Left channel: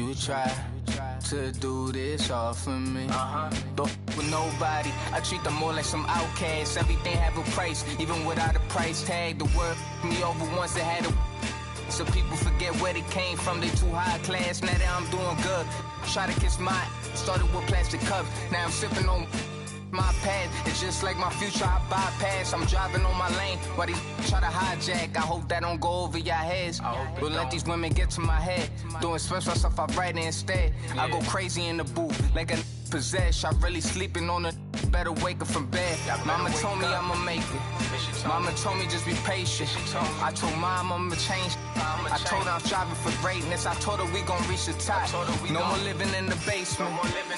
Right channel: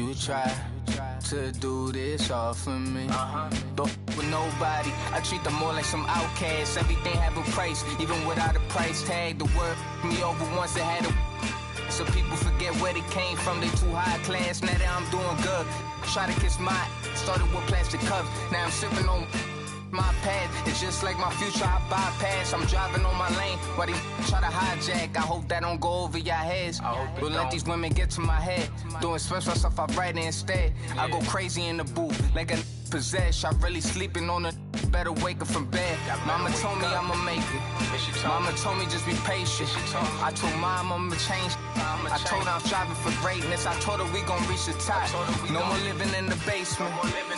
You try to do this all for me. Don't with nobody. I treat them more like some outcasts. Everything have a price, even without a price tag. The word me over once it had a. So people forget where they came from. They too high class. Now that I'm doing good, try to kiss my. Started with plastic cups. Now I'm sipping on. My path, it's just like my future, I bypass. I'm driving on my lane while these try to hijack. I hope that don't go over your heads. Don't let these women get to my head. Doing special stuff, I write it instead. I go crazy in the booth, like a possessed. I really sleeping on a better wake up from bed. Mama told me I'ma make it. Mama told me just be patient. I told mom I'ma change. I told her I'm striving for greatness. I told her we gon' reach the top. No more living in the basement.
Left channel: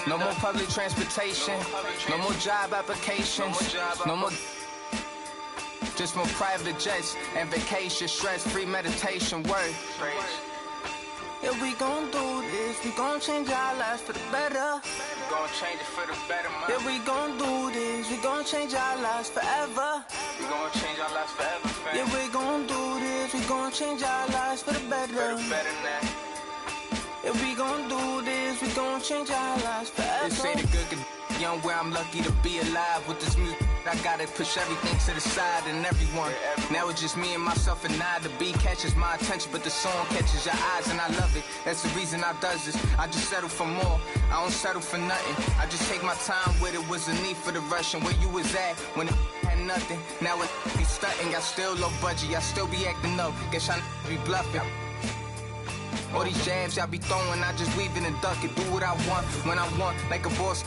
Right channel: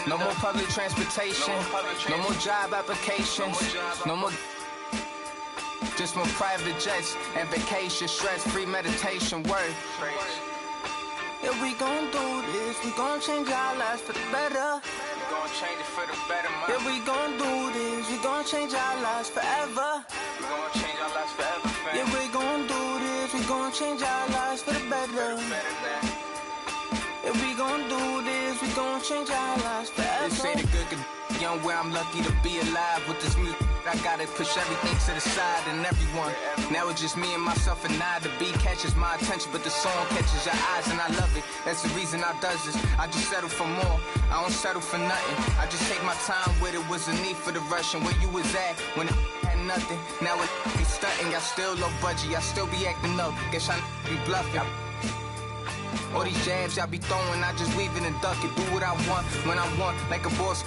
No more public transportation. No more job applications. No more. Just more private jets and vacation. Stress-free meditation. Word. Yeah, we gon' do this. We gon' change our lives for the better. We gon' change it for the better, man. Yeah, we gon' do this. We gon' change our lives forever. We gon' change our lives forever, fam. Yeah, we gon' do this. We gon' change our lives for the better. For the better now. Yeah, we gon' do this. We gon' change our lives forever. They say the good could young where I'm lucky to be alive with this music. I gotta push everything to the side and everyone. Now it's just me and myself and I. The beat catches my attention, but the song catches your eyes and I love it. That's the reason I does this. I just settle for more. I don't settle for nothing. I just take my time with it. Was a need for the rush and where you was at when it had nothing. Now it be stunting. I still low budget. I still be acting up. Guess I be bluffing. All these jabs I be throwing, I just weave it and duck it. Do what I want when I want, like a boss.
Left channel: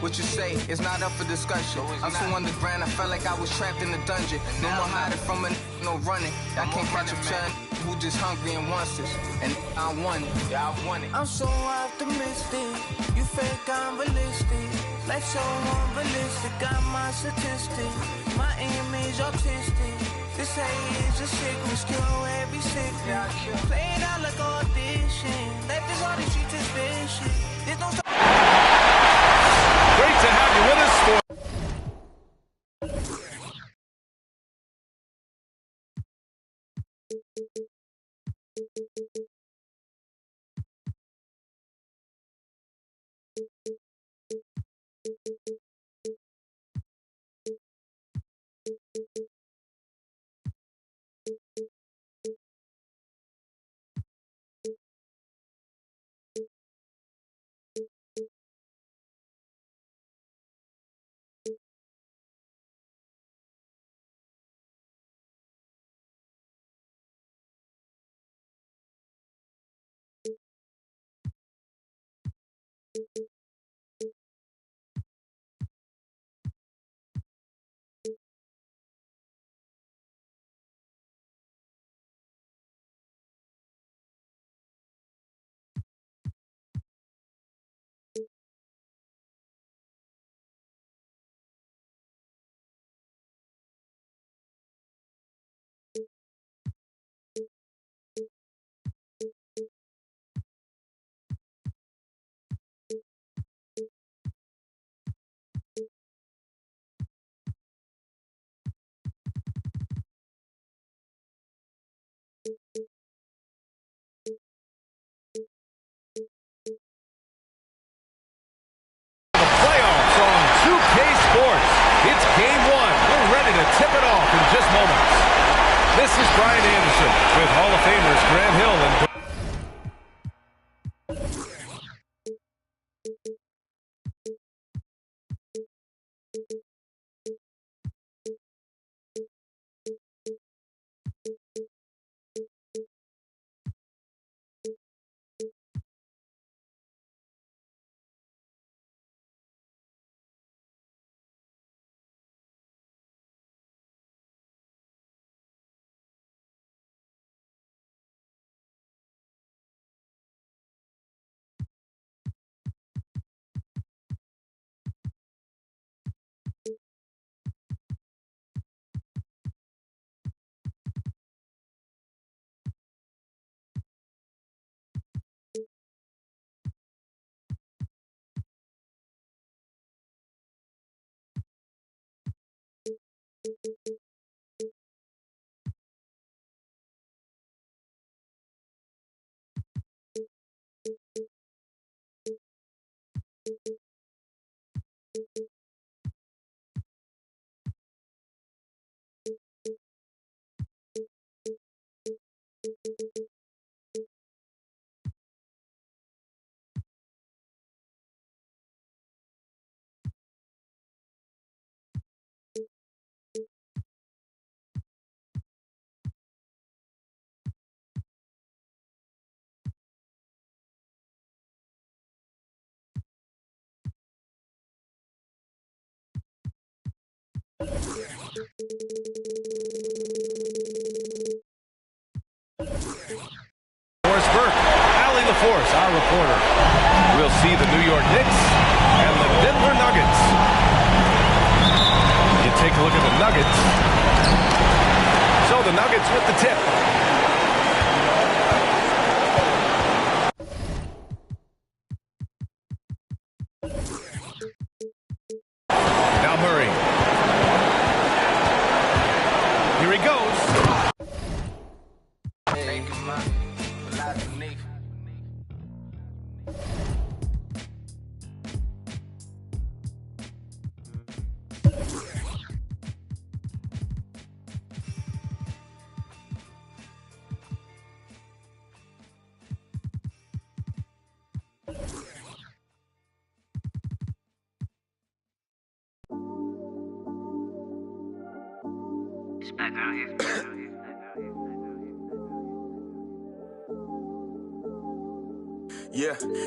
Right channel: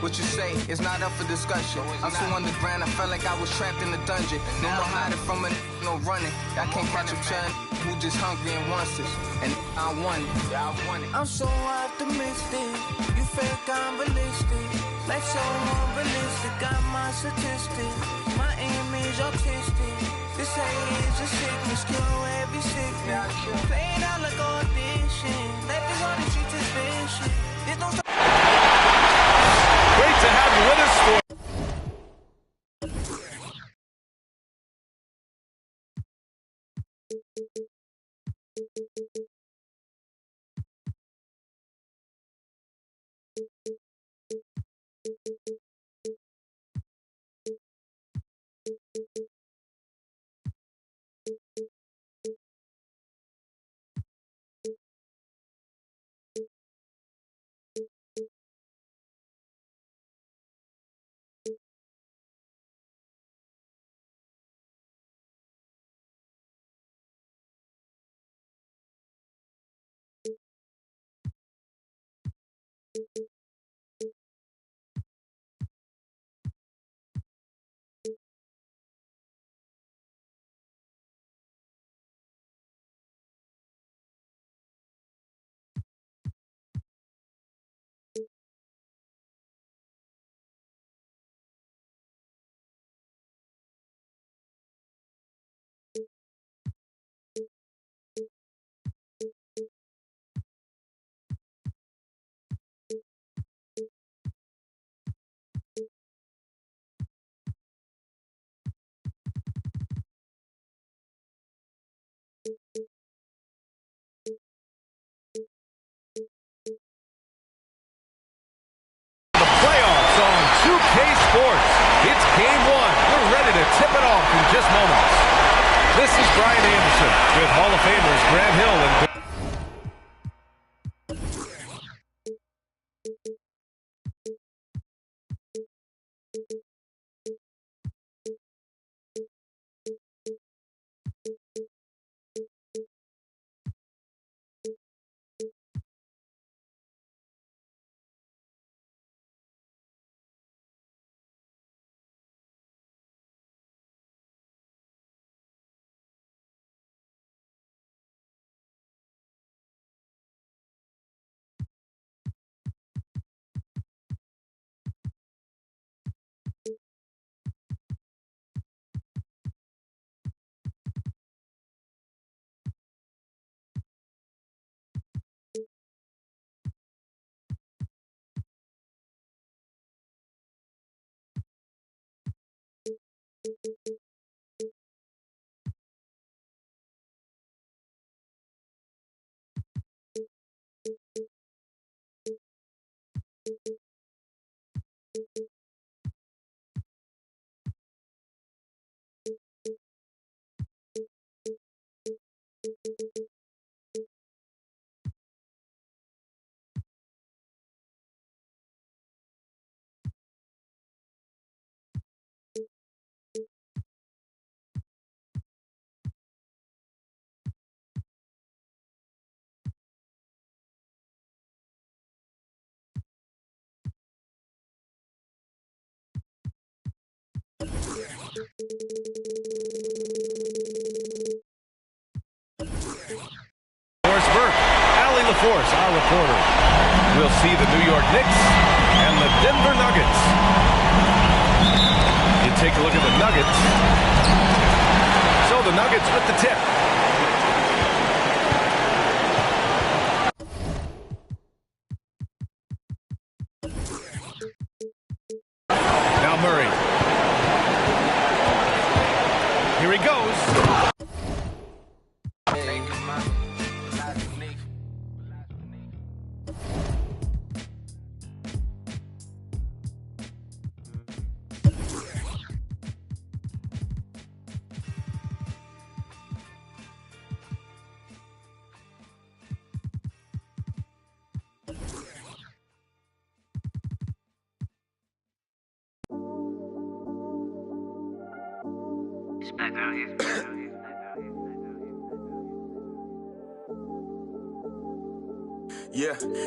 What you say is not up for discussion. I'm so underground, I felt like I was trapped in a dungeon. No more hiding from a no running. I can't catch a child who just hungry and wants this. And I want it. Yeah, I want it. I'm so optimistic. You fake, I'm realistic. Life so unrealistic. Got my statistics. My image autistic. This hate is a sickness. Cure every sickness. Play it out like audition. Life is all the streets is vicious. There's no. Great to have you with us for the playoffs on 2K Sports. It's game one. We're ready to tip it off in just moments. This is Brian Anderson with Hall of Famers Grant Hill and Kelly LaForce, our reporter. We'll see the New York Knicks and the Denver Nuggets. You take a look at the Nuggets. So the Nuggets with the tip. Now Murray. Here he goes.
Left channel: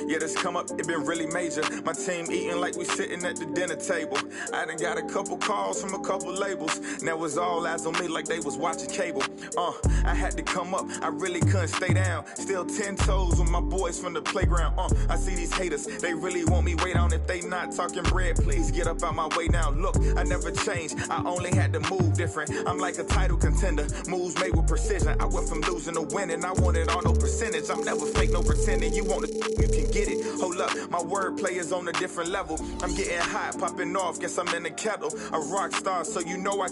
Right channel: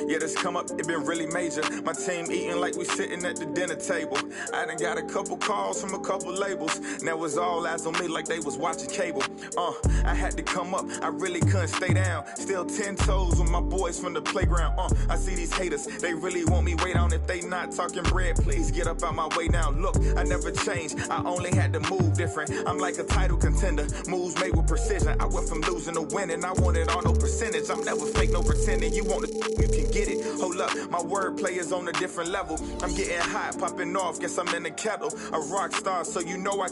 Yeah, this come up, it been really major. My team eating like we sitting at the dinner table. I done got a couple calls from a couple labels. Now it's all eyes on me like they was watching cable. I had to come up, I really couldn't stay down. Still 10 toes with my boys from the playground. I see these haters, they really want me way down. If they not talking bread, please get up out my way now. Look, I never changed, I only had to move different. I'm like a title contender, moves made with precision. I went from losing to winning, I wanted all no percentage. I'm never fake, no pretending. You want to, you can get it. Hold up, my wordplay is on a different level. I'm getting hot, popping off, guess I'm in the kettle. A rock star, so you know I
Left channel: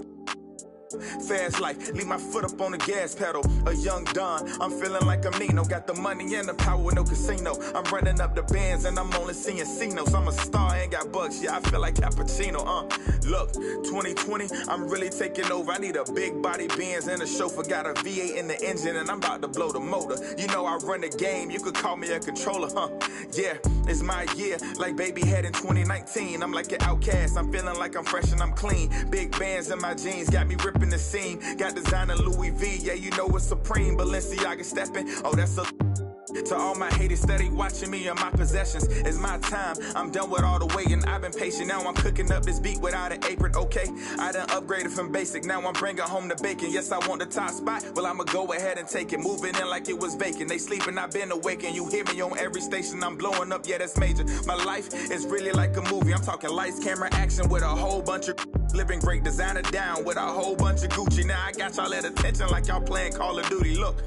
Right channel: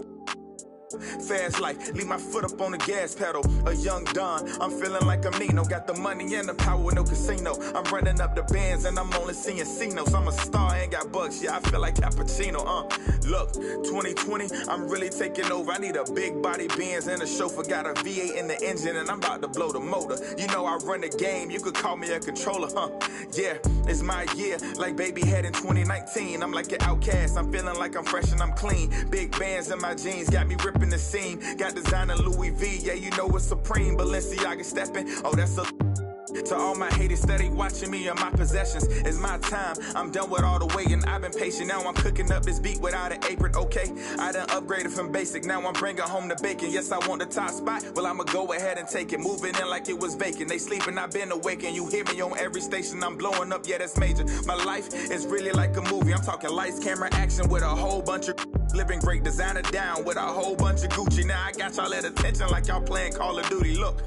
fast life, leave my foot up on the gas pedal. A young Don, I'm feeling like I'm Nino. Got the money and the power, no casino. I'm running up the bands and I'm only seeing C-notes. I'm a star, ain't got bucks, yeah, I feel like Cappuccino. Look, 2020, I'm really taking over. I need a big body Benz and a chauffeur. Got a V8 in the engine and I'm about to blow the motor. You know I run the game, you could call me a controller, Yeah, it's my year, like baby had in 2019. I'm like an outcast, I'm feeling like I'm fresh and I'm clean. Big bands in my jeans, got me ripping the seam. Got designer Louis V, yeah, you know it's supreme. Balenciaga stepping, oh, that's a... To all my haters steady watching me and my possessions, it's my time. I'm done with all the waiting, I've been patient. Now I'm cooking up this beat without an apron, okay? I done upgraded from basic, now I'm bringing home the bacon. Yes, I want the top spot, well, I'ma go ahead and take it. Moving in like it was vacant, they sleeping, I've been awakened. You hear me on every station, I'm blowing up, yeah, that's major. My life is really like a movie, I'm talking lights, camera, action with a whole bunch of... Living great, designer down with a whole bunch of Gucci. Now I got y'all at attention like y'all playing Call of Duty, look.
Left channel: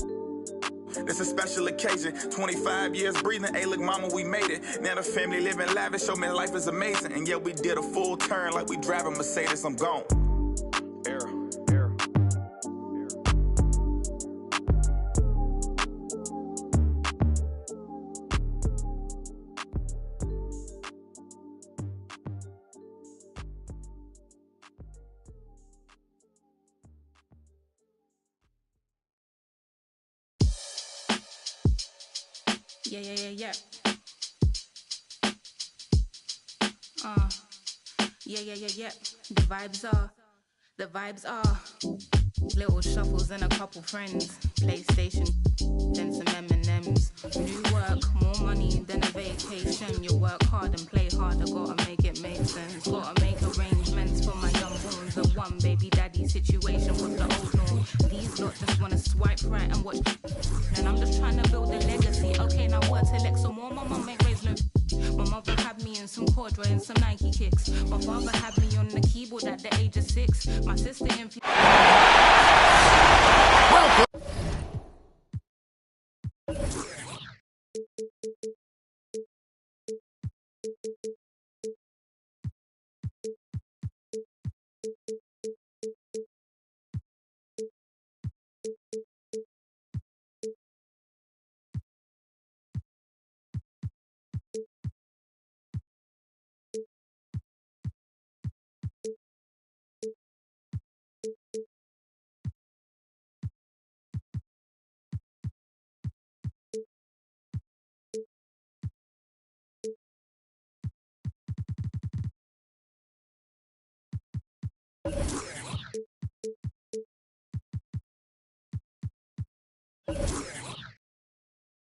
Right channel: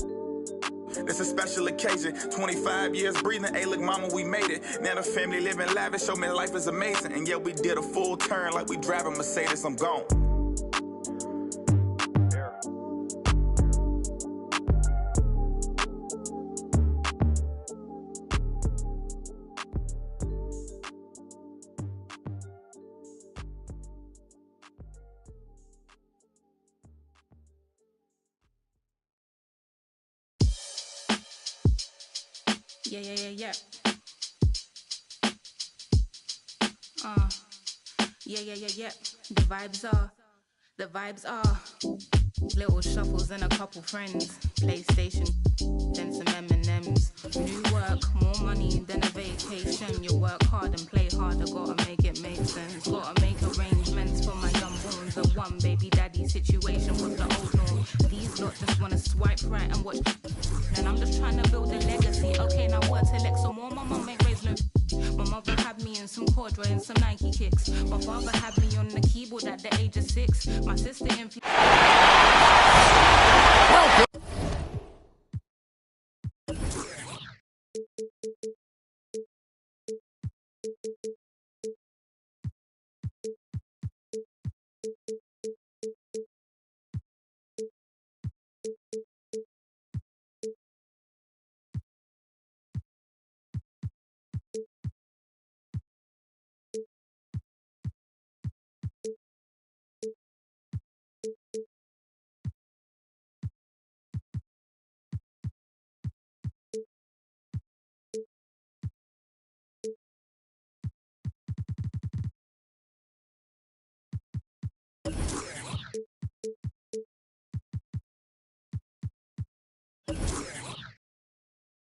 It's a special occasion, 25 years breathing, hey look mama, we made it. Now the family living lavish, show me life is amazing. And yeah, we did a full turn like we driving Mercedes, I'm gone. Yeah. Yeah. The vibes are little shuffles and a couple friends. PlayStation, then some M&Ms. New work, more money than a vacation. You work hard and play hard, I gotta make it make sense. Gotta make arrangements for my young bones. A one baby daddy situation was the old norm. These lot just wanna swipe right and watch. And I'm just trying to build a legacy. Okay, now work to Lex some more. My mum ain't raised no. My mother had me in some corduroy and some Nike kicks. My father had me on the keyboard at the age of 6. My sister in... Welcome.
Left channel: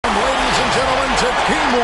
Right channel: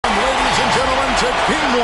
Ladies and gentlemen, to Game 1.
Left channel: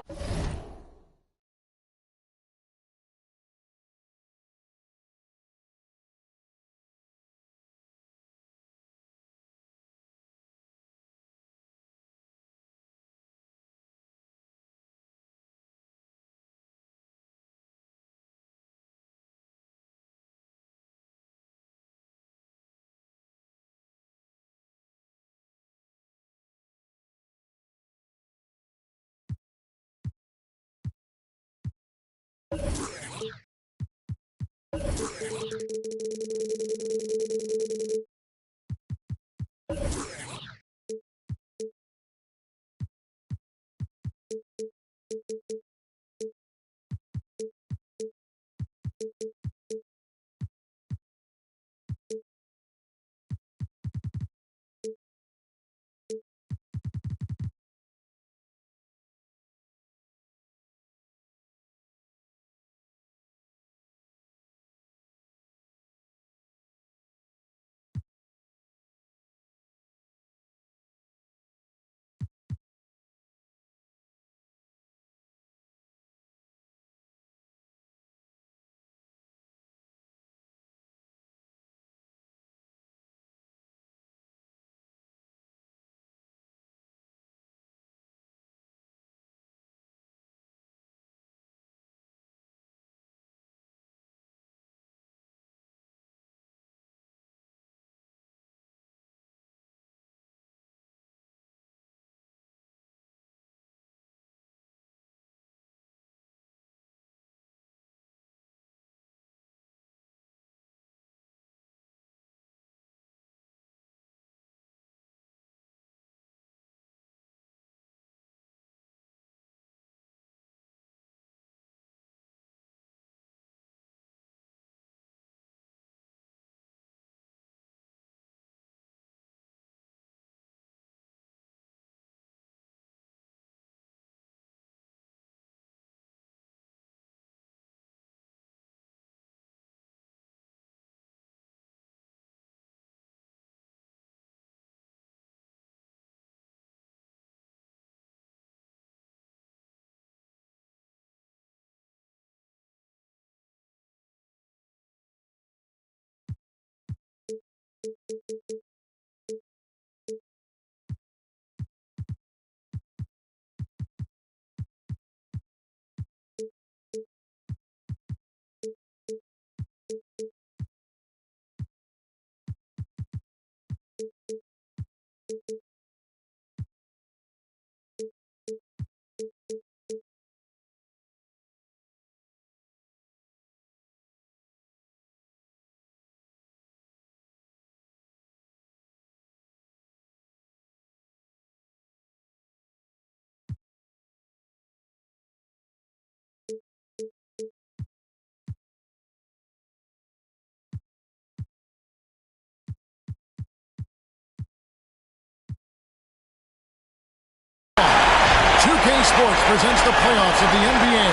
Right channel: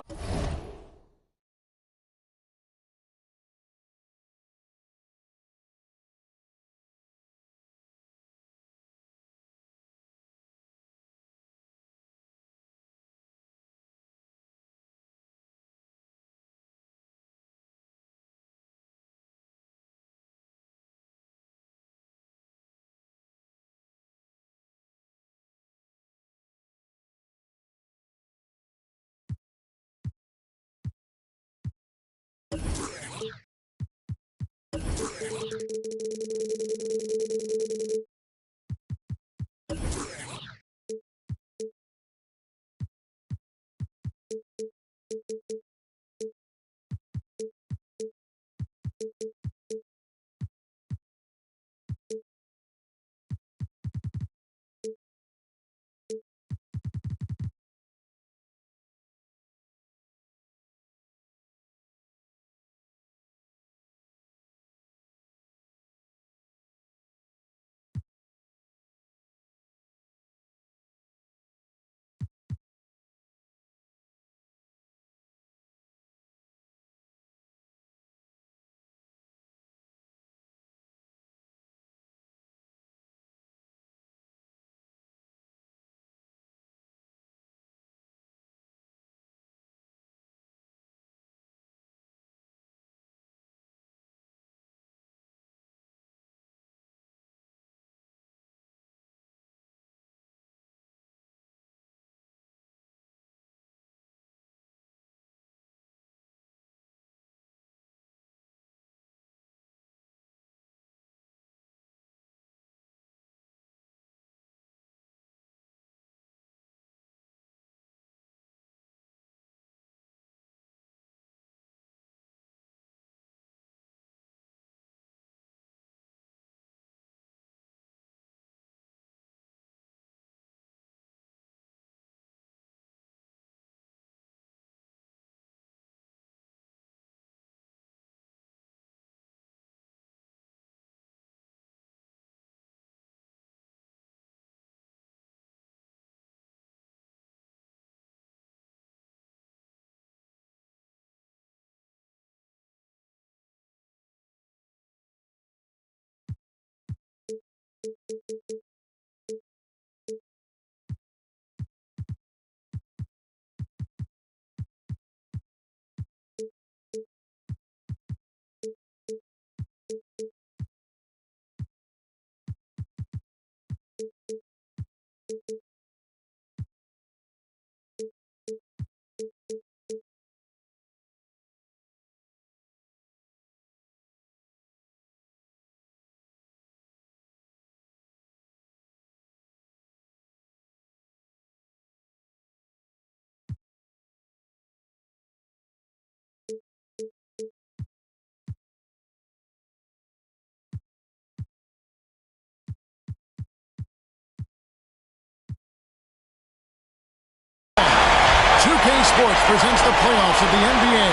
Sports presents the playoffs of the NBA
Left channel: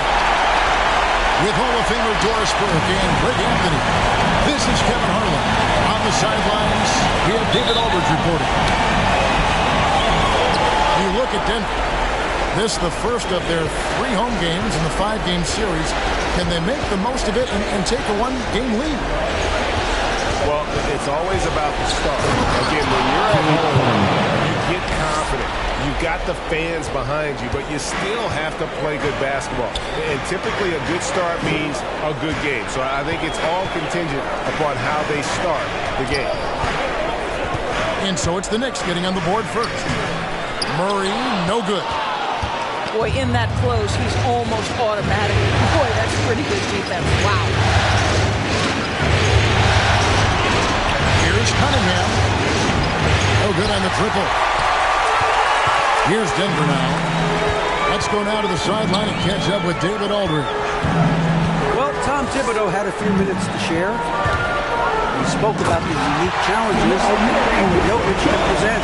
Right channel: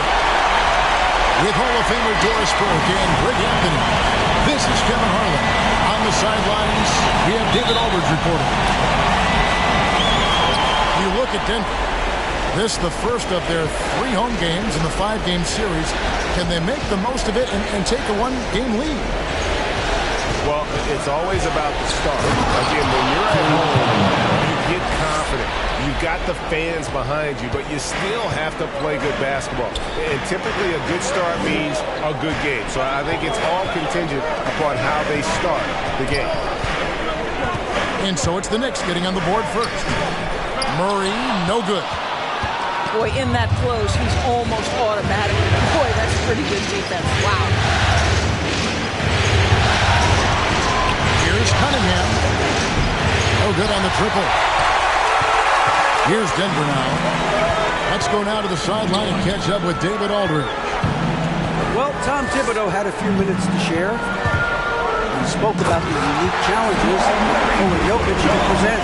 with Hall of Famer Doris Burke and Greg Anthony. This is Kevin Harlan. On the sidelines, we have David Aldridge reporting. You look at Denver. This is the first of their 3 home games in the 5-game series. Can they make the most of it and take a 1-game lead? Well, it's always about the start. Again, when you're at home, you get confident. You've got the fans behind you, but you still have to play good basketball. And typically a good start means a good game. So I think it's all contingent upon how they start the game. And so it's the Knicks getting on the board first. Murray, no good. Boy, in that close, he's almost automatic. Boy, that's pretty good defense. Wow. Here's Cunningham. No good on the triple. Here's Denver now. Let's go now to the sideline and catch up with David Aldridge. Well, Tom Thibodeau had a few minutes to share. We spoke about the unique challenges that Jokic can present.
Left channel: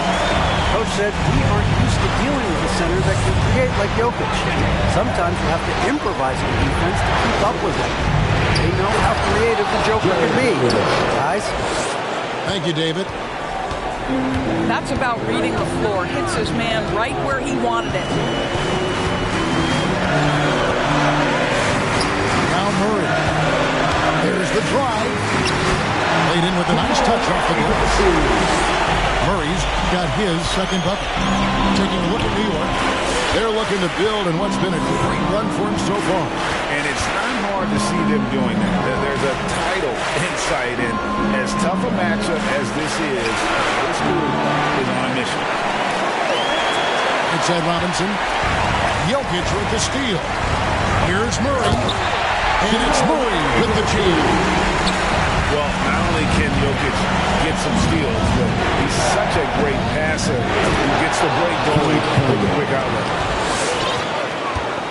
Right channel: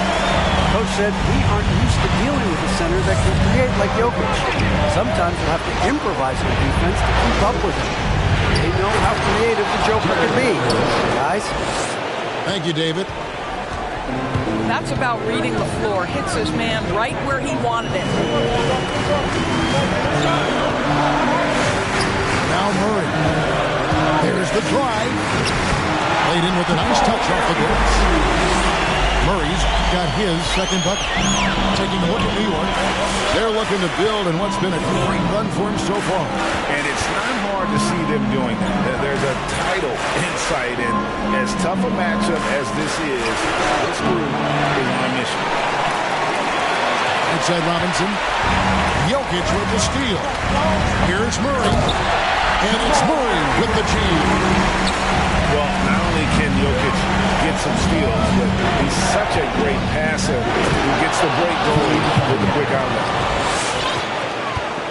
Coach said, we aren't used to dealing with a center that can create like Jokic. Sometimes you have to improvise on defense to keep up with him. They know how creative the Joker can be, guys. Thank you, David. That's about reading the floor. Hits his man right where he wanted it. Now Murray. There's the drive. Played in with a nice touch off the glass. Murray's got his second bucket. Taking a look at New York. They're looking to build in what's been a great run for him so far. And it's not hard to see them doing that. There's a title in sight, and as tough a matchup as this group is on a mission. Inside Robinson. Jokic with the steal. Here's Murray. And it's Murray with the jam. Well, not only can Jokic get some steals, but he's such a great passer who gets the break going with the quick outlet.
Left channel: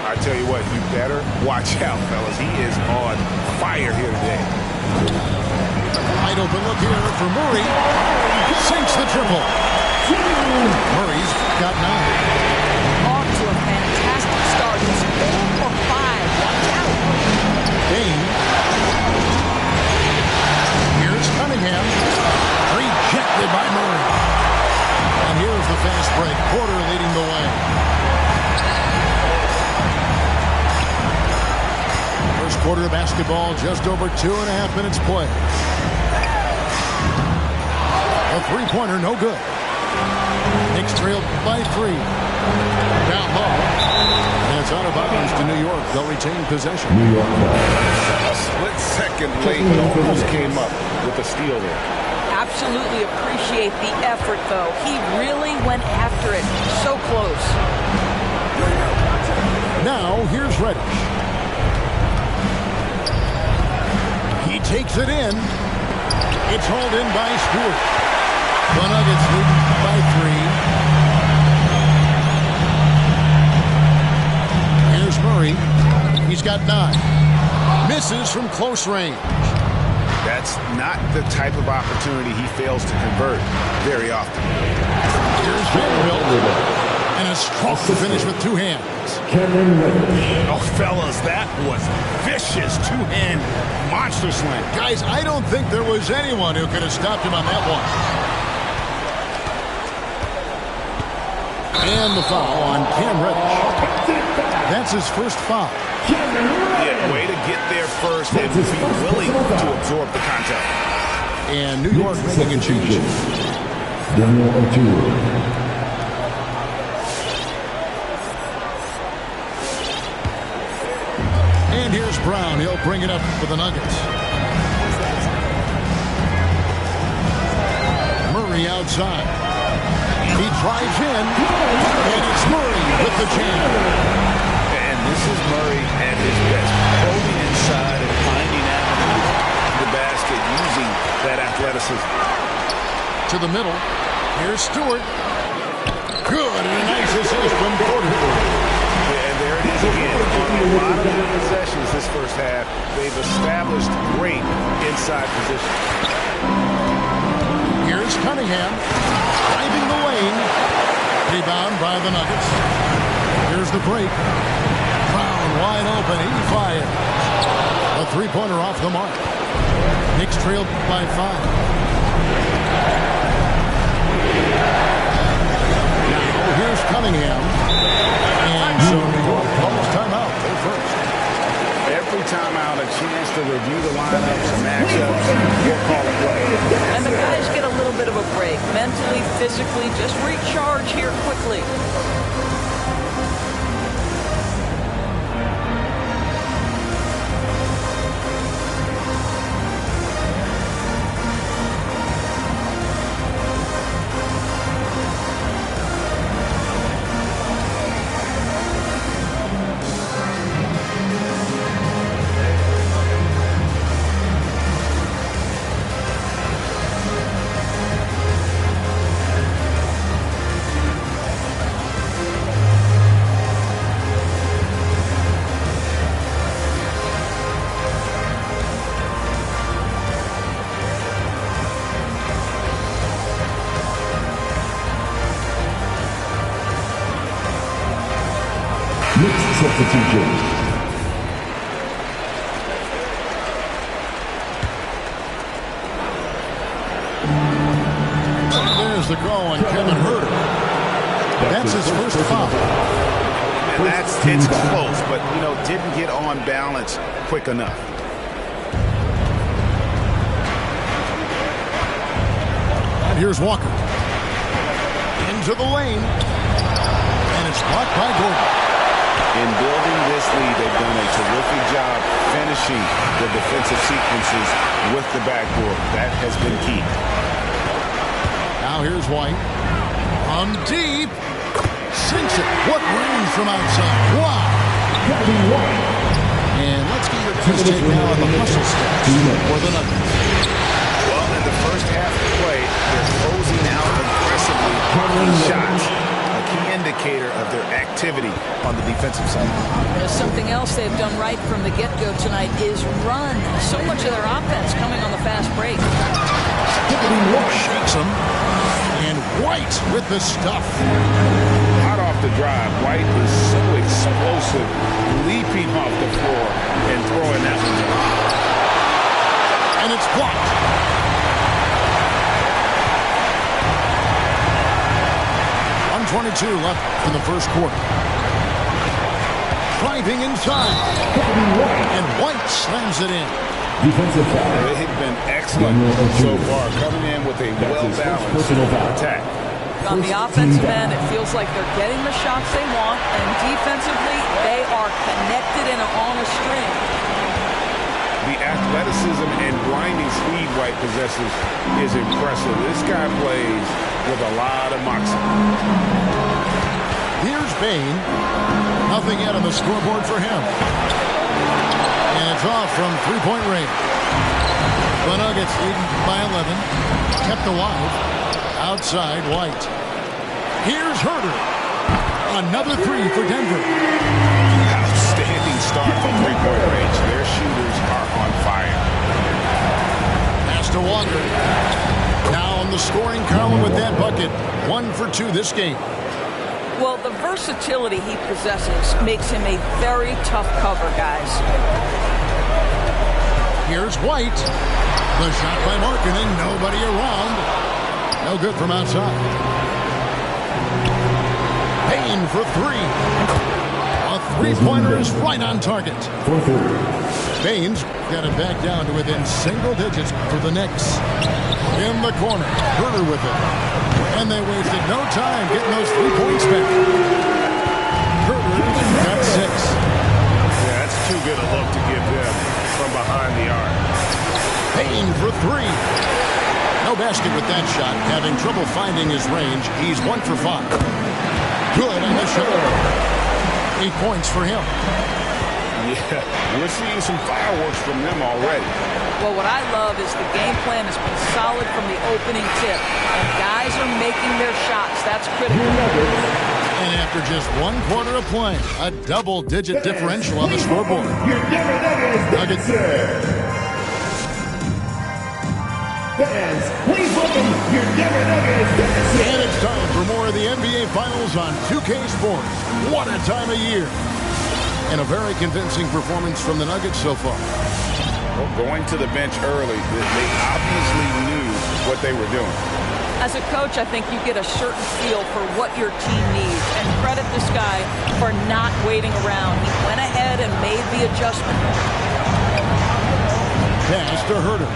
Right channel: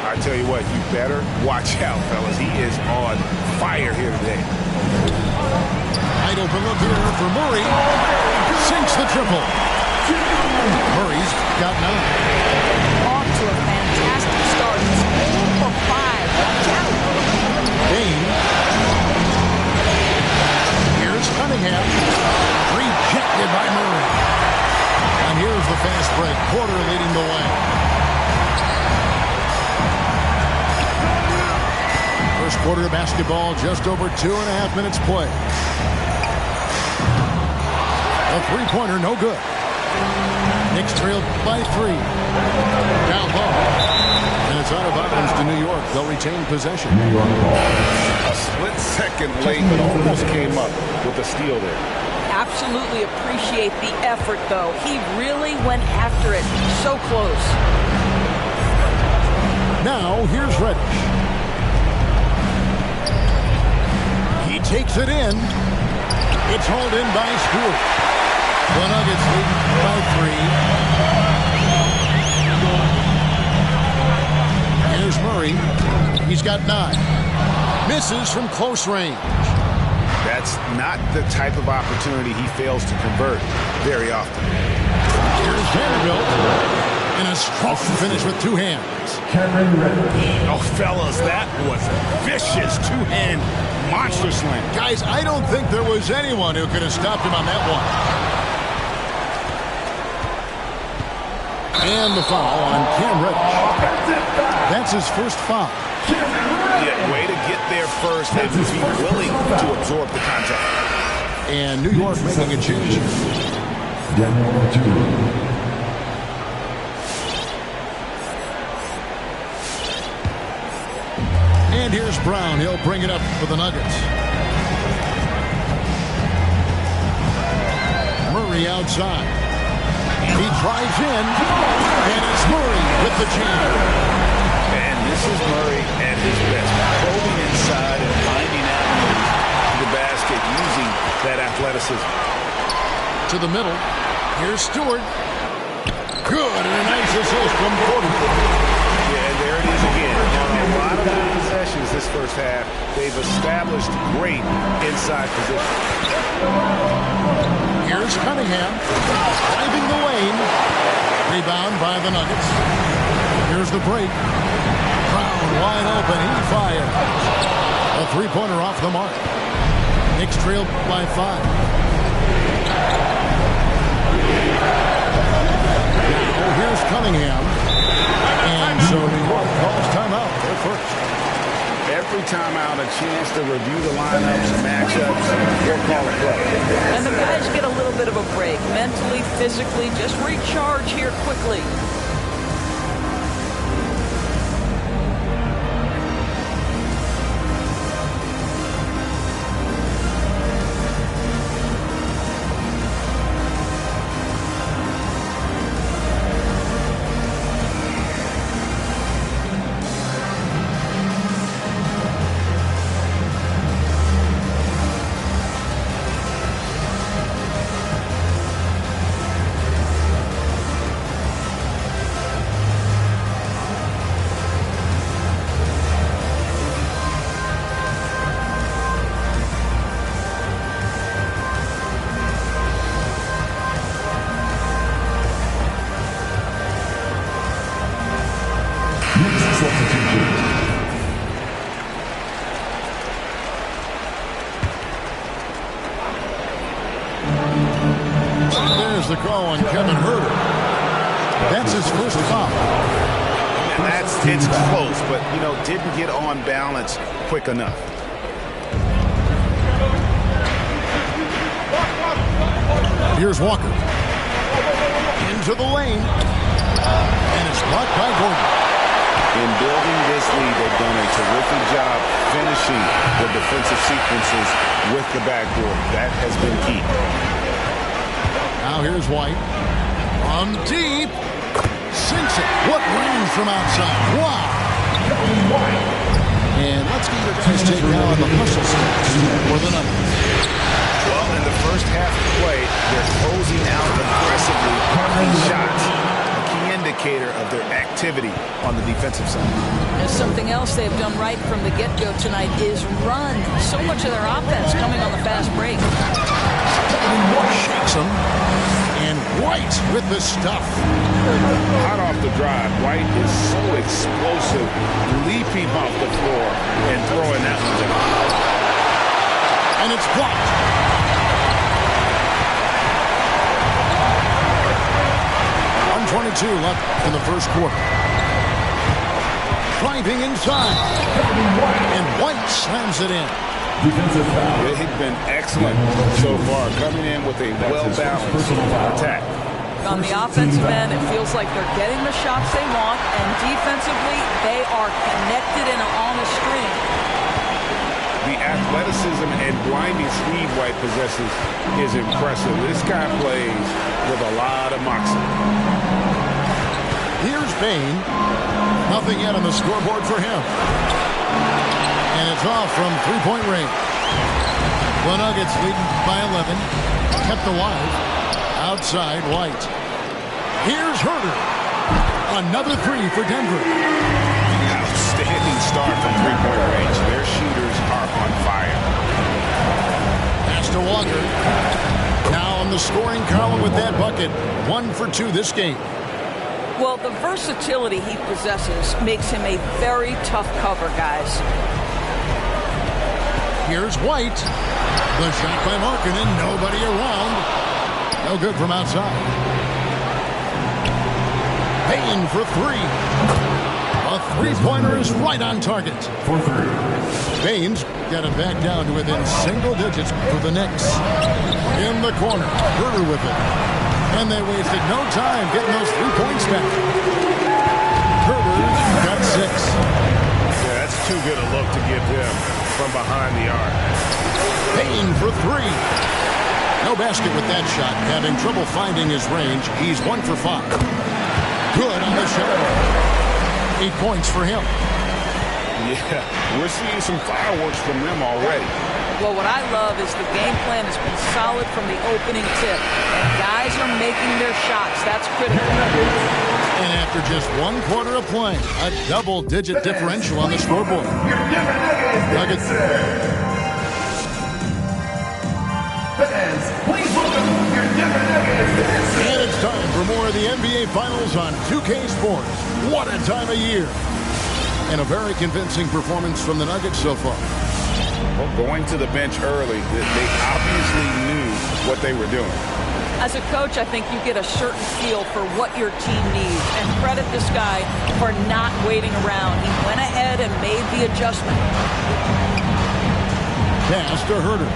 I tell you what, you better watch out, fellas. He is on fire here today. Wide open look here for Murray. Sinks the triple. Murray's got 9. Off to a fantastic start. He's 4 for 5. Watch out. Dane. Here's Cunningham. Rejected by Murray. And here's the fast break. Porter leading the way. First quarter of basketball, just over 2.5 minutes play. A three-pointer, no good. Knicks trailed by 3. Down low. And it's out of bounds to New York. They'll retain possession. New York ball. A split second late, but almost came up with a steal there. Absolutely appreciate the effort, though. He really went after it. So close. Now, here's Reddish. He takes it in. It's hauled in by Stewart. The Nuggets lead by 3. Here's Murray. He's got 9. Misses from close range. That's not the type of opportunity he fails to convert very often. Here's Vanderbilt. And a strong finish with 2 hands. Oh, fellas, that was vicious 2-hand monster slam. Guys, I don't think there was anyone who could have stopped him on that one. And the foul on Cam Reddish. That's his first foul. Yeah, way to get there first and be willing to absorb the contact. And New York making a change. Daniel O'Toole. And here's Brown. He'll bring it up for the Nuggets. Murray outside. And he drives in. And it's Murray with the jam. And this is Murray at his best. Probing inside and finding avenues to the basket using that athleticism. To the middle. Here's Stewart. Good. And a nice assist from Porter. Yeah, and there it is again. On a lot of their possessions this first half, they've established great inside position. Here's Cunningham. Driving the lane. Rebound by the Nuggets. Here's the break. Brown wide open. He fires. A three-pointer off the mark. Knicks trailed by 5. Now here's Cunningham. And so New York calls timeout. Their first. Every timeout, a chance to review the lineups, matchups, or call a play. And the guys get a little bit of a break. Mentally, physically, just recharge here quickly. Knicks substitution. There's the call on Kevin Huerter. That's his first foul. And it's close, but, didn't get on balance quick enough. And here's Walker. Into the lane. And it's blocked by Gordon. In building this lead, they've done a terrific job finishing the defensive sequences with the backboard. That has been key. Now here's White. From deep. Sinks it. What range from outside. Wow. And let's get your guys' take now on the hustle stats for the Nuggets. Well, in the first half of play, they're closing out aggressively, blocking shots. A key indicator of their activity on the defensive side. There's something else they've done right from the get-go tonight is run. So much of their offense coming on the fast break. Shakes him. And White with the stuff. Hot off the drive, White is so explosive, leaping off the floor and throwing that one down. And it's blocked. .122 left in the first quarter. Driving inside. And White slams it in. Defensive foul. They've been excellent so far, coming in with a well-balanced attack. On the offensive end, it feels like they're getting the shots they want, and defensively, they are connected and on a string. The athleticism and blinding speed White possesses is impressive. This guy plays with a lot of moxie. Here's Bane. Nothing yet on the scoreboard for him. And it's off from three-point range. The Nuggets leading by 11. Kept alive. Outside, White. Here's Huerter. Another three for Denver. Outstanding start from three-point range. Their shooters are on fire. Pass to Walker. Now on the scoring column with that bucket. 1 for 2 this game. Well, the versatility he possesses makes him a very tough cover, guys. Here's White. The shot by Markkanen. Nobody around. No good from outside. Payne for 3. A three-pointer is right on target. For 3. Baines got it back down to within single digits for the Knicks. In the corner. Huerter with it. And they wasted no time getting those 3 points back. Huerter's got 6. Yeah, that's too good a look to give them from behind the arc. Payne for 3. No basket with that shot. Having trouble finding his range. He's 1 for 5. Good on the shot. 8 points for him. Yeah, we're seeing some fireworks from them already. Well, what I love is the game plan has been solid from the opening tip. And guys are making their shots. That's critical. And after just 1 quarter of play, a double-digit differential on the scoreboard. Nuggets. Fans, please welcome your Denver Nuggets. And it's time for more of the NBA Finals on 2K Sports. What a time of year. And a very convincing performance from the Nuggets so far. Well, going to the bench early, they obviously knew what they were doing. As a coach, I think you get a certain feel for what your team needs. And credit this guy for not waiting around. He went ahead and made the adjustment. Pass to Herter.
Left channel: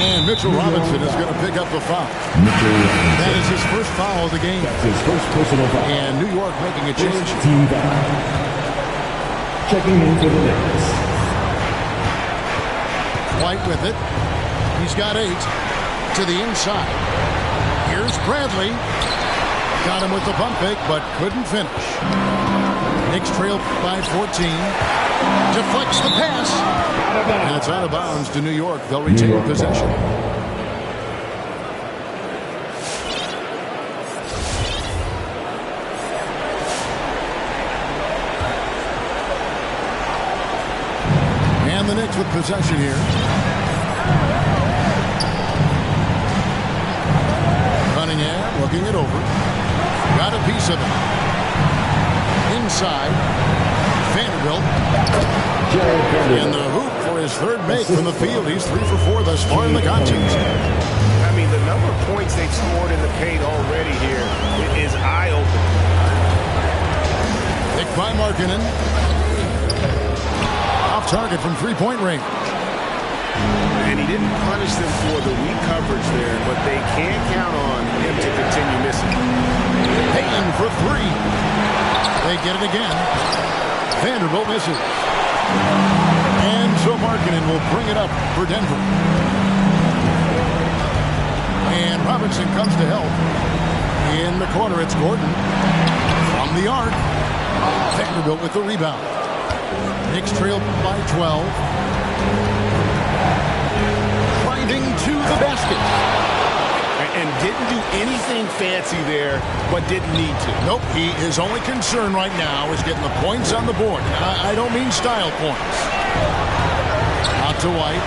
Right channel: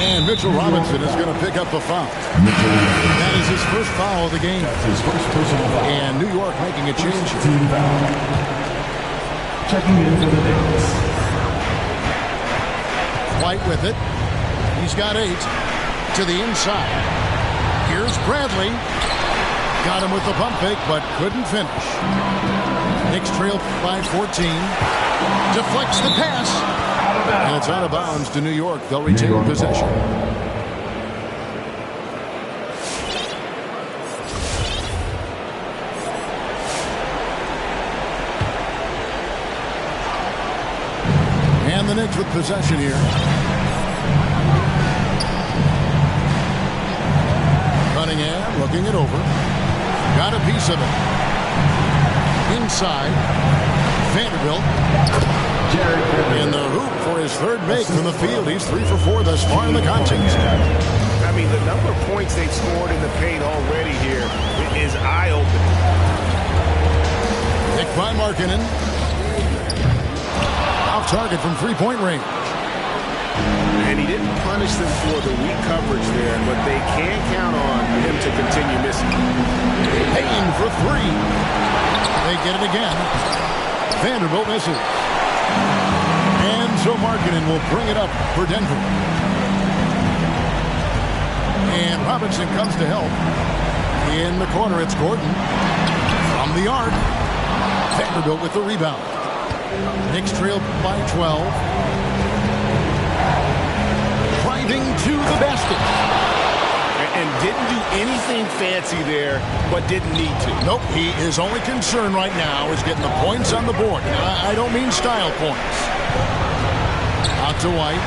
And Mitchell Robinson is going to pick up the foul. That is his first foul of the game. That's his first personal foul. And New York making a change. Team foul. Checking in for the Knicks. White with it. He's got 8 to the inside. Here's Bradley. Got him with the pump fake, but couldn't finish. Knicks trail by 14. Deflects the pass. And it's out of bounds to New York. They'll retain possession. And the Knicks with possession here. Cunningham looking it over. Got a piece of it. Inside. Vanderbilt. In the hoop for his third make from the field. He's 3 for 4 thus far in the contest. I mean, the number of points they've scored in the paint already here is eye-opening. Picked by Markkanen. Off target from three-point range. And he didn't punish them for the weak coverage there, but they can't count on him to continue missing. Payne for 3. They get it again. Vanderbilt misses. And so Markkanen will bring it up for Denver. And Robinson comes to help. In the corner, it's Gordon. From the arc. Vanderbilt with the rebound. Knicks trail by 12. Driving to the basket. And didn't do anything fancy there, but didn't need to. Nope, his only concern right now is getting the points on the board. And I don't mean style points. Out to White.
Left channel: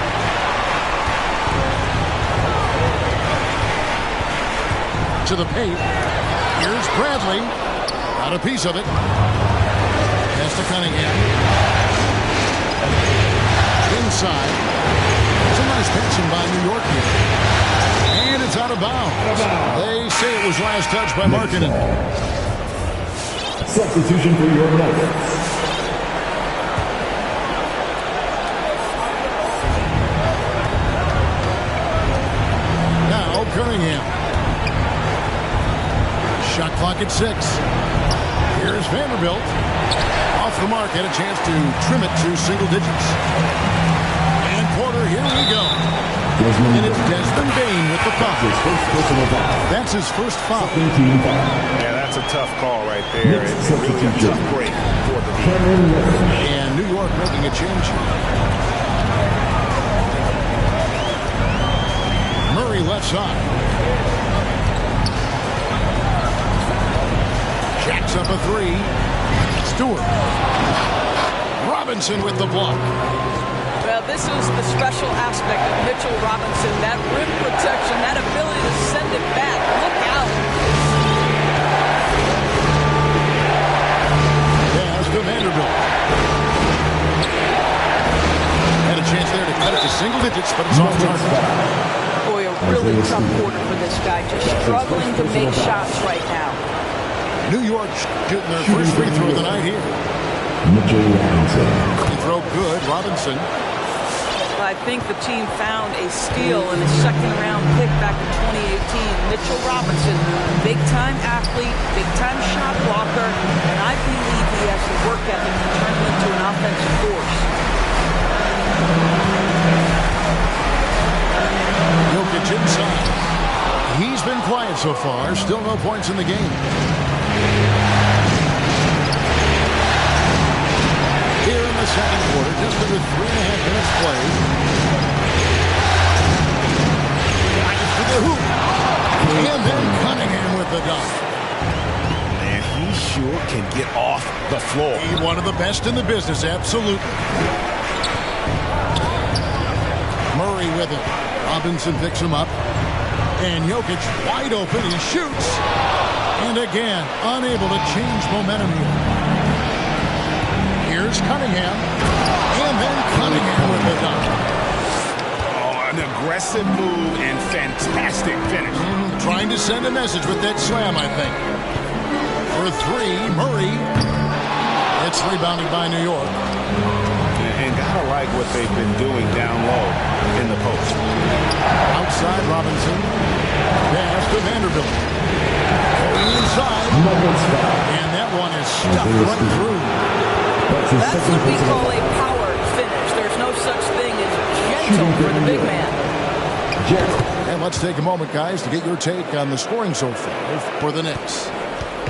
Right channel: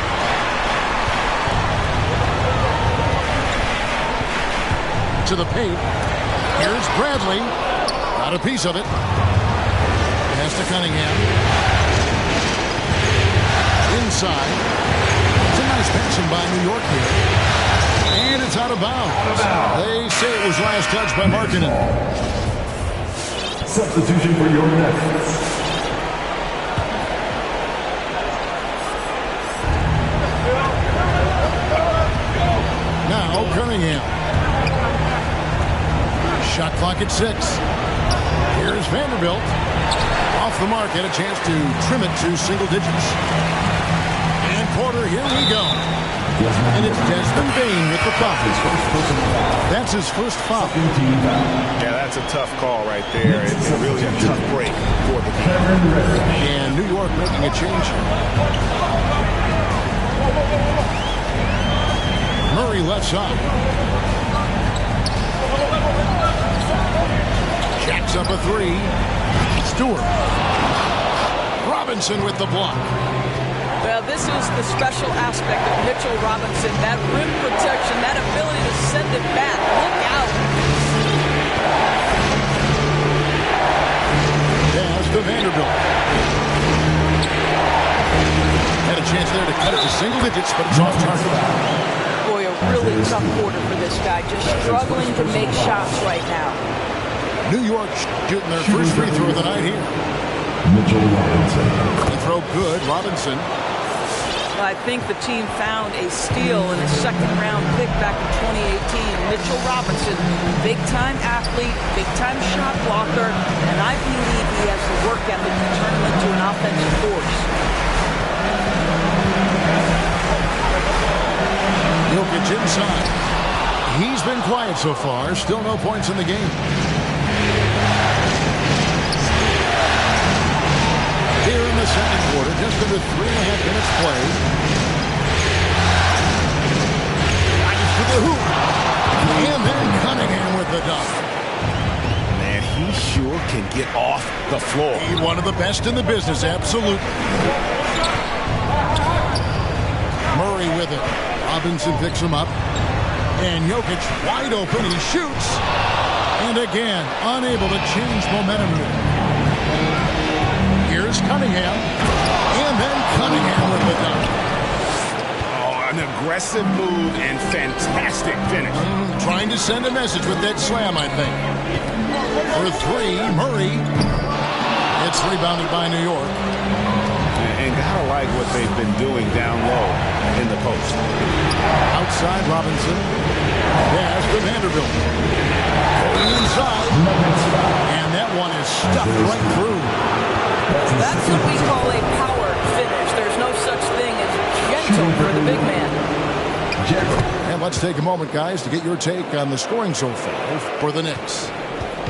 To the paint. Here's Bradley. Got a piece of it. Pass to Cunningham. Inside. It's a nice passing by New York here. And it's out of bounds. They say it was last touched by Markkanen. Substitution for your Nuggets. Now Cunningham. Shot clock at 6. Here's Vanderbilt. Off the mark, had a chance to trim it to single digits. And Porter, here we go. And it's Desmond Bane with the foul. His first personal foul. That's his first foul. Yeah, that's a tough call right there. It's really a tough break for the team. And New York making a change here. Murray left side. Jacks up a 3. Stewart. Robinson with the block. Well, this is the special aspect of Mitchell Robinson. That rim protection, that ability to send it back. Look out. Pass to Vanderbilt. Had a chance there to cut it to single digits, but it's off target. Boy, a really tough quarter for this guy. Just struggling to make shots right now. New York shooting their first free throw of the night here. Mitchell Robinson. Free throw good. Robinson. I think the team found a steal in a second-round pick back in 2018. Mitchell Robinson, big-time athlete, big-time shot blocker, and I believe he has the work ethic to turn him into an offensive force. Jokic inside. He's been quiet so far. Still no points in the game. Here in the second quarter, just under 3.5 minutes played. Nice to the hoop. And then Cunningham with the dunk. Man, he sure can get off the floor. He's one of the best in the business, absolutely. Murray with it. Robinson picks him up. And Jokic wide open. He shoots. And again, unable to change momentum here. Here's Cunningham. And then Cunningham with the dunk. Oh, an aggressive move and fantastic finish. Trying to send a message with that slam, I think. For three, Murray. It's rebounded by New York. And gotta like what they've been doing down low in the post. Outside Robinson. Pass to Vanderbilt. Going inside. And that one is stuffed right through. That's what we call a power finish. There's no such thing as gentle for the big man. And let's take a moment, guys, to get your take on the scoring so far for the Knicks.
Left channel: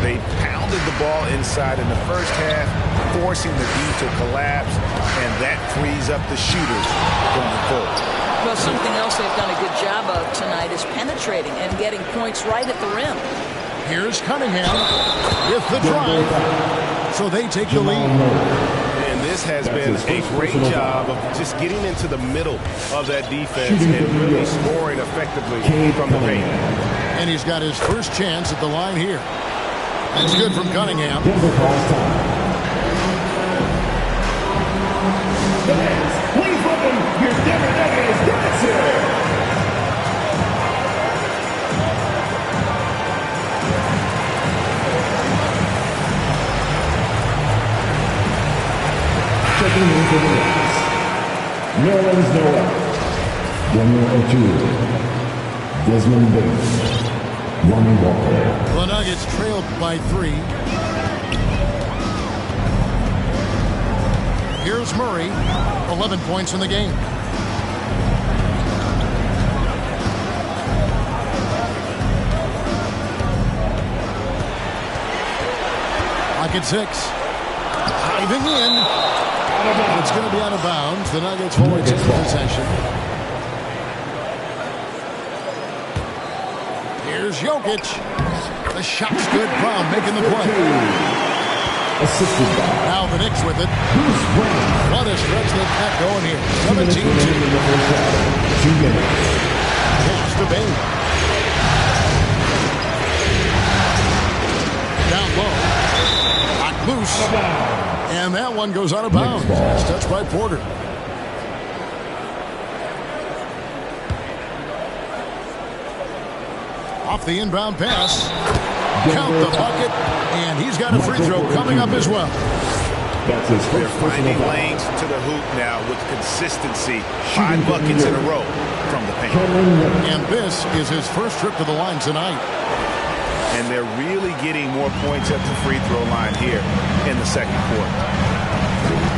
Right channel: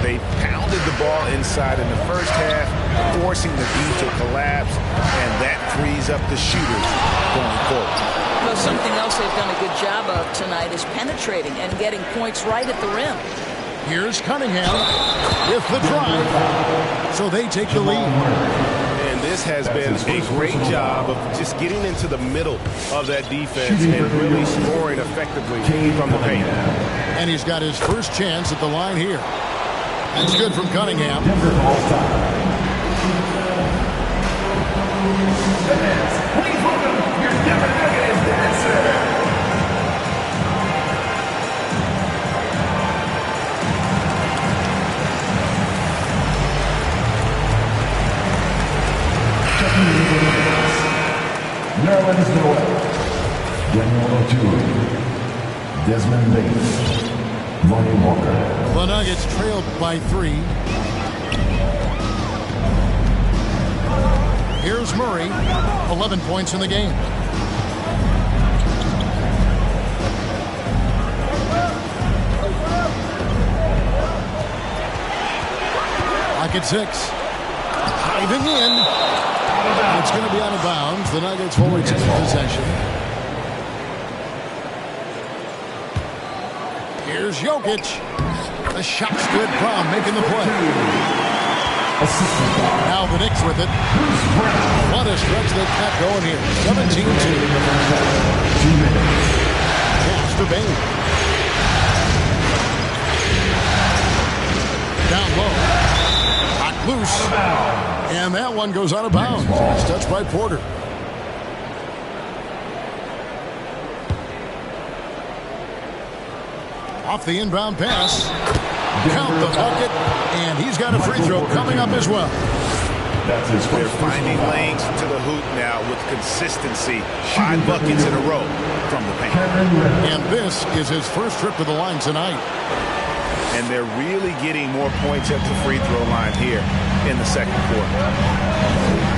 They pounded the ball inside in the first half, forcing the D to collapse, and that frees up the shooters going forward. Well, something else they've done a good job of tonight is penetrating and getting points right at the rim. Here's Cunningham with the drive. So they take the lead. And this has been a great job of just getting into the middle of that defense and really scoring effectively from the paint. And he's got his first chance at the line here. That's good from Cunningham. Please welcome your Denver Nuggets dancer. Checking in for the Knicks, Nerlens Noel, Daniel O'Toole, Desmond Bain, Lonnie Walker. The Nuggets trailed by 3. Here's Murray, 11 points in the game. Pocket 6. Diving in. And it's going to be out of bounds. The Nuggets will retain possession. Here's Jokic. The shot's good. Brown making the play. Now the Knicks with it. What a stretch they've got going here. 17-2. Pass to Bain. Down low. Knocked loose. And that one goes out of bounds. Nice touch by Porter. Off the inbound pass. Count the bucket. And he's got a free throw coming up as well. They're finding lanes to the hoop now with consistency. 5 buckets in a row from the paint. And this is his first trip to the line tonight. And they're really getting more points at the free throw line here in the second quarter.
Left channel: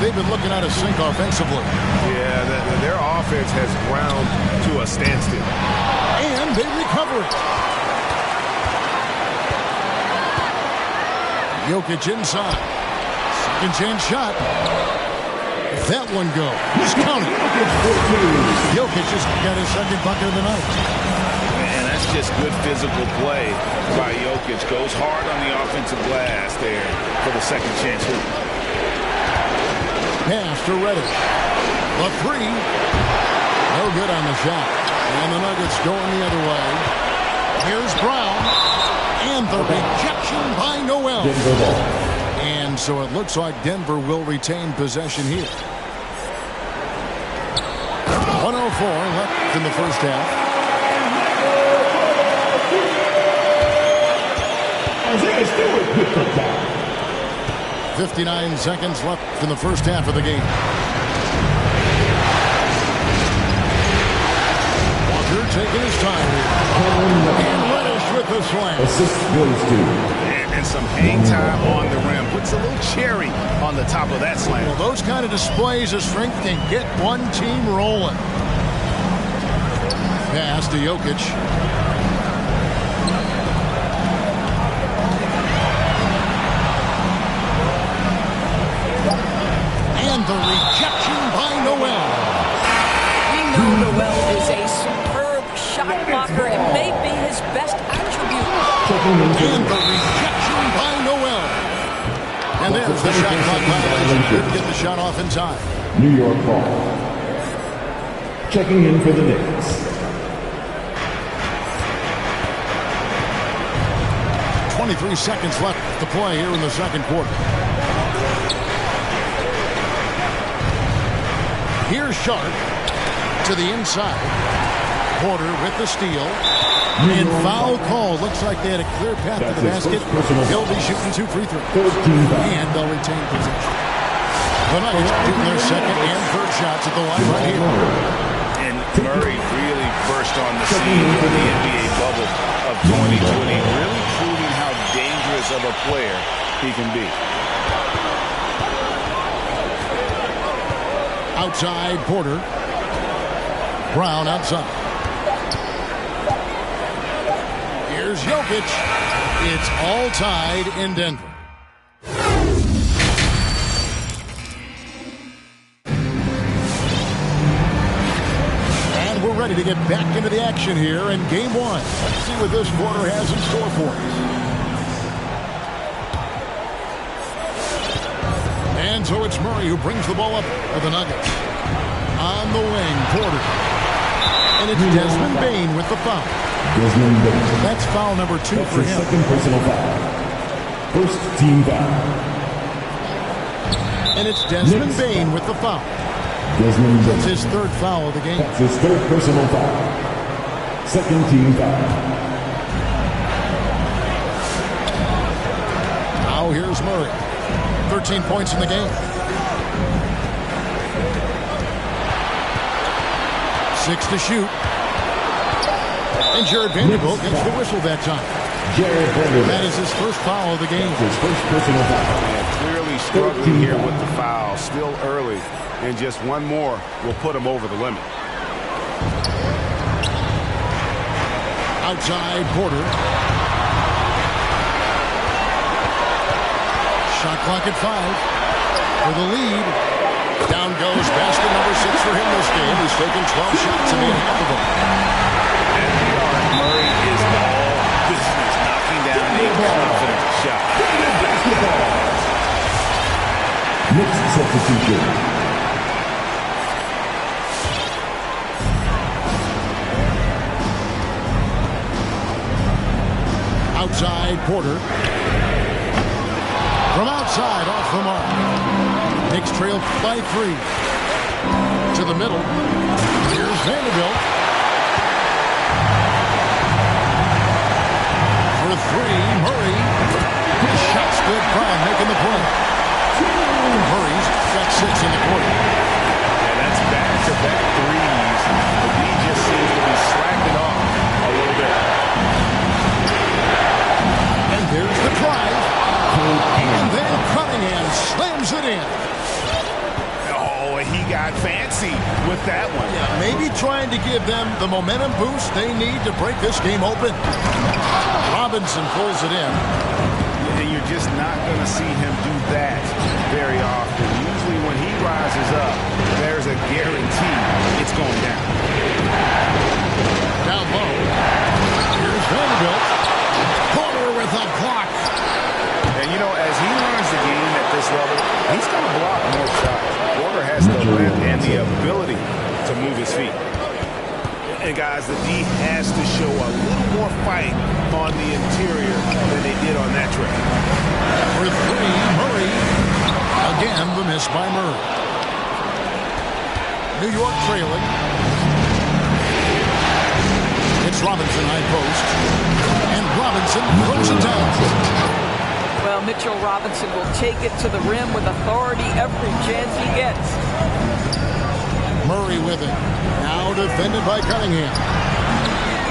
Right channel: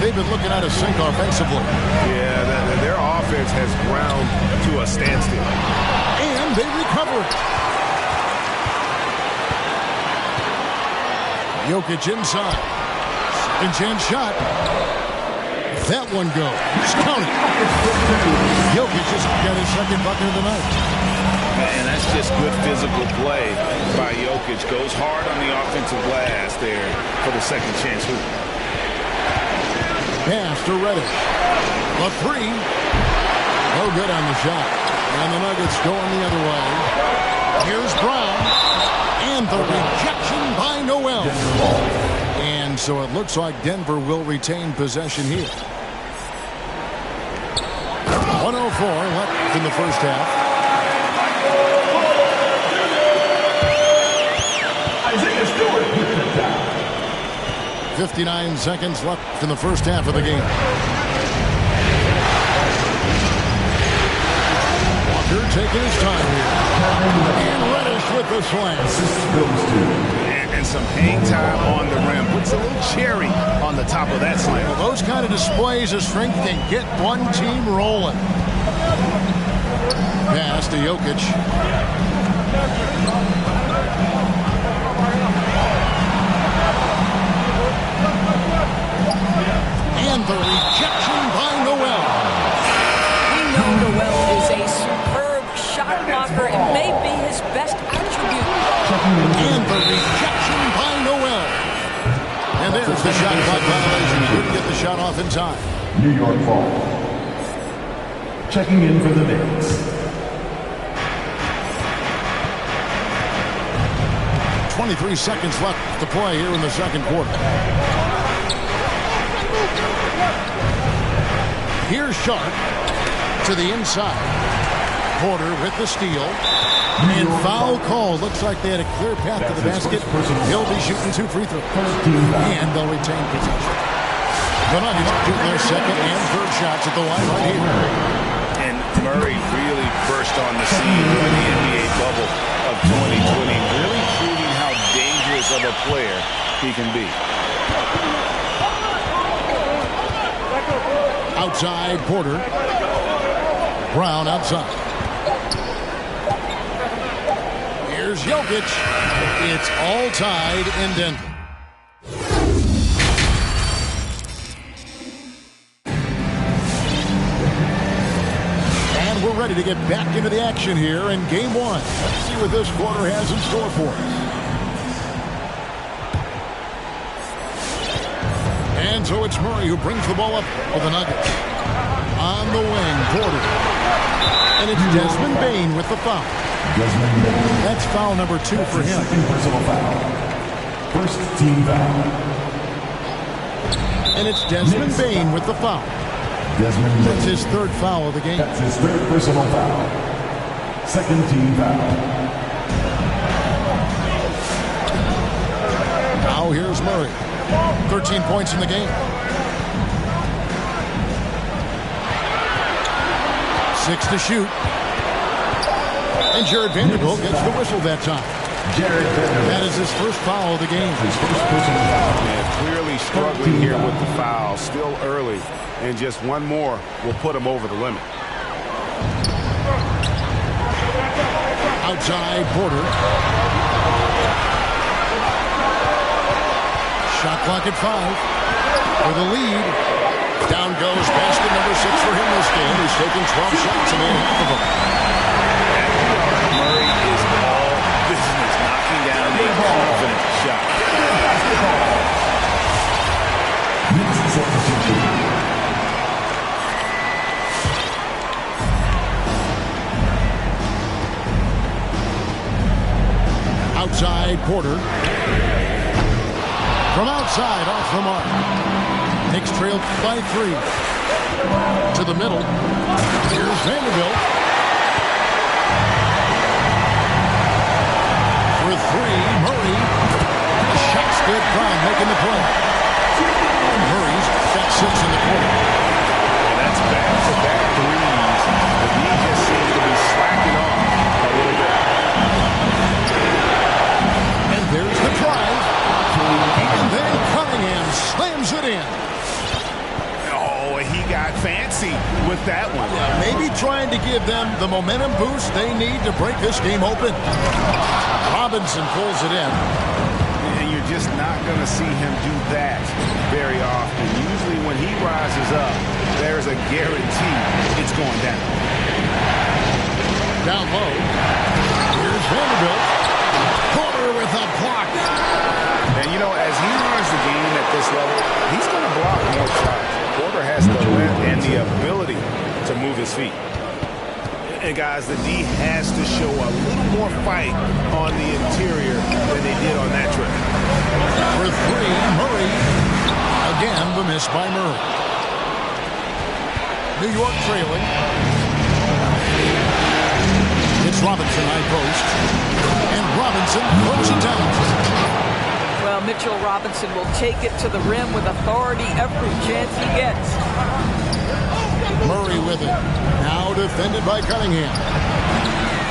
They've been looking out of sync offensively. Yeah, their offense has ground to a standstill. And they recover it. Jokic inside. Second chance shot. If that one goes, just count it. Jokic just got his second bucket of the night. And that's just good physical play by Jokic. Goes hard on the offensive glass there for the second chance hoop. Pass to Reddish. The 3. No good on the shot. And the Nuggets going the other way. Here's Brown. And the rejection by Noel. And so it looks like Denver will retain possession here. 104 left in the first half. Isaiah Stewart with the down. 59 seconds left in the first half of the game. Walker taking his time here. And Reddish with the slam. Assist goes to. And some hang time on the rim. Puts a little cherry on the top of that slam. Well, those kind of displays of strength can get one team rolling. Pass to Jokic. And the rejection by Noel. We know Noel is a superb shot blocker. It may be his best attribute. And the rejection by Noel. And there's the shot clock violation. Couldn't get the shot off in time. New York ball. Checking in for the Knicks. 23 seconds left to play here in the second quarter. Here's Sharp to the inside. Porter with the steal. And foul call. Looks like they had a clear path to the basket. He'll be shooting 2 free throws. And they'll retain possession. The Nuggets shooting their second and third shots at the line right here. And Murray really burst on the scene during the NBA bubble of 2020, really proving how dangerous of a player he can be. Outside, Porter. Brown outside. Here's Jokic. It's all tied in Denver. And we're ready to get back into the action here in game one. Let's see what this quarter has in store for us. And so it's Murray who brings the ball up for the Nuggets. On the wing, Porter. And it's Desmond Bane with the foul. Desmond Bane. That's foul number 2 for him. Second personal foul. First team foul. And it's Desmond Bane with the foul. Desmond Bane. That's his third foul of the game. That's his third personal foul. Second team foul. Now here's Murray. 13 points in the game. 6 to shoot. And Jared Vanderbilt gets the whistle that time. Jared Vanderbilt. That is his first foul of the game. His first personal foul. Man, clearly struggling here with the foul. Still early. And just one more will put him over the limit. Outside, Porter. Shot clock at 5 for the lead. Down goes basket number 6 for him this game. He's taken 12 shots and made half of them. At the arc, Murray is all business, knocking down a confident shot. Basketball. Knicks substitution. Outside, Porter. From outside, off the mark. Knicks trail by 3. To the middle. Here's Vanderbilt. For 3, Murray. The shot's good. Brown making the play. Murray's got 6 in the quarter. And that's back-to-back threes. The D just seems to be slacking off a little bit. And there's the drive. And then Cunningham slams it in. Oh, he got fancy with that one. Yeah, maybe trying to give them the momentum boost they need to break this game open. Robinson pulls it in. And you're just not going to see him do that very often. Usually when he rises up, there's a guarantee it's going down. Down low. Here's Vanderbilt. Porter with a block. And, you know, as he learns the game at this level, he's going to block more shots. Porter has the length and the ability to move his feet. And, guys, the D has to show a little more fight on the interior than they did on that trip. For 3, Murray. Again, the miss by Murray. New York trailing. It's Robinson high post. And Robinson throws it down. Well, Mitchell Robinson will take it to the rim with authority every chance he gets. Murray with it. Now defended by Cunningham.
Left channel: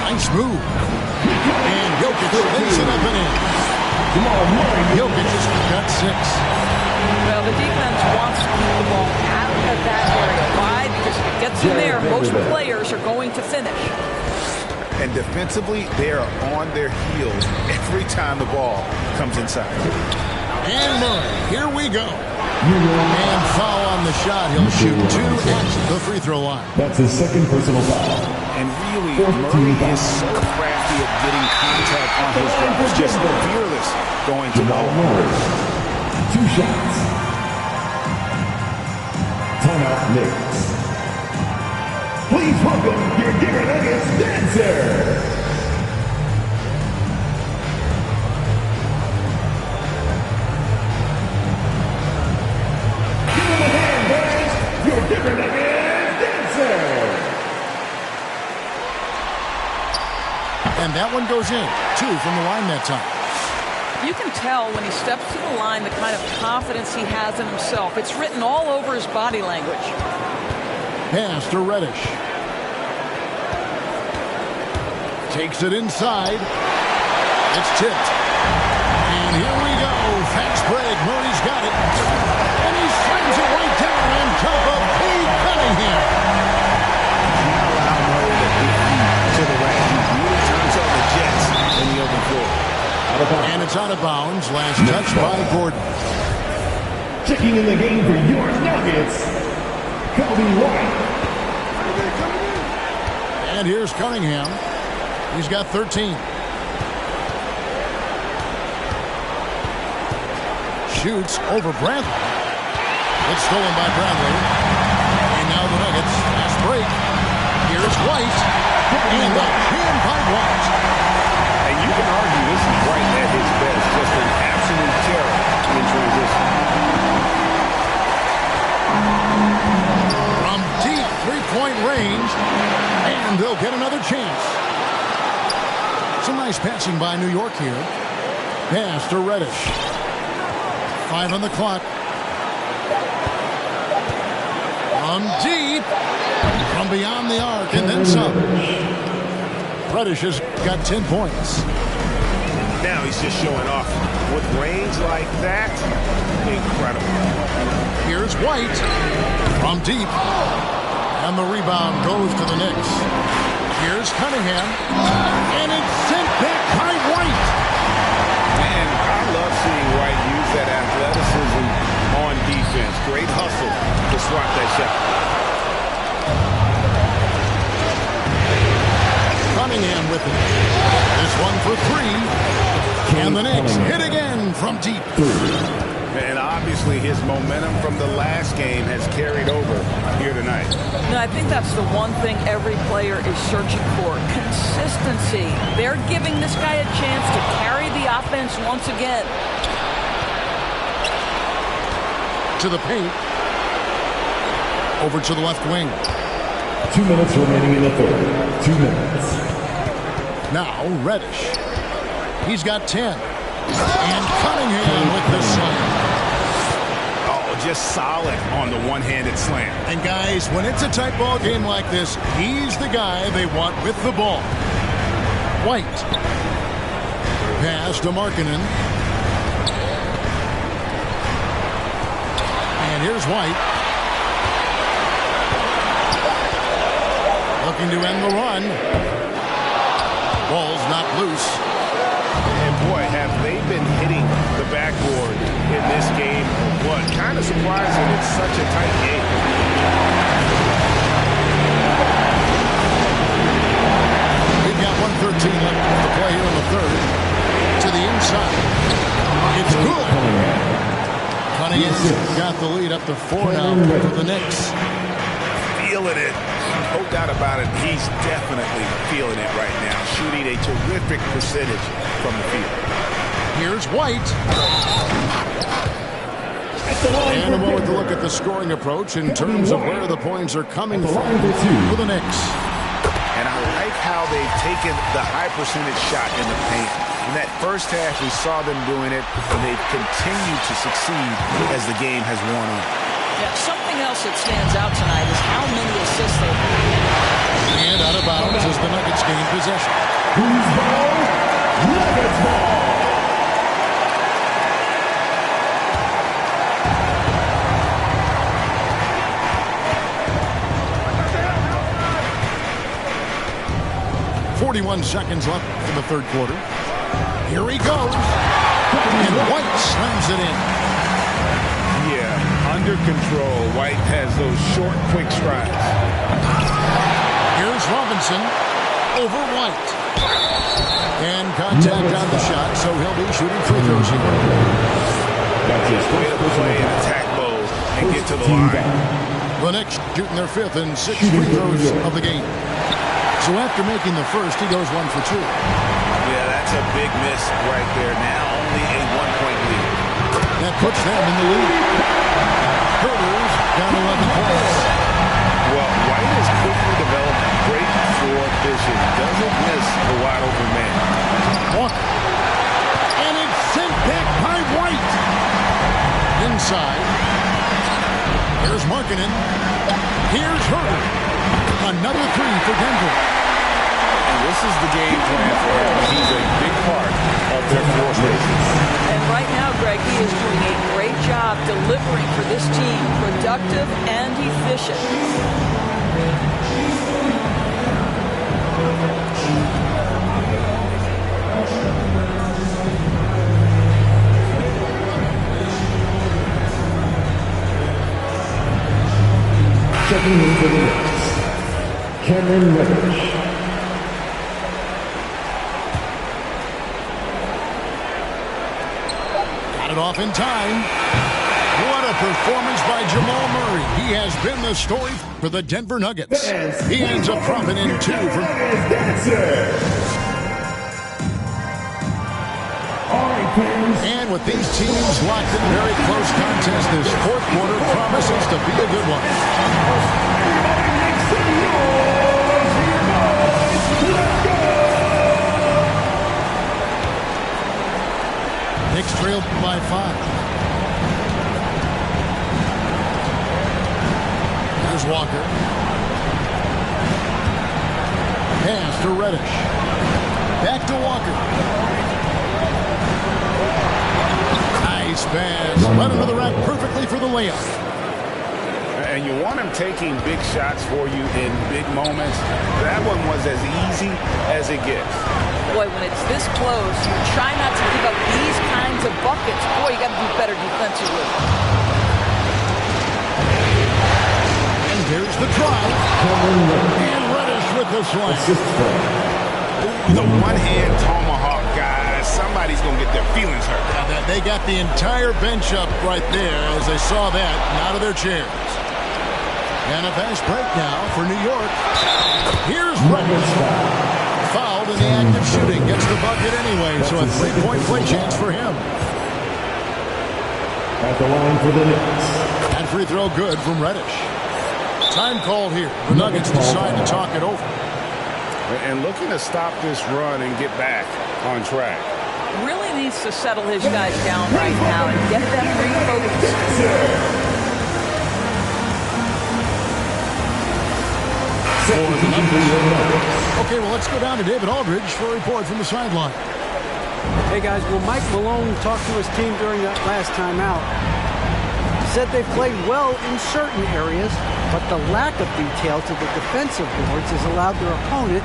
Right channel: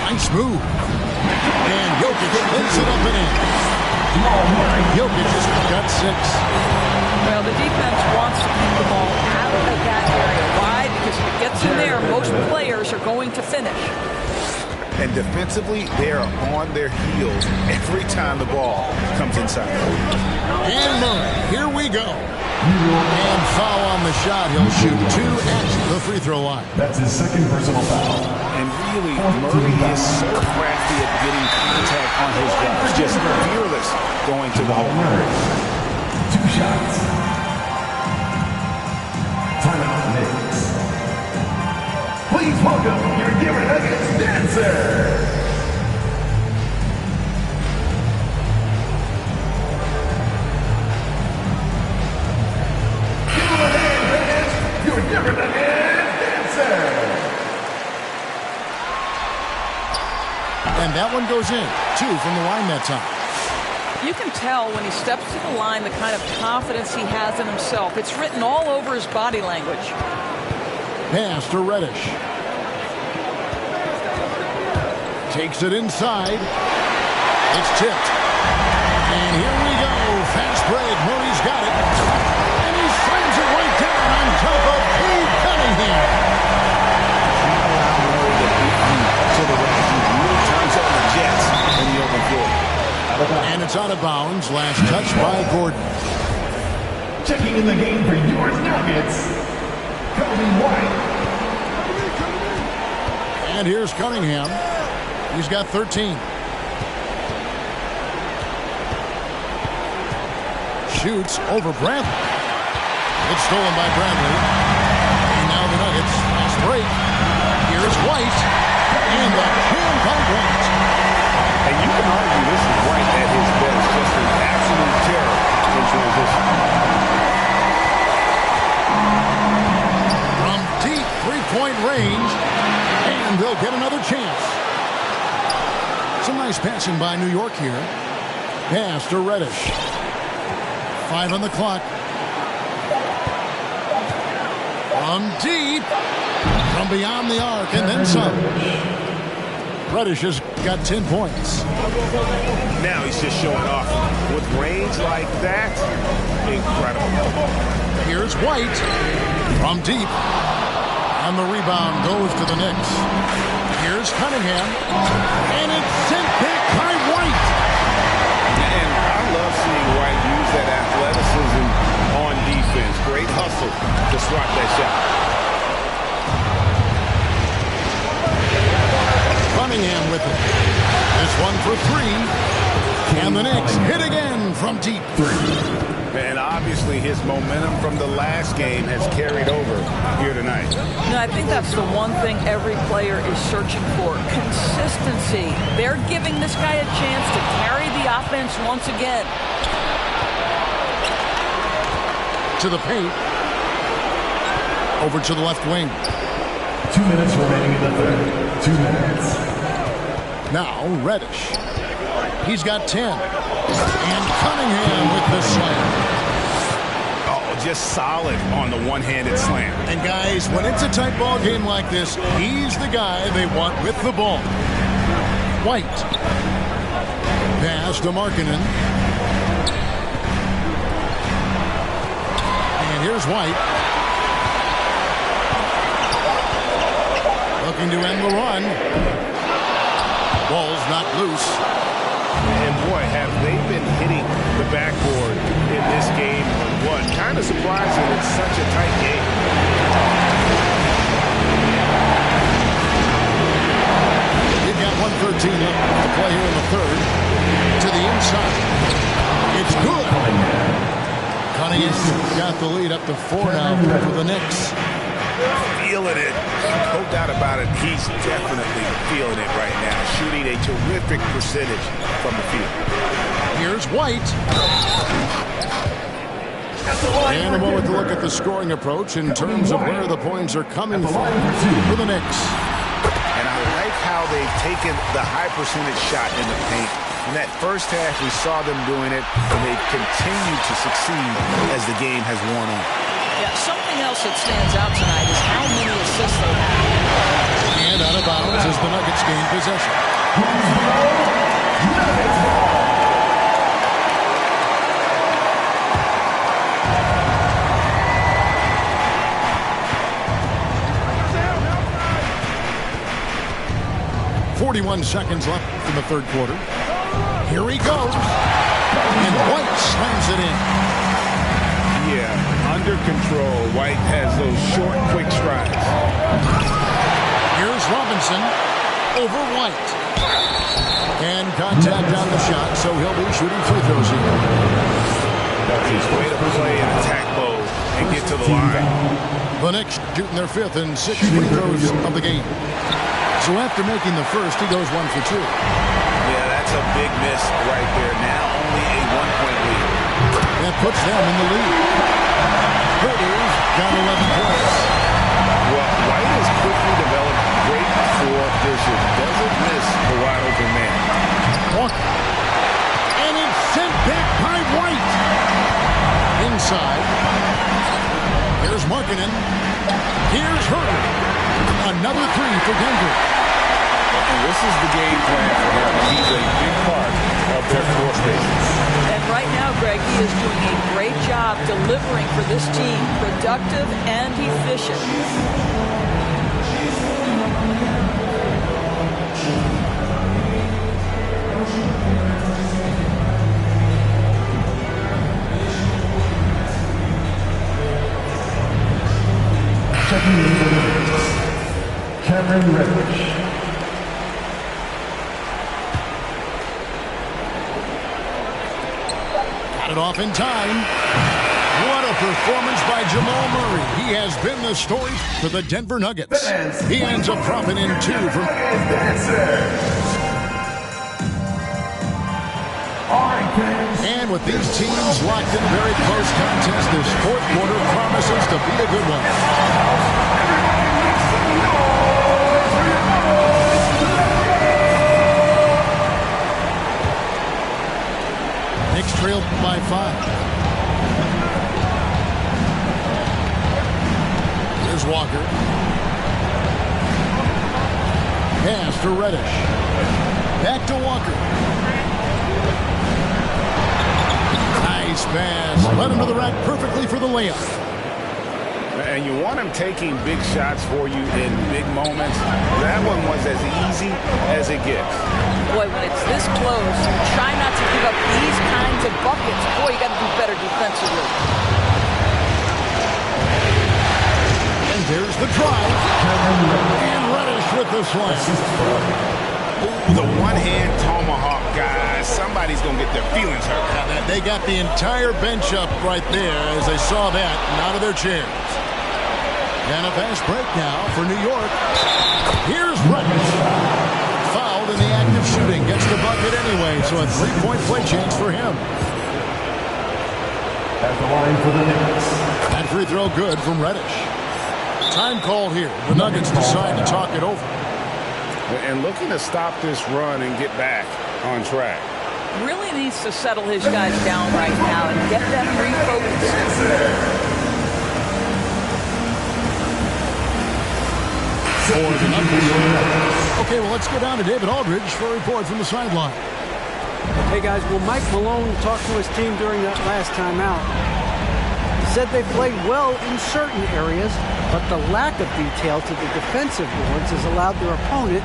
Nice move. And Jokic lays it up and in. Jokic has got 6. Well, the defense wants to keep the ball out of that area. Why? Because if it gets in there, most players are going to finish. And defensively, they are on their heels every time the ball comes inside. And Murray, here we go. And foul on the shot. He'll shoot 2 at the free throw line. That's his second personal foul. And really, Murray is so crafty at getting contact on his drives. Just fearless going to the hole. 2 shots. Timeout, Knicks. Please welcome your Denver Nuggets dancer. And that one goes in. 2 from the line that time. You can tell when he steps to the line the kind of confidence he has in himself. It's written all over his body language. Pass to Reddish. Takes it inside. It's tipped. And here we go. Fast break. Murray's got it. And he slams it right down on top of Cade Cunningham. Can't allow Murray to beat you to the rack. He really turns on the Jets in the open floor. And it's out of bounds. Last touch by Gordon. Checking in the game for your Nuggets, Kobe White. And here's Cunningham. He's got 13. Shoots over Bradley. It's stolen by Bradley. And now the Nuggets. Fast break. Here's White. And the jam by White. And you can argue this is White at his best. Just an absolute terror in transition. From deep three-point range. And they'll get another chance. Some nice passing by New York here. Pass to Reddish. 5 on the clock. From deep. From beyond the arc and then some. Reddish has got 10 points. Now he's just showing off. With range like that, incredible. Here's White from deep. And the rebound goes to the Knicks. Here's Cunningham. And it's sent back by White. And I love seeing White use that athleticism on defense. Great hustle to swat that shot. Cunningham with it. This one for 3. And the Knicks hit again from deep. 3. And obviously his momentum from the last game has carried over here tonight. No, I think that's the one thing every player is searching for. Consistency. They're giving this guy a chance to carry the offense once again. To the paint. Over to the left wing. 2 minutes remaining in the third. 2 minutes. Now Reddish. He's got 10. And Cunningham with the slam. Oh, just solid on the one-handed slam. And guys, when it's a tight ball game like this, he's the guy they want with the ball. White. Pass to Markkanen. And here's White. Looking to end the run. Ball's knocked loose. And boy, have they been hitting the backboard in this game or what? Kind of surprising it's such a tight game. We've got 1:13 left to play here in the third. To the inside. It's good. Cunningham's got the lead up to 4 now for the Knicks. Feeling it. No doubt about it. He's definitely feeling it right now. Shooting a terrific percentage from the field. Here's White. And a moment to look at the scoring approach in terms of where the points are coming from for the Knicks. And I like how they've taken the high percentage shot in the paint. In that first half, we saw them doing it, and they've continued to succeed as the game has worn on. Yeah, something else that stands out tonight is how many assists they have. And out of bounds as the Nuggets gain possession. Who's ball? Nuggets ball. .41 seconds left in the third quarter. Here he goes. And White slams it in. Yeah, under control. White has those short, quick strides. Here's Robinson over White. And contact on the shot, so he'll be shooting free throws here. That's his way to play in attack mode and get to the line. The Knicks shooting their 5th and 6th free throws of the game. So after making the first, he goes 1 for 2. Yeah, that's a big miss right there. Now only a 1-point lead. That puts them in the lead. Herter's got 11 points. Well, White has quickly developed great floor vision. Doesn't miss the wide open man. Walker. And it's sent back by White. Inside. Here's Markkanen. Here's Herter. Another three for Denver. And this is the game plan for him. He's a big part of their floor spaces. And right now, Greg, he is doing a great job delivering for this team. Productive and efficient. Checking in for the Knicks, Cameron Reddish. Got it off in time. What a performance by Jamal Murray. He has been the story for the Denver Nuggets. He ends up dropping in 2 from... And with these teams locked in a very close contest, this fourth quarter promises to be a good one. Knicks trailed by 5. Here's Walker. Pass to Reddish. Back to Walker. Nice pass. Led him to the rack perfectly for the layup. And you want him taking big shots for you in big moments. That one was as easy as it gets. Boy, when it's this close, you try not to give up these kinds of buckets. Boy, you got to do better defensively. And there's the drive. And Reddish with the slam. Ooh, the one-hand tomahawk, guys. Somebody's going to get their feelings hurt. Yeah, they got the entire bench up right there as they saw that and out of their chairs. And a fast break now for New York. Here's Reddish. Fouled in the act of shooting. Gets the bucket anyway, so a three-point play chance for him. At the line for the Knicks. That free throw good from Reddish. Time called here. The Nuggets decide to talk it over. And looking to stop this run and get back on track. Really needs to settle his guys down right now and get them refocused. For the Nuggets. Okay, well, let's go down to David Aldridge for a report from the sideline. Hey, guys, well, Mike Malone talked to his team during that last time out. He said they played well in certain areas, but the lack of detail to the defensive boards has allowed their opponent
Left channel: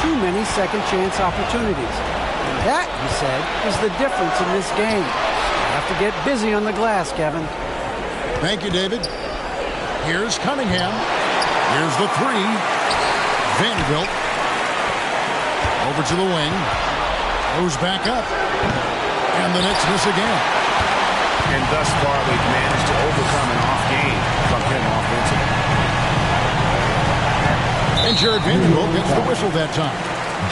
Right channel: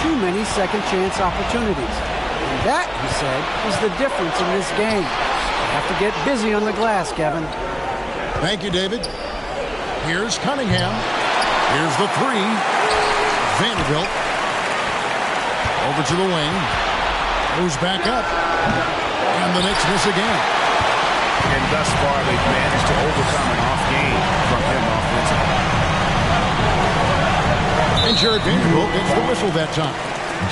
too many second-chance opportunities. And that, he said, is the difference in this game. They have to get busy on the glass, Kevin. Thank you, David. Here's Cunningham. Here's the three. Vanderbilt. Over to the wing. Goes back up. And the Knicks miss again. And thus far, they've managed to overcome an off game from him offensively. And Jared Vanderbilt gets the whistle that time.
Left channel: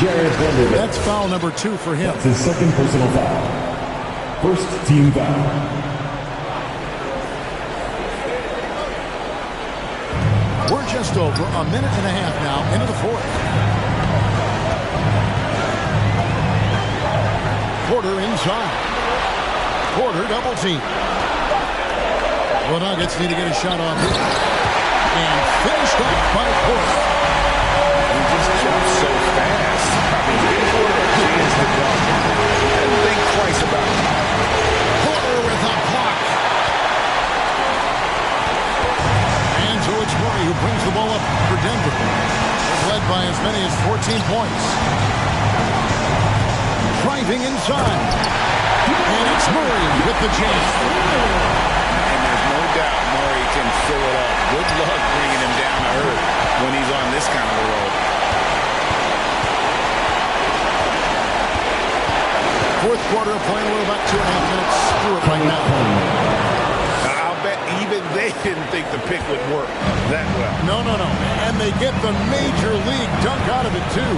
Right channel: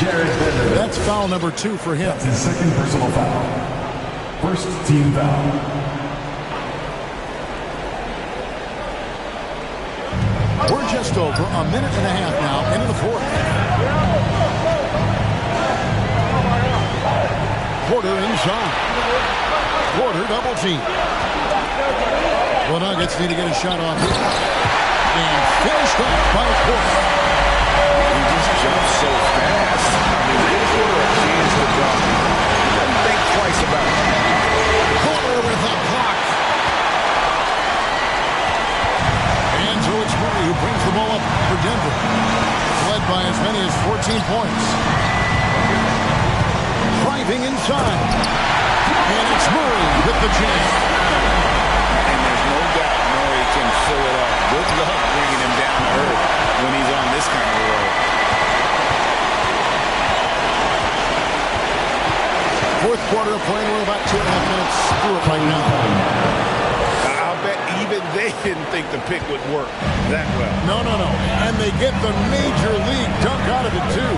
Jared Vanderbilt. That's foul number 2 for him. That's his second personal foul. First team foul. We're just over a minute and a half now into the fourth. Porter inside. Porter double team. The Nuggets need to get a shot off here. And finished off by Porter. He just jumps so fast. I mean, give Porter a chance to dunk. He doesn't think twice about it. Porter with a block. And so it's Murray who brings the ball up for Denver. Was led by as many as 14 points. Driving inside. And it's Murray with the chance. And there's no doubt Murray can fill it up. Good luck bringing him down to earth when he's on this kind of a roll. Fourth quarter of play. We're about 2.5 minutes through it right now. I'll bet even they didn't think the pick would work that well. No. And they get the major league dunk out of it, too.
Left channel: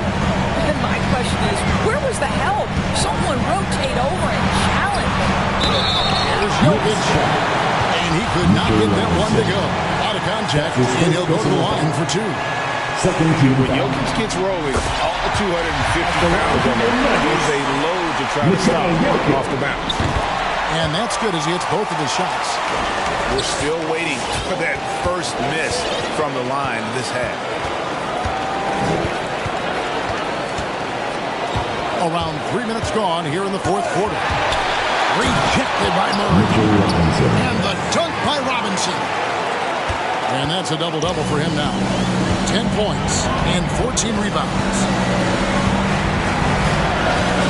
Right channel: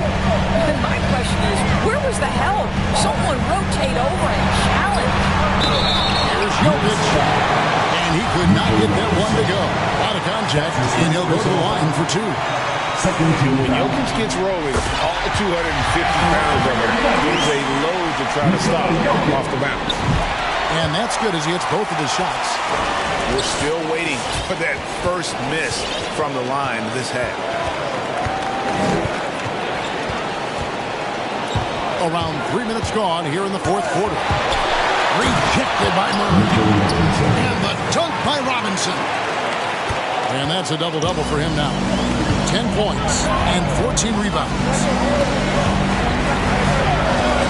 And my question is, where was the help? Someone rotate over and challenge. Here's Jokic. And And he could not get that one to go. Out of contact, and he'll go to the line for 2. When Jokic gets rolling, all 250 pounds of him, he's a load to try to stop off the bounce. And that's good as he hits both of his shots. We're still waiting for that first miss from the line this half. Around 3 minutes gone here in the fourth quarter. Rejected by Murray. And the dunk by Robinson. And that's a double-double for him now. 10 points and 14 rebounds.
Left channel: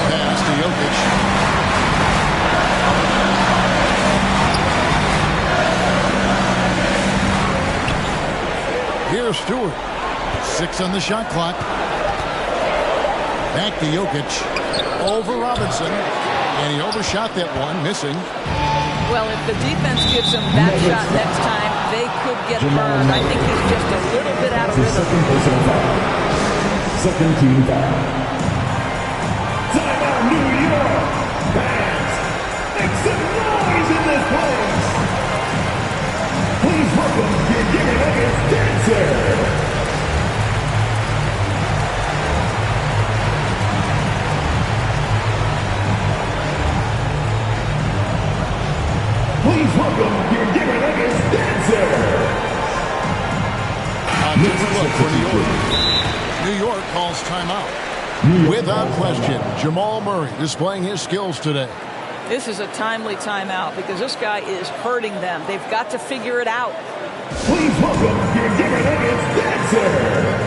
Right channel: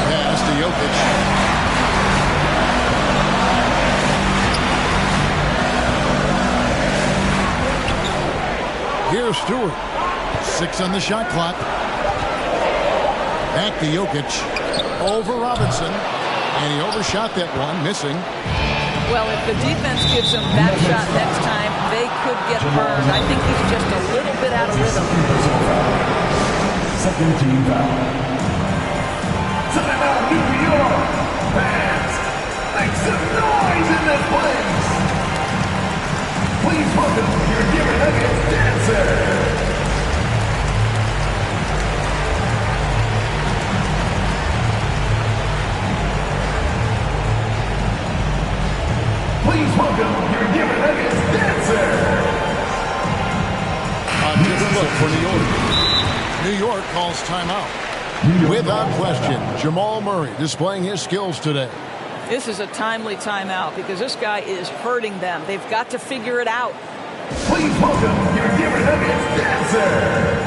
Pass to Jokic. Here's Stewart. 6 on the shot clock. Back to Jokic. Over Robinson. And he overshot that one, missing. Well, if the defense gives him that shot next time, they could get burned. I think he's just a little bit out of rhythm. Second team foul. Timeout, New York. Fans, make some noise in this place. Please welcome your Giver Nuggets dancer. Please welcome your Giver Nuggets dancer. A different look for New York. New York calls timeout. Without question, Jamal Murray displaying his skills today. This is a timely timeout because this guy is hurting them. They've got to figure it out. Please welcome your Giver Nuggets dancer.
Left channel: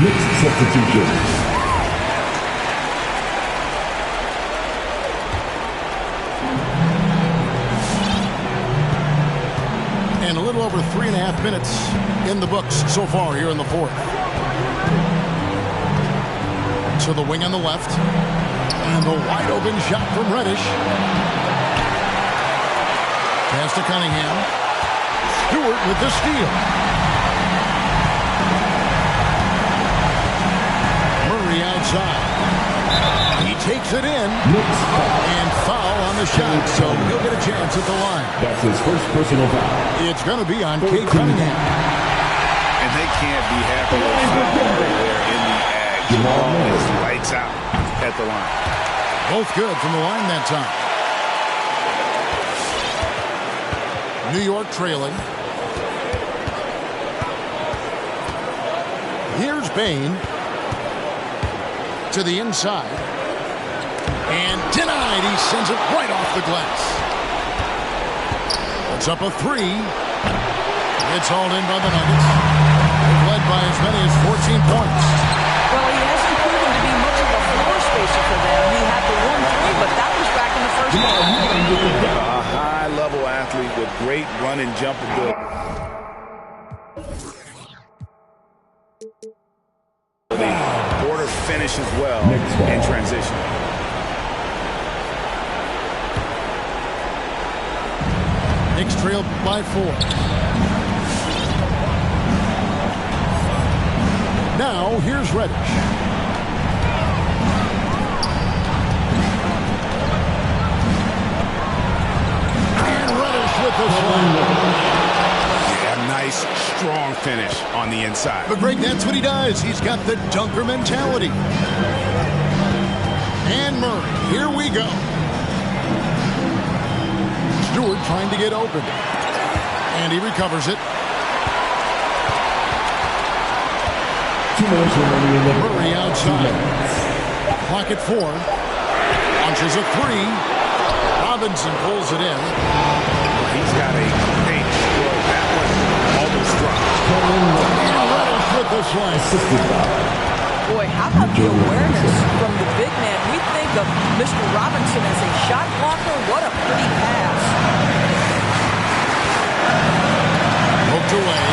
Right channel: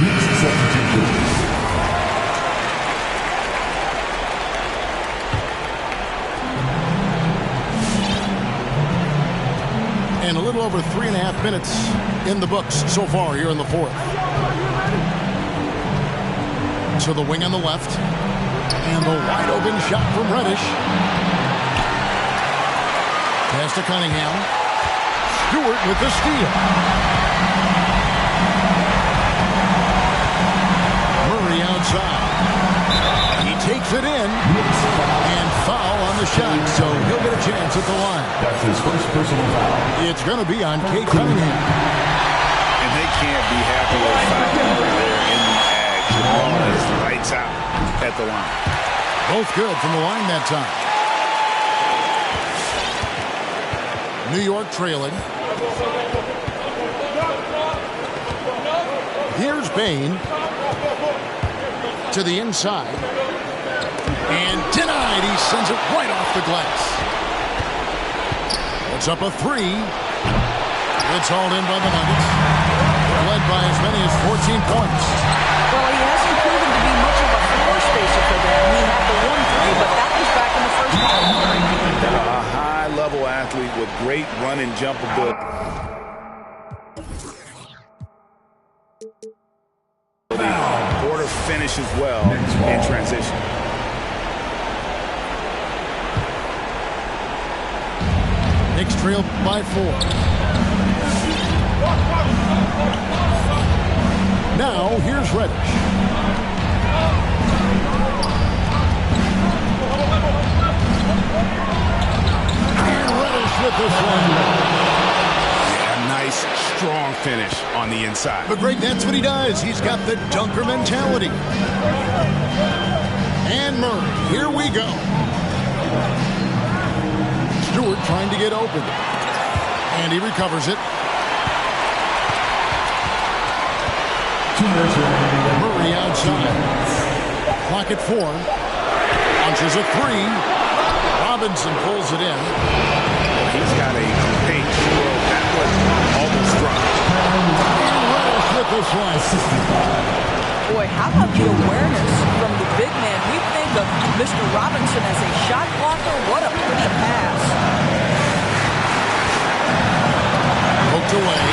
Knicks substitution. And a little over 3.5 minutes in the books so far here in the fourth. To the wing on the left. And the wide open shot from Reddish. Pass to Cunningham. Stewart with the steal. Murray outside. He takes it in. And foul on the shot, so he'll get a chance at the line. That's his first personal foul. It's going to be on Kate Cunningham. And they can't be happy they fouled Murray there in the edge. The ball is lights out at the line. Both good from the line that time. New York trailing. Here's Bain. To the inside. And denied. He sends it right off the glass. It's up a 3. It's hauled in by the Nuggets. Led by as many as 14 points. Well, he hasn't proven to be much of a floor spacer for them. He had the 1-3, but that was back in the first half. A high-level athlete with great run and jump ability. Porter finishes well in transition. Knicks trail by 4. Now, here's Reddish. And Reddish with the slam. Yeah, nice, strong finish on the inside. But Greg, that's what he does. He's got the dunker mentality. And Murray, here we go. Stewart trying to get open. And he recovers it. 2 minutes remaining. Murray outside. Clock at 4. Launches a 3. Robinson pulls it in. Well, he's got a paint stroke. That was almost dropped. And Reddish with the slam. Boy, how about the awareness from the big man? We think of Mr. Robinson as a shot blocker. What a pretty pass. Poked away.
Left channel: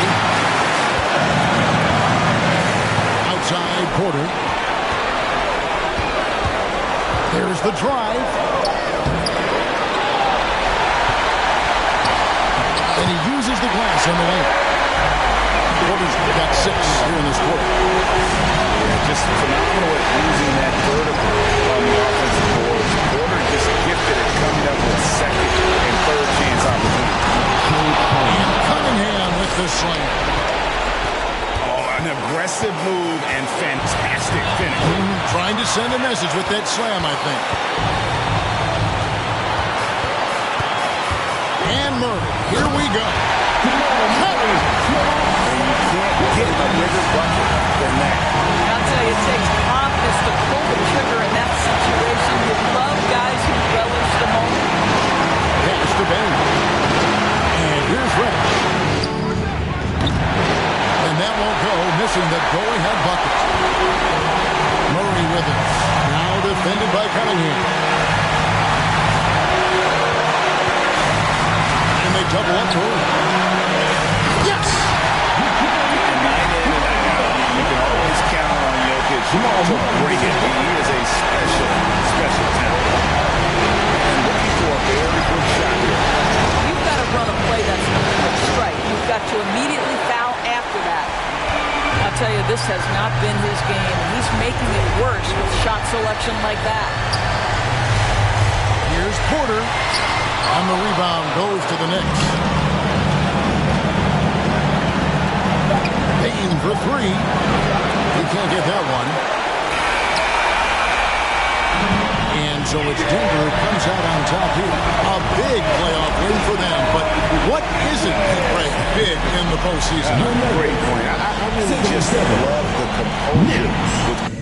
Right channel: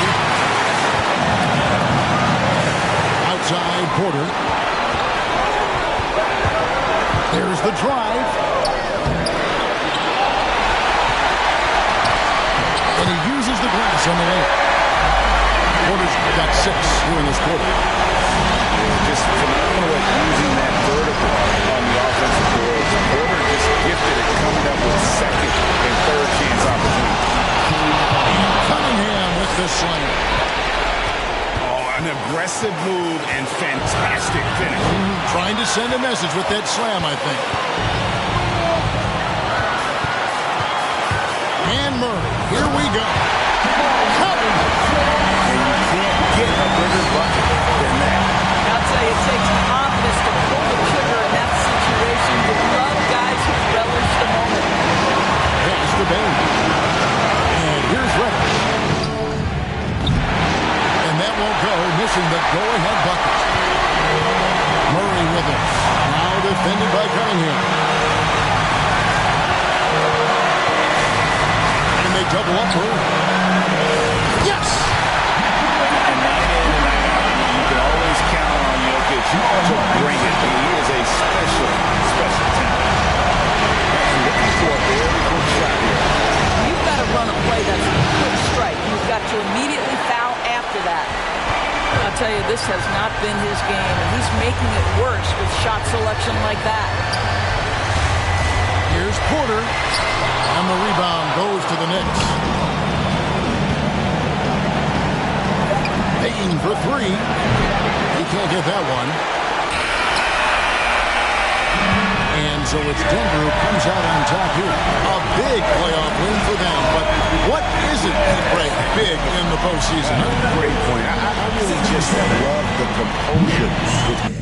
Outside Porter. There's the drive. And he uses the glass on the way. Porter's got 6 here in this quarter. Yeah, just phenomenal at using that vertical on the offensive boards. Porter just gifted at coming up with second and third chance opportunities. And Cunningham with the slam. An aggressive move and fantastic finish. Trying to send a message with that slam, I think. And Murray, here we go. And you can't get a bigger bucket than that. I'll tell you, it takes confidence to pull the trigger in that situation. You love guys who relish the moment. Pass to Bain. And here's Reddish. And that won't go, missing the go-ahead bucket. Murray with it. Now defended by Cunningham. And they double up Murray. Yes! And night in and night out, you can always count on Jokic to bring it. He is a special, special talent. And looking for a very quick shot here. You've got to run a play that's a quick strike. You've got to immediately foul after that. I'll tell you, this has not been his game, and he's making it worse with shot selection like that. Here's Porter, and the rebound goes to the Knicks. Payton for 3. He can't get that one. And so it's Denver who comes out on top here. A big playoff win for them. But what isn't big in the postseason? Great point. I really just love the composure with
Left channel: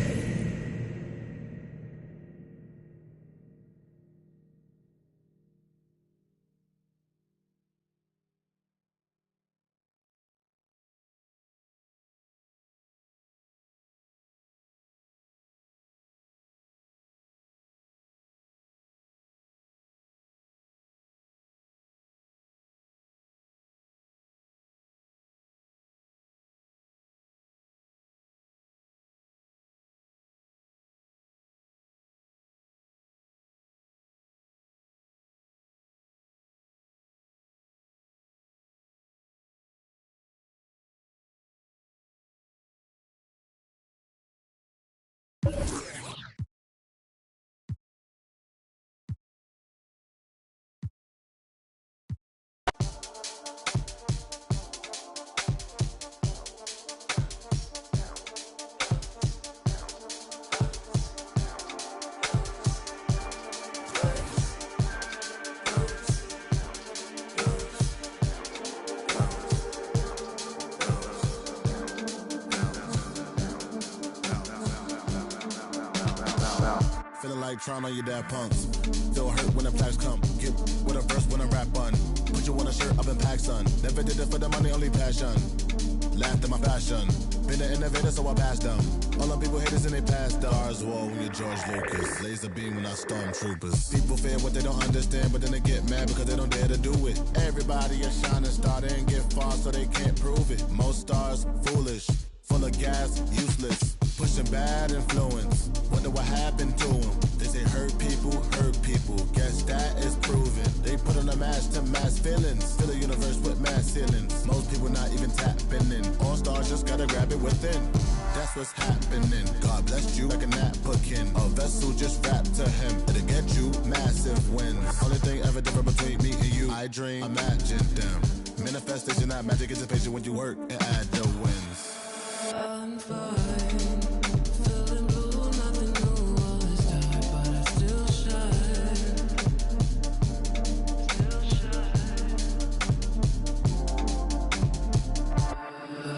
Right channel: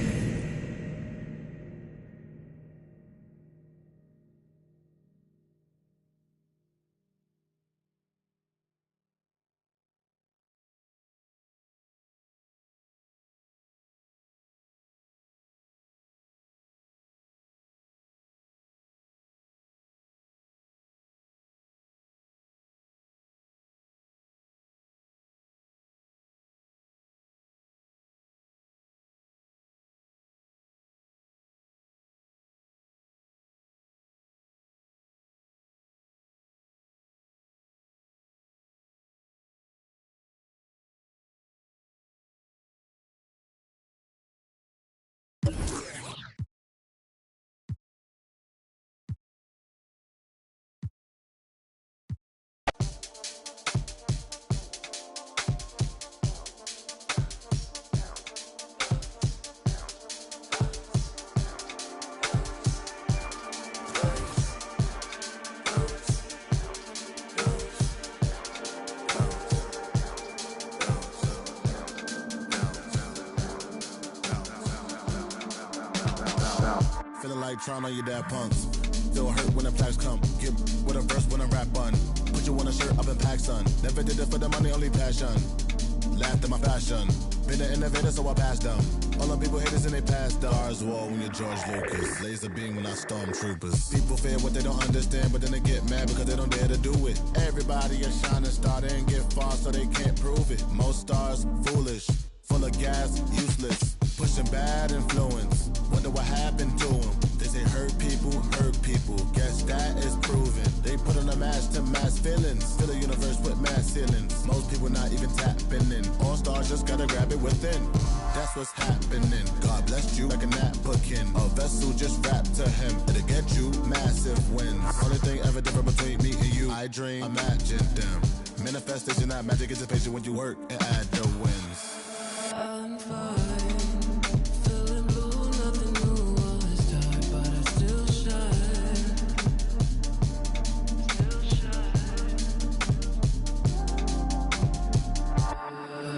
Feeling like trying on your dad punks. Feel hurt when the plaques come. Get with a verse when I rap on. Put you on a shirt up in pack, son. Never did it for the money, only passion. Laughed at my fashion. Been an innovator, so I passed them. All the people haters and they passed them. Stars wall when you're George Lucas. Laser beam when I stormtroopers. People fear what they don't understand, but then they get mad because they don't dare to do it. Everybody a shining star, they ain't get far, so they can't prove it. Most stars, foolish. Full of gas, useless. Pushing bad influence. Wonder what happened to them. They say hurt people. Guess that is proven. They put on a mask to mask feelings. Fill a universe with mass ceilings. Most people not even tapping in. All stars just gotta grab it within. That's what's happening. God blessed you like a napkin. A vessel just wrapped to him. It'll get you massive wins. Only thing ever different between me and you. I dream, imagine them. Manifestation, not magic, it's a patient when you work and add the wins. I'm fine, feeling blue, nothing new, all is dark, but I still shine,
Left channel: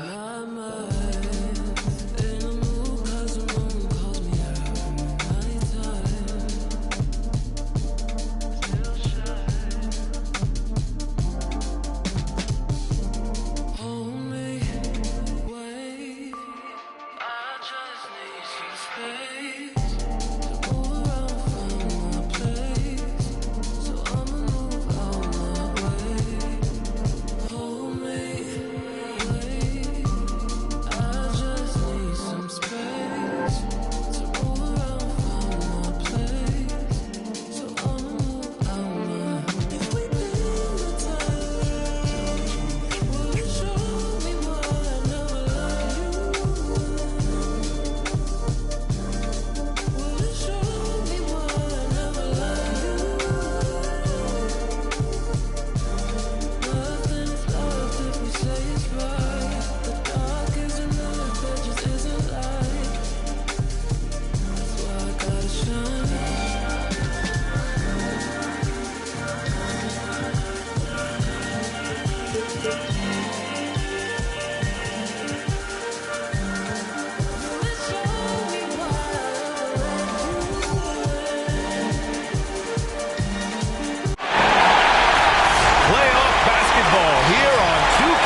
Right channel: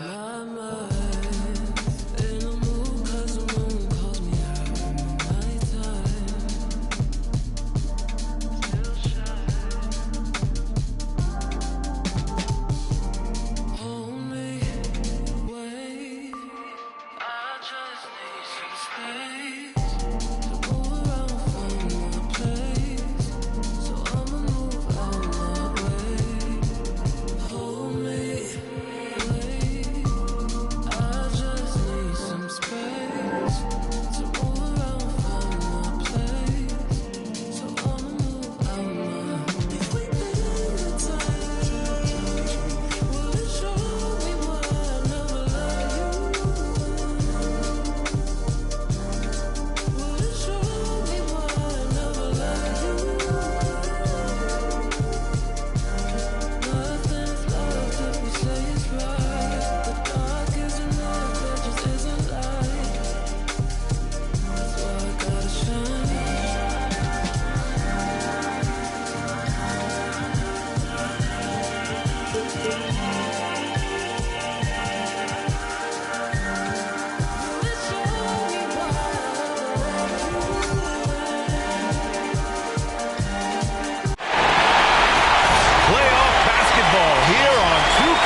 My mind's in a mood 'cause the moon calls me out in the nighttime, still shine, hold me, wait,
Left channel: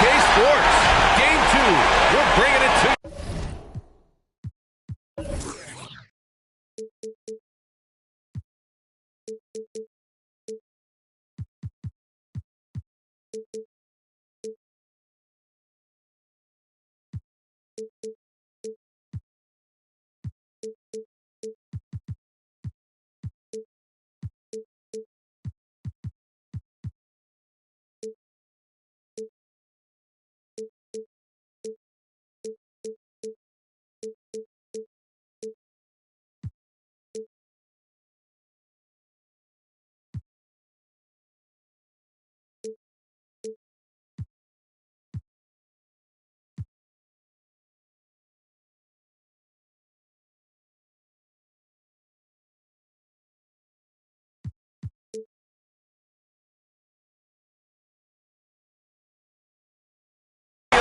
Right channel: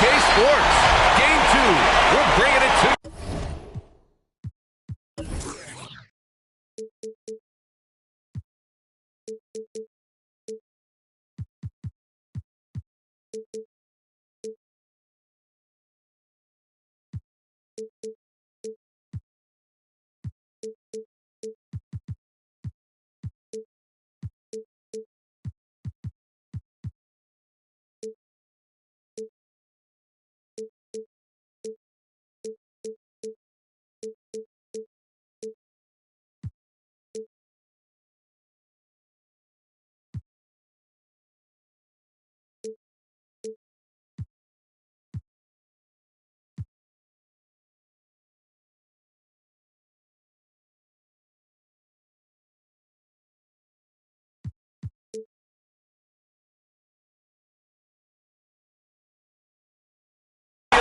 OK Sports. Game 2. We're bringing it to you.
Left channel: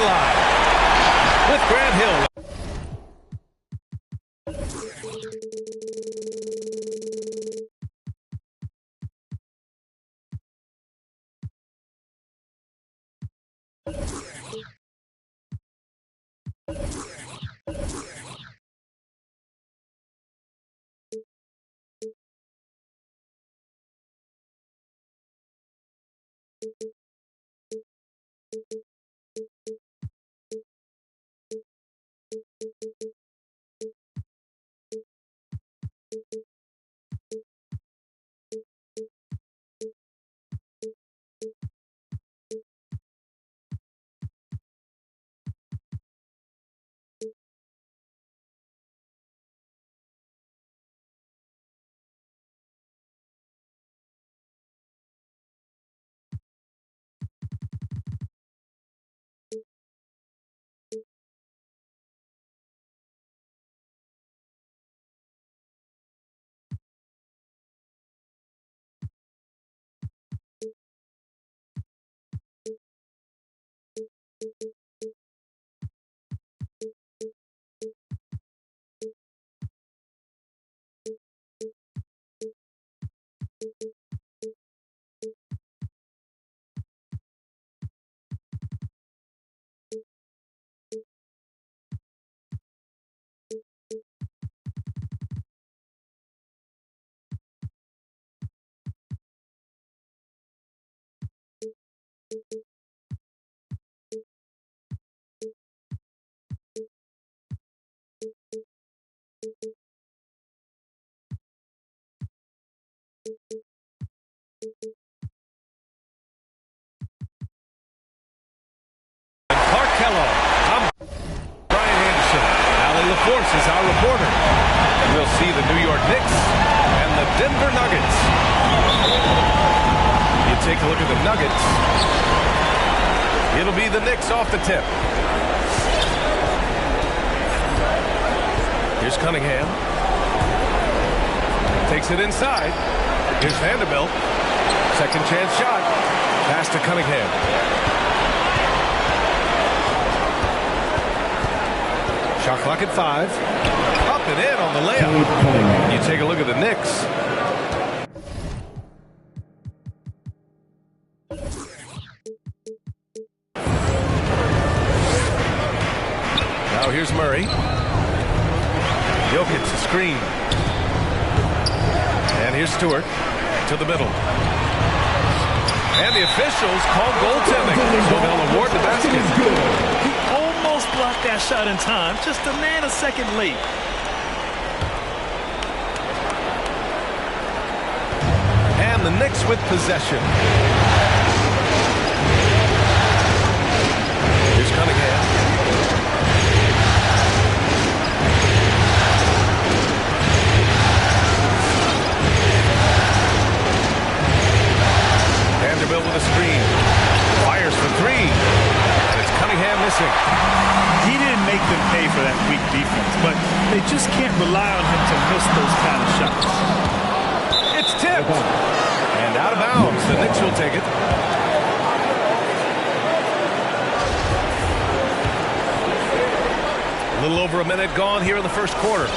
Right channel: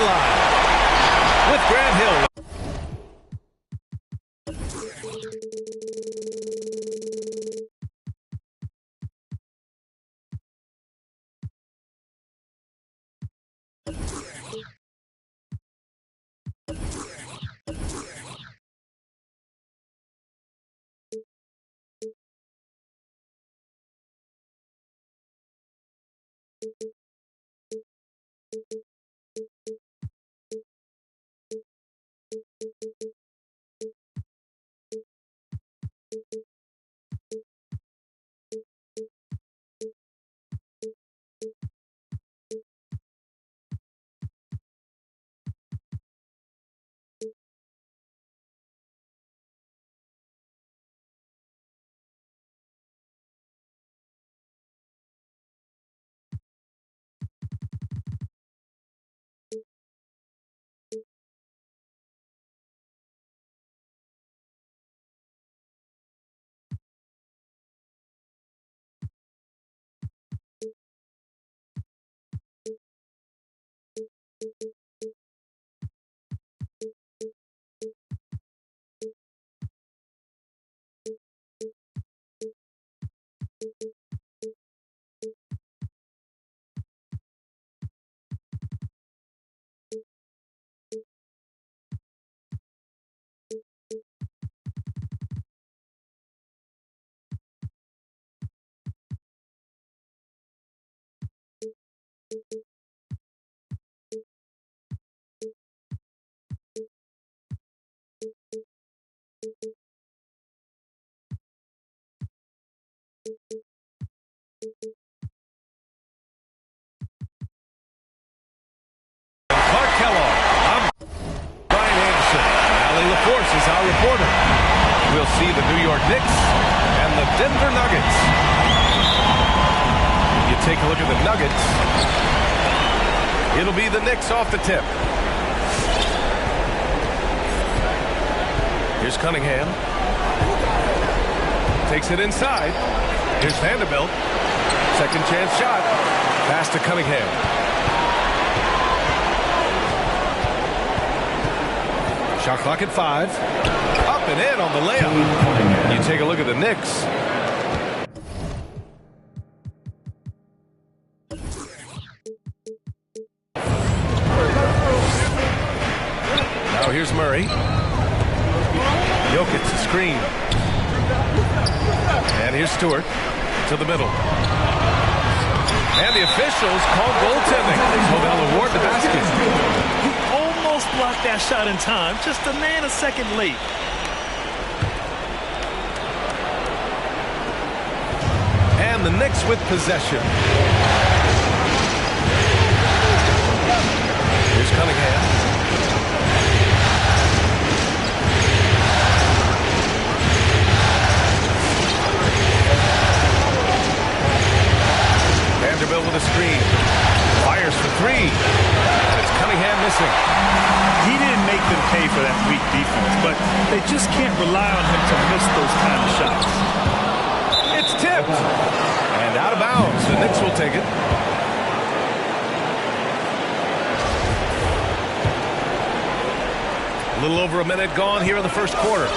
Live with Grant Hill. Clark Kellogg. I'm Brian Anderson. Allie LaForce is our reporter. And we'll see the New York Knicks and the Denver Nuggets. You take a look at the Nuggets. It'll be the Knicks off the tip. Here's Cunningham. Takes it inside. Here's Vanderbilt. Second chance shot. Pass to Cunningham. Shot clock at 5. Up and in on the layup. You take a look at the Knicks. Now here's Murray. Jokic to screen. And here's Stewart to the middle. And the officials call goaltending, so they'll award the basket. He almost blocked that shot in time, just a nanosecond late. And the Knicks with possession. Here's Cunningham. Vanderbilt with a screen. Fires for 3. And it's Cunningham missing. He didn't make them pay for that weak defense, but they just can't rely on him to miss those kind of shots. It's tipped. And out of bounds. The Knicks will take it. A little over a minute gone here in the first quarter.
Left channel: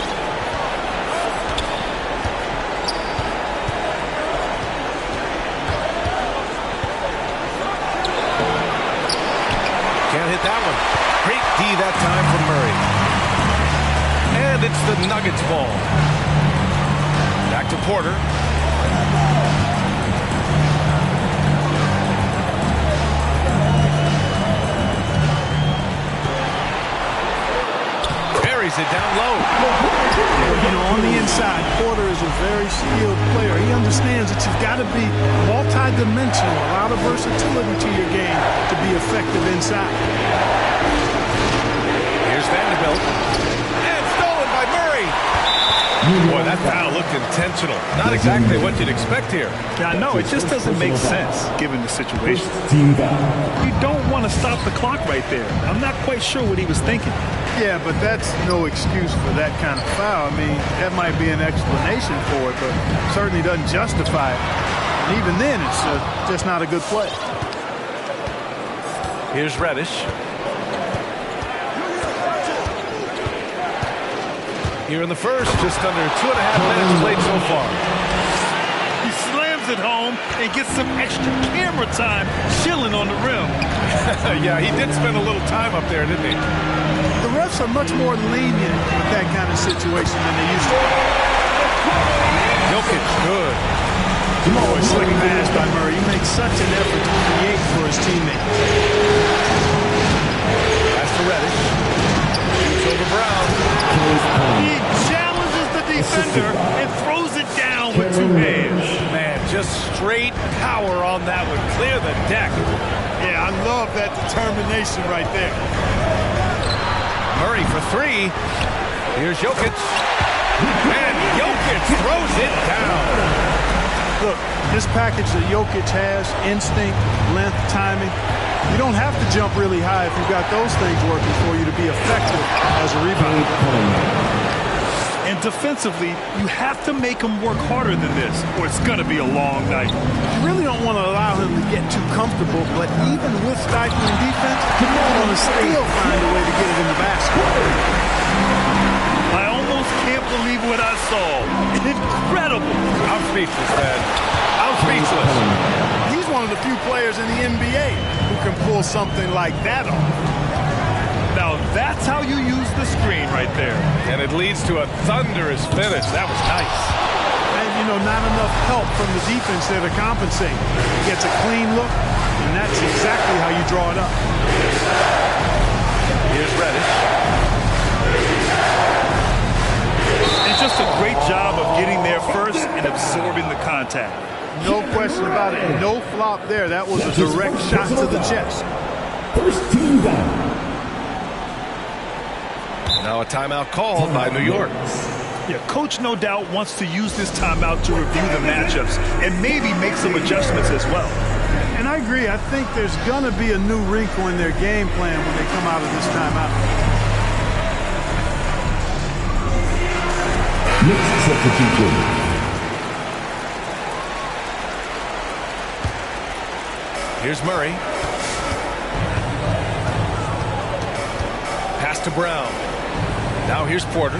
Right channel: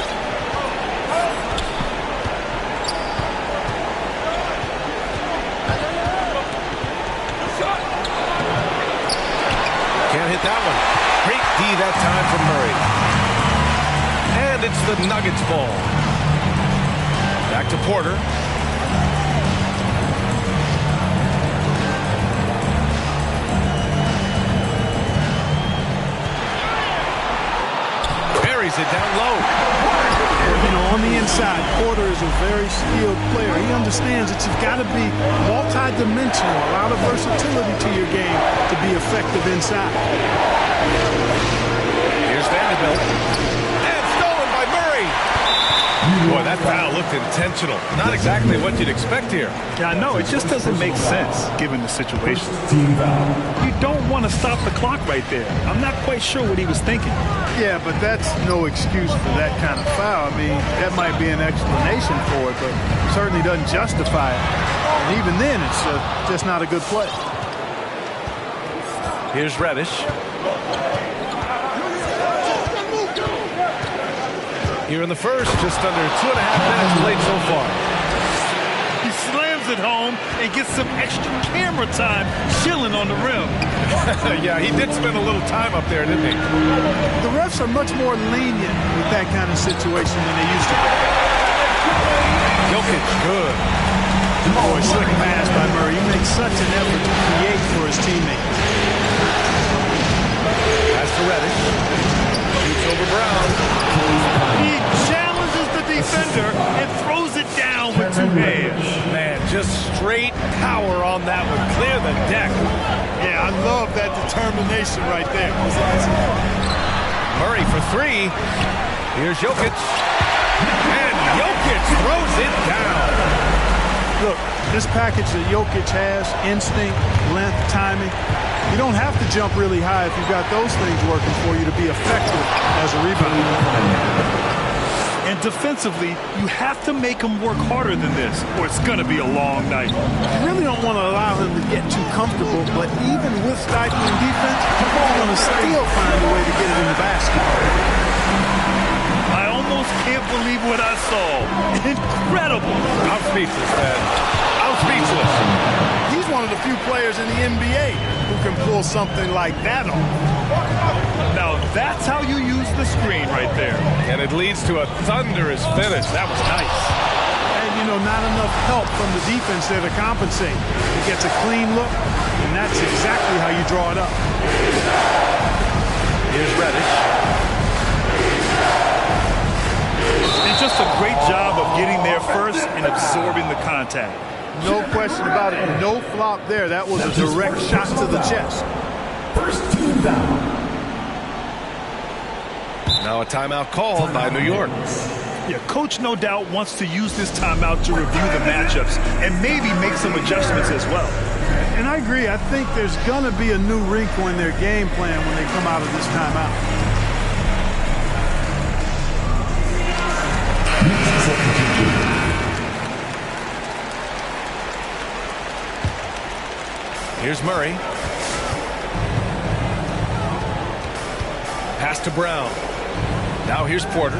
hit that one. Great D that time from Murray. And it's the Nuggets ball. Back to Porter. Buries it down low. Well, you know, on the inside, Porter is a very skilled player. He understands that you've got to be multi-dimensional, a lot of versatility to your game to be effective inside. Here's Vanderbilt. And stolen by Murray. Boy, that foul looked intentional. Not exactly what you'd expect here. Yeah, I know. It just doesn't make sense given the situation. You don't want to stop the clock right there. I'm not quite sure what he was thinking. Yeah, but that's no excuse for that kind of foul. I mean, that might be an explanation for it, but certainly doesn't justify it. And even then, it's just not a good play. Here's Reddish. Here in the first, just under 2.5 minutes played so far. He slams it home and gets some extra camera time chilling on the rim. Yeah, he did spend a little time up there, didn't he? The refs are much more lenient with that kind of situation than they used to be. Jokic, good. Boy, slick pass by Murray. He makes such an effort to create for his teammates. Pass to Reddish. Shoots over Brown. He challenges the defender and throws it down with two hands. Man, just straight power on that one. Clear the deck. Yeah, I love that determination right there. Murray for three. Here's Jokic. And Jokic throws it down. Look, this package that Jokic has, instinct, length, timing, you don't have to jump really high if you've got those things working for you to be effective as a rebounder. And defensively, you have to make him work harder than this, or it's going to be a long night. You really don't want to allow him to get too comfortable, but even with stifling defense, you're going to still find a way to get it in the basket. I almost can't believe what I saw. Incredible. I'm speechless, man. I'm speechless. He's one of the few players in the NBA who can pull something like that off. Now that's how you use the screen right there. And it leads to a thunderous finish. That was nice. And, you know, not enough help from the defense there to compensate. He gets a clean look, and that's exactly how you draw it up. Here's Reddish. And just a great job of getting there first and absorbing the contact. No question about it. No flop there. That was a direct shot to the chest. First team down. Now a timeout called by New York. Yeah, coach no doubt wants to use this timeout to review the matchups and maybe make some adjustments as well. And I agree. I think there's going to be a new wrinkle in their game plan when they come out of this timeout. Knicks substitution. Here's Murray. Pass to Brown. Now here's Porter.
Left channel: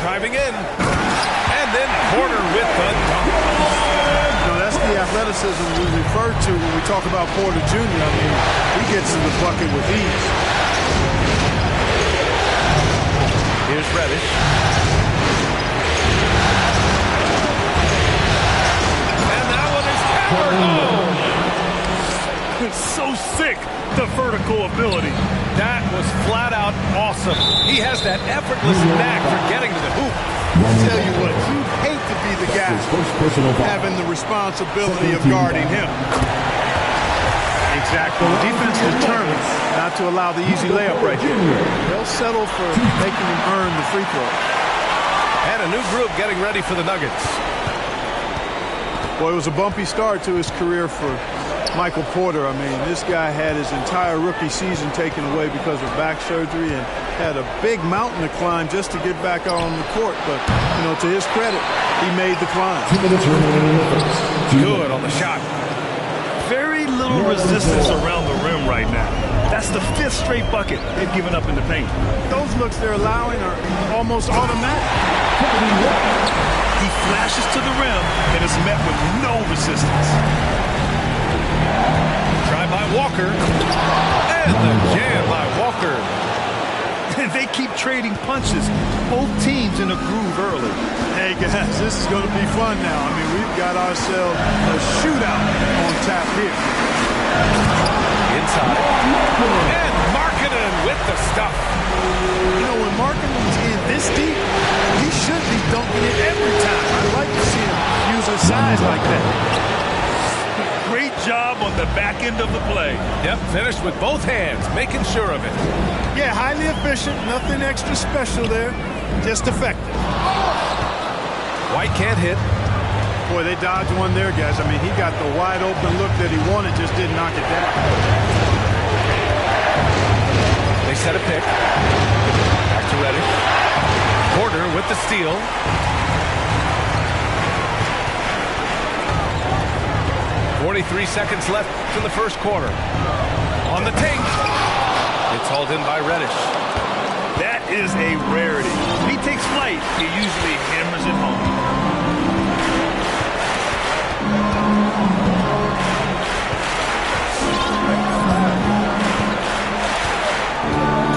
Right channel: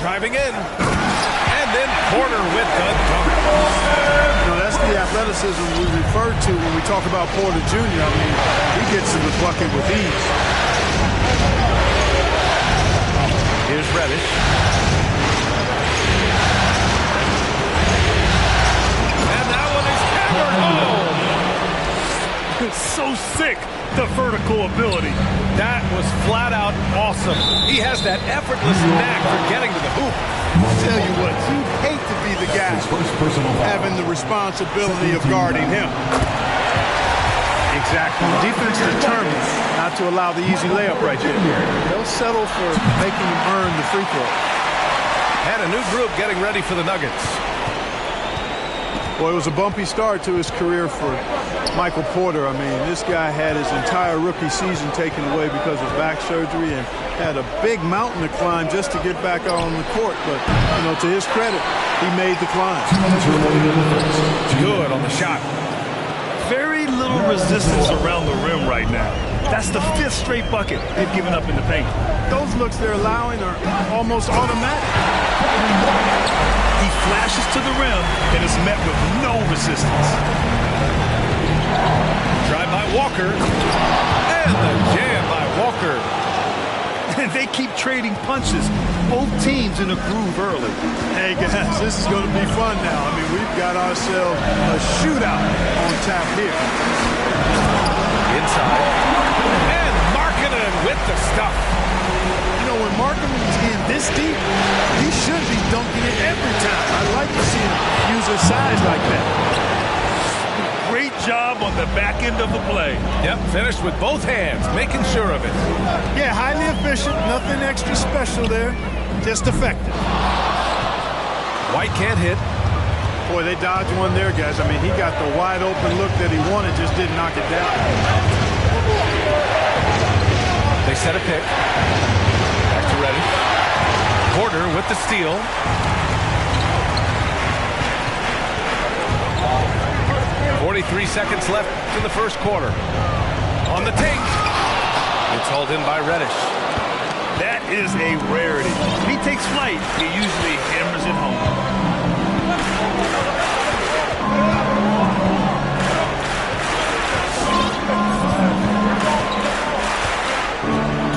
Driving in. And then Porter with the dunk. You know, that's the athleticism we refer to when we talk about Porter Jr. I mean, he gets to the bucket with ease. Here's Reddish. And that one is hammered home. It's so sick, the vertical ability. That was flat out awesome. He has that effortless knack for getting to the hoop. I'll tell you what, you'd hate to be the guy having the responsibility of guarding him. Exactly. The defense is determined not to allow the easy layup right there. They'll settle for making him earn the free throw. And a new group getting ready for the Nuggets. Boy, it was a bumpy start to his career for Michael Porter. I mean, this guy had his entire rookie season taken away because of back surgery and had a big mountain to climb just to get back out on the court. But, you know, to his credit, he made the climb. 2 minutes remaining in the first. Good on the shot. Very little resistance around the rim right now. That's the 5th straight bucket they've given up in the paint. Those looks they're allowing are almost automatic. He flashes to the rim and is met with no resistance. Drive by Walker. And the jam by Walker. And they keep trading punches. Both teams in a groove early. Hey, guys, this is going to be fun now. I mean, we've got ourselves a shootout on tap here. Inside. And Markkanen with the stuff. You know, when Markkanen's in this deep, he should be dunking it every time. I like to see him use his size like that. Great job on the back end of the play. Yep, finished with both hands, making sure of it. Yeah, highly efficient, nothing extra special there, just effective. White can't hit. Boy, they dodged one there, guys. I mean, he got the wide open look that he wanted, just didn't knock it down. They set a pick. Back to Reddish. Porter with the steal. .43 seconds left in the first quarter. On the take. It's hauled in by Reddish. That is a rarity. When he takes flight, he usually hammers it home.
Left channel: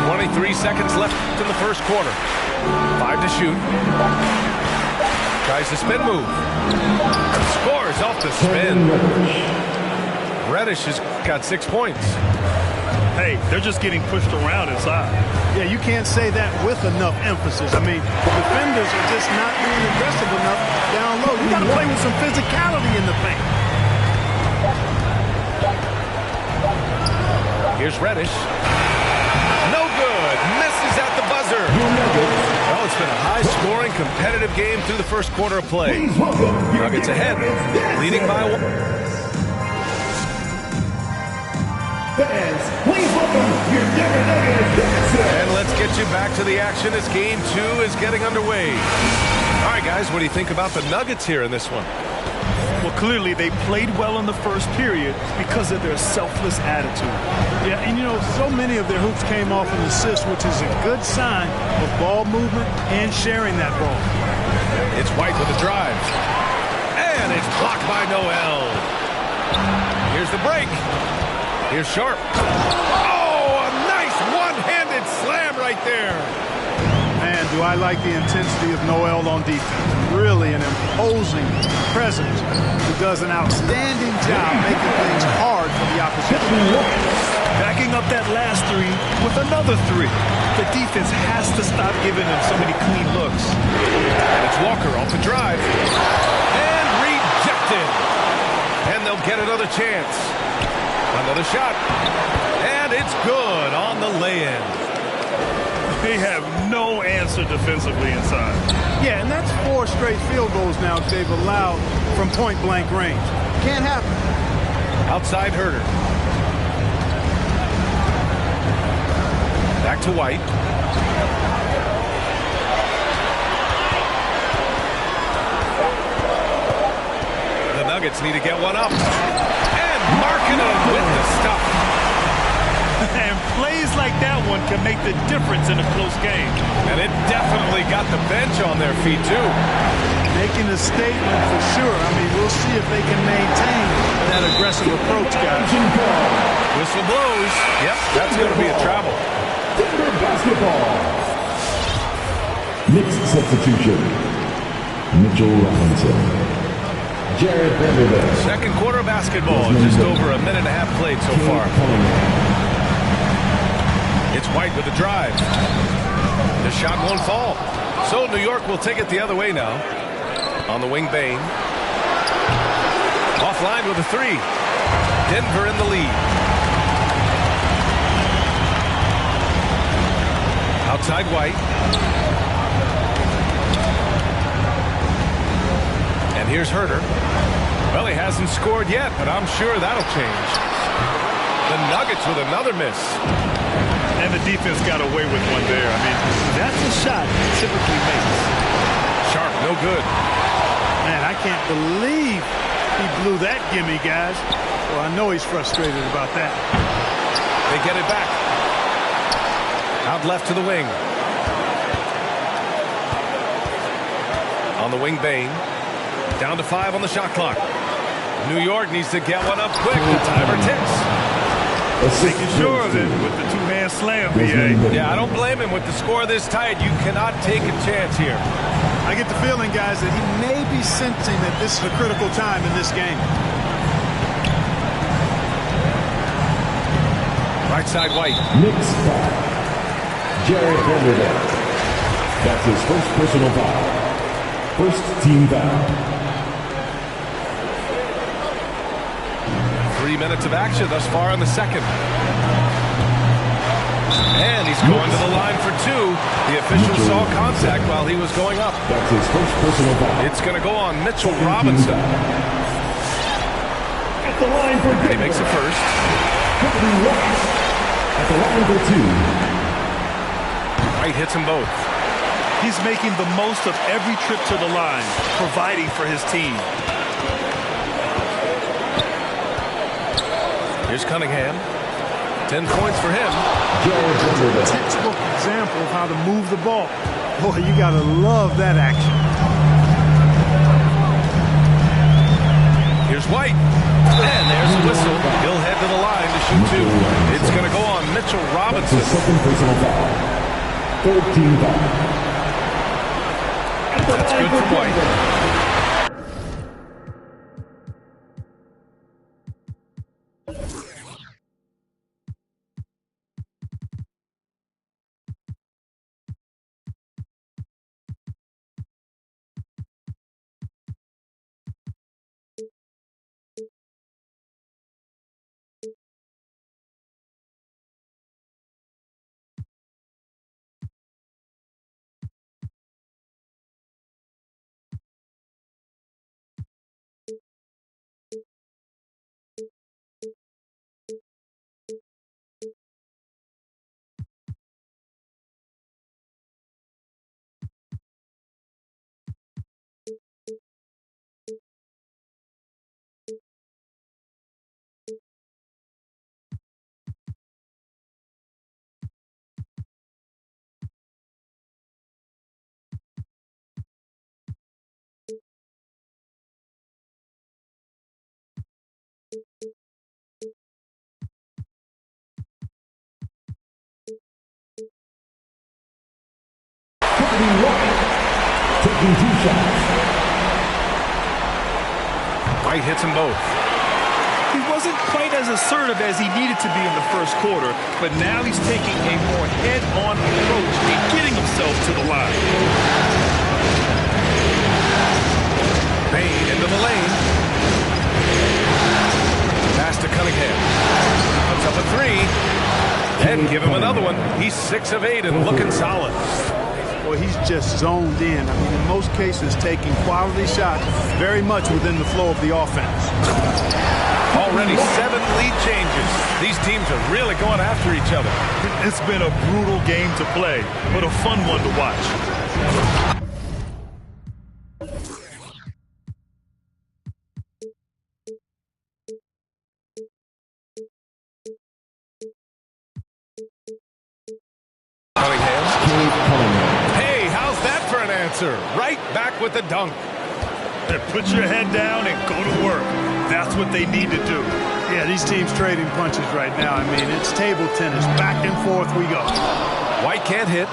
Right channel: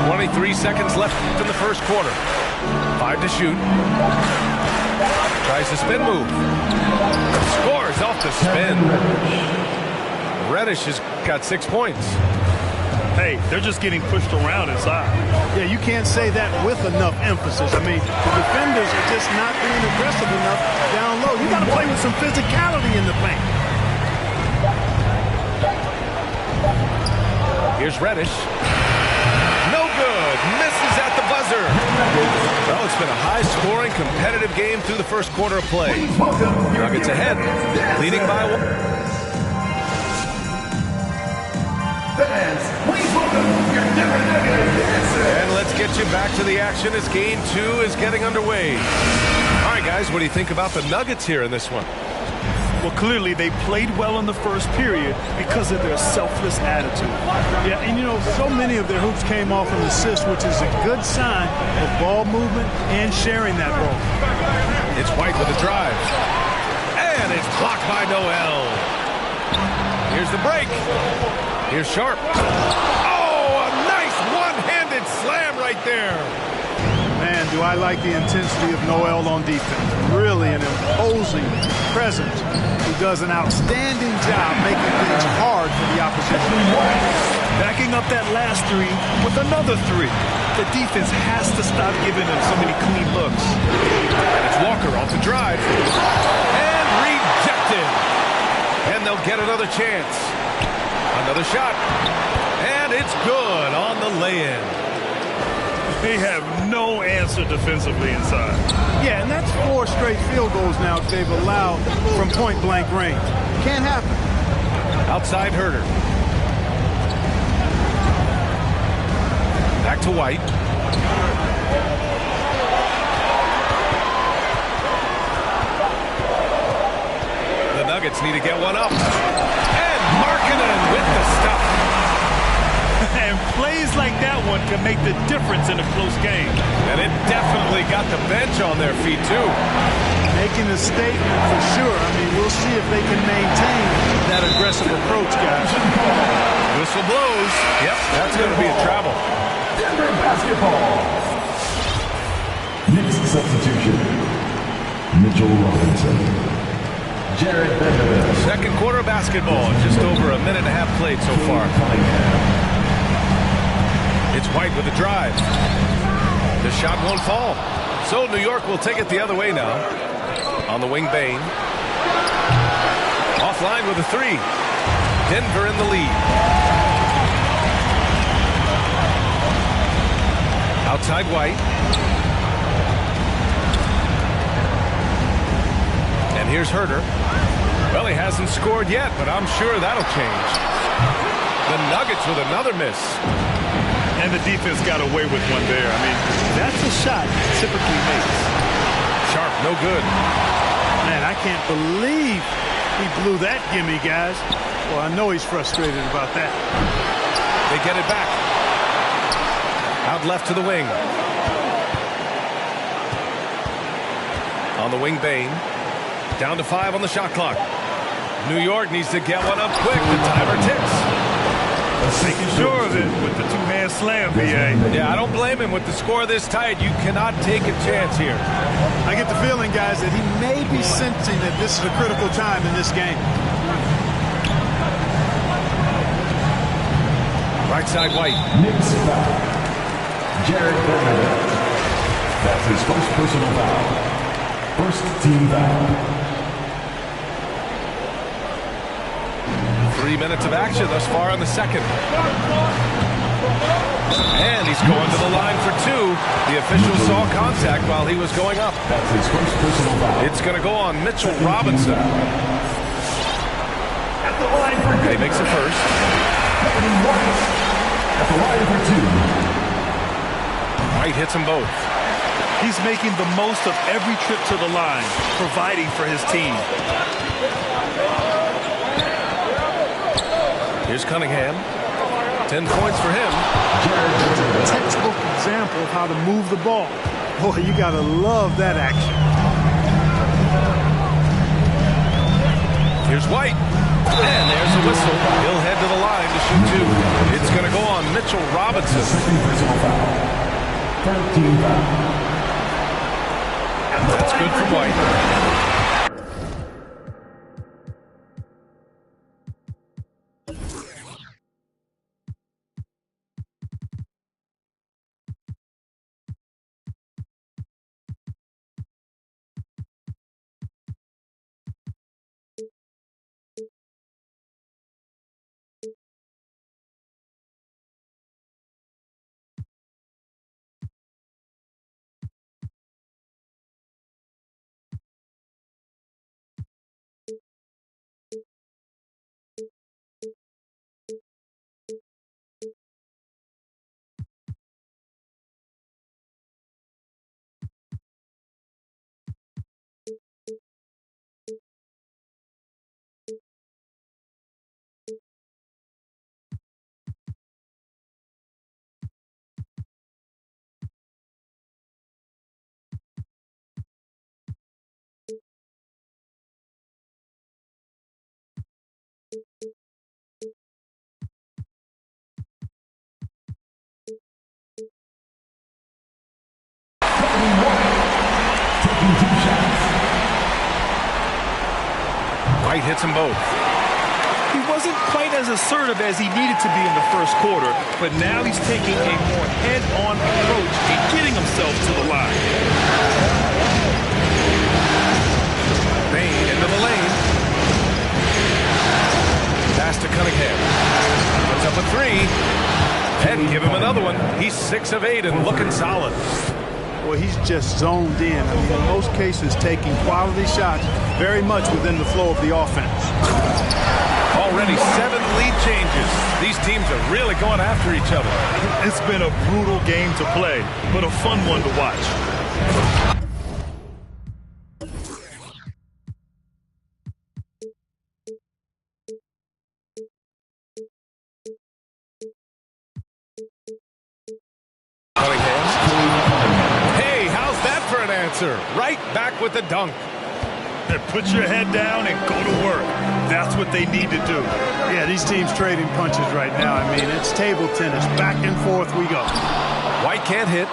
23 seconds left in the first quarter. 5 to shoot. Tries the spin move. Scores off the spin. Reddish has got 6 points. Hey, they're just getting pushed around inside. Yeah, you can't say that with enough emphasis. I mean, the defenders are just not being aggressive enough down low. You got to play with some physicality in the paint. Here's Reddish. No good. Misses at the buzzer. Well, it's been a high-scoring, competitive game through the first quarter of play. Nuggets ahead, leading by 1. Fans, please welcome your Denver Nuggets. And let's get you back to the action as Game 2 is getting underway. All right, guys, what do you think about the Nuggets here in this one? Well, clearly they played well in the first period because of their selfless attitude. Yeah, and you know, so many of their hoops came off an assist, which is a good sign of ball movement and sharing that ball. It's White with a drive. And it's blocked by Noel. Here's the break. Here's Sharp. Oh, a nice one-handed slam right there. Man, do I like the intensity of Noel on defense. Really an imposing presence who does an outstanding job making things hard for the opposition. Backing up that last three with another three. The defense has to stop giving them so many clean looks. And it's Walker off the drive. And rejected. And they'll get another chance. Another shot. And it's good on the lay-in. They have no answer defensively inside. Yeah, and that's 4 straight field goals now they've allowed from point-blank range. Can't happen. Outside Herter. Back to White. The Nuggets need to get one up. And Markkanen with the stuff. And plays like that one can make the difference in a close game. And it definitely got the bench on their feet, too. Making a statement for sure. I mean, we'll see if they can maintain that aggressive approach, guys. Whistle blows. Yep, that's going to be a travel. Denver basketball. Knicks substitution. Mitchell Robinson. Jared Vanderbilt. Second quarter of basketball. Just over a minute and a half played so far. It's White with the drive. The shot won't fall. So New York will take it the other way now. On the wing, Bane. Offline with a 3. Denver in the lead. Outside White. And here's Herter. Well, he hasn't scored yet, but I'm sure that'll change. The Nuggets with another miss. And the defense got away with one there. I mean, that's a shot he typically makes. Sharp, no good. Man, I can't believe he blew that gimme, guys. Well, I know he's frustrated about that. They get it back. Out left to the wing. On the wing, Bane. Down to 5 on the shot clock. New York needs to get one up quick. The timer ticks. Making sure of it with the two-hand slam, BA. Yeah, I don't blame him. With the score this tight, you cannot take a chance here. I get the feeling, guys, that he may be sensing that this is a critical time in this game. Right side, White. Knicks foul. Jared Vanderbilt. That's his first personal foul. First team foul. 3 minutes of action thus far in the second. And he's going to the line for two. The official saw contact while he was going up. That's his first personal foul. It's going to go on Mitchell Robinson. At the line for and he makes it first. Kobe White. At the line for two. White hits them both. He's making the most of every trip to the line, providing for his team. Here's Cunningham. 10 points for him. Textbook example of how to move the ball. Boy, you got to love that action. Here's White. And there's a whistle. He'll head to the line to shoot two. It's going to go on Mitchell Robinson. Second personal foul. Third team foul. That's good from White. Taking two shots. White hits them both. He wasn't quite as assertive as he needed to be in the first quarter, but now he's taking a more head-on approach and getting himself to the line. Bain into the lane. Pass to Cunningham. Puts up a three. And give him another one. He's 6 of 8 and looking solid. Well, he's just zoned in. I mean, in most cases, taking quality shots very much within the flow of the offense. Already 7 lead changes. These teams are really going after each other. It's been a brutal game to play, but a fun one to watch. Hey, how's that for an answer? Right back with the dunk. Put your head down and go to work. That's what they need to do. Yeah, these teams trading punches right now. I mean, it's table tennis. Back and forth we go. White can't hit.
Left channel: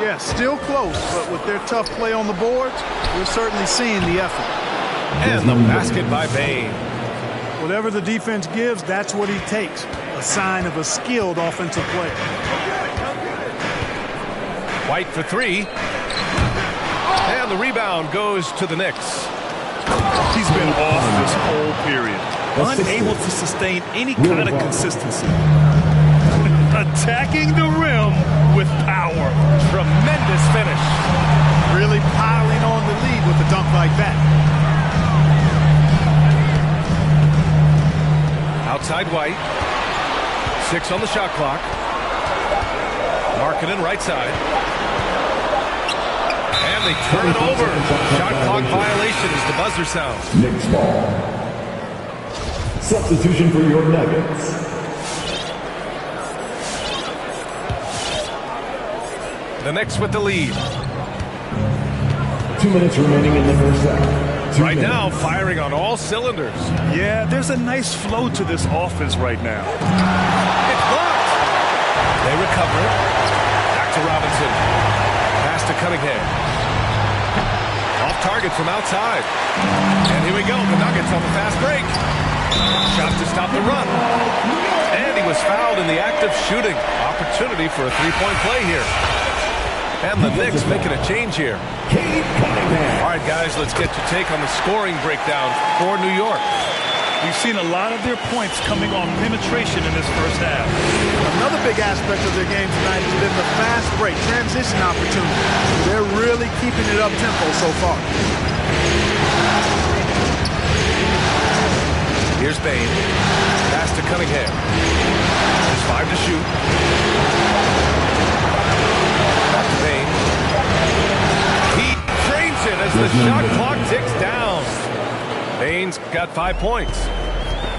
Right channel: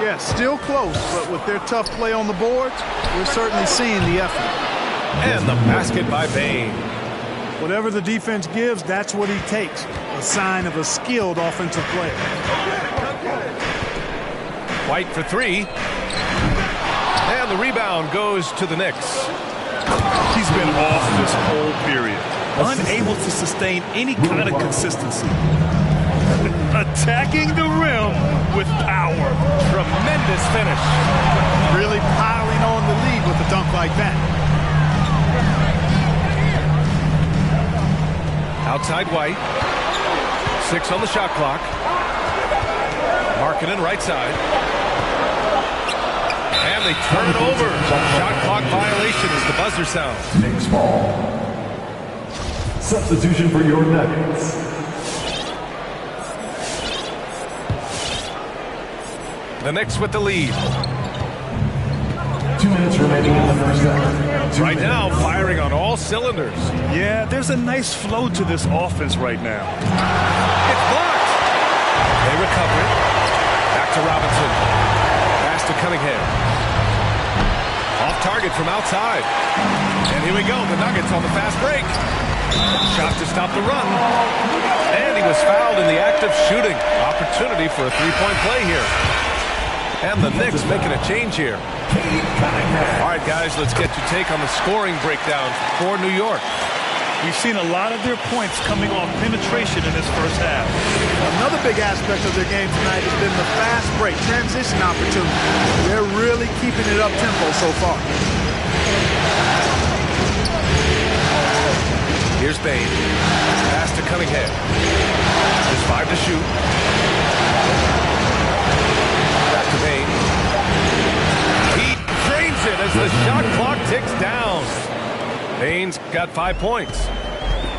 Yeah, still close, but with their tough play on the boards, we're certainly seeing the effort. And the basket by Bain. Whatever the defense gives, that's what he takes. A sign of a skilled offensive player. White for three. And the rebound goes to the Knicks. He's been off this whole period. Unable to sustain any kind of consistency. Attacking the rim with power. Tremendous finish. Really piling on the lead with a dunk like that. Outside White. 6 on the shot clock. Markkanen right side. And they turn it over. Shot clock violation as the buzzer sounds. Knicks ball. Substitution for your Nuggets. The Knicks with the lead. 2 minutes remaining in the first half. Right now, firing on all cylinders. Yeah, there's a nice flow to this offense right now. It's blocked. They recover it. Back to Robinson. Pass to Cunningham. Off target from outside. And here we go. The Nuggets on the fast break. Shot to stop the run. And he was fouled in the act of shooting. Opportunity for a three-point play here. And the Knicks making a change here. All right, guys, let's get your take on the scoring breakdown for New York. We've seen a lot of their points coming off penetration in this first half. Another big aspect of their game tonight has been the fast break, transition opportunity. They're really keeping it up-tempo so far. Here's Bain. Pass to Cunningham. There's 5 to shoot. Back to Bain. He drains it as the shot clock ticks down. Bain's got 5 points.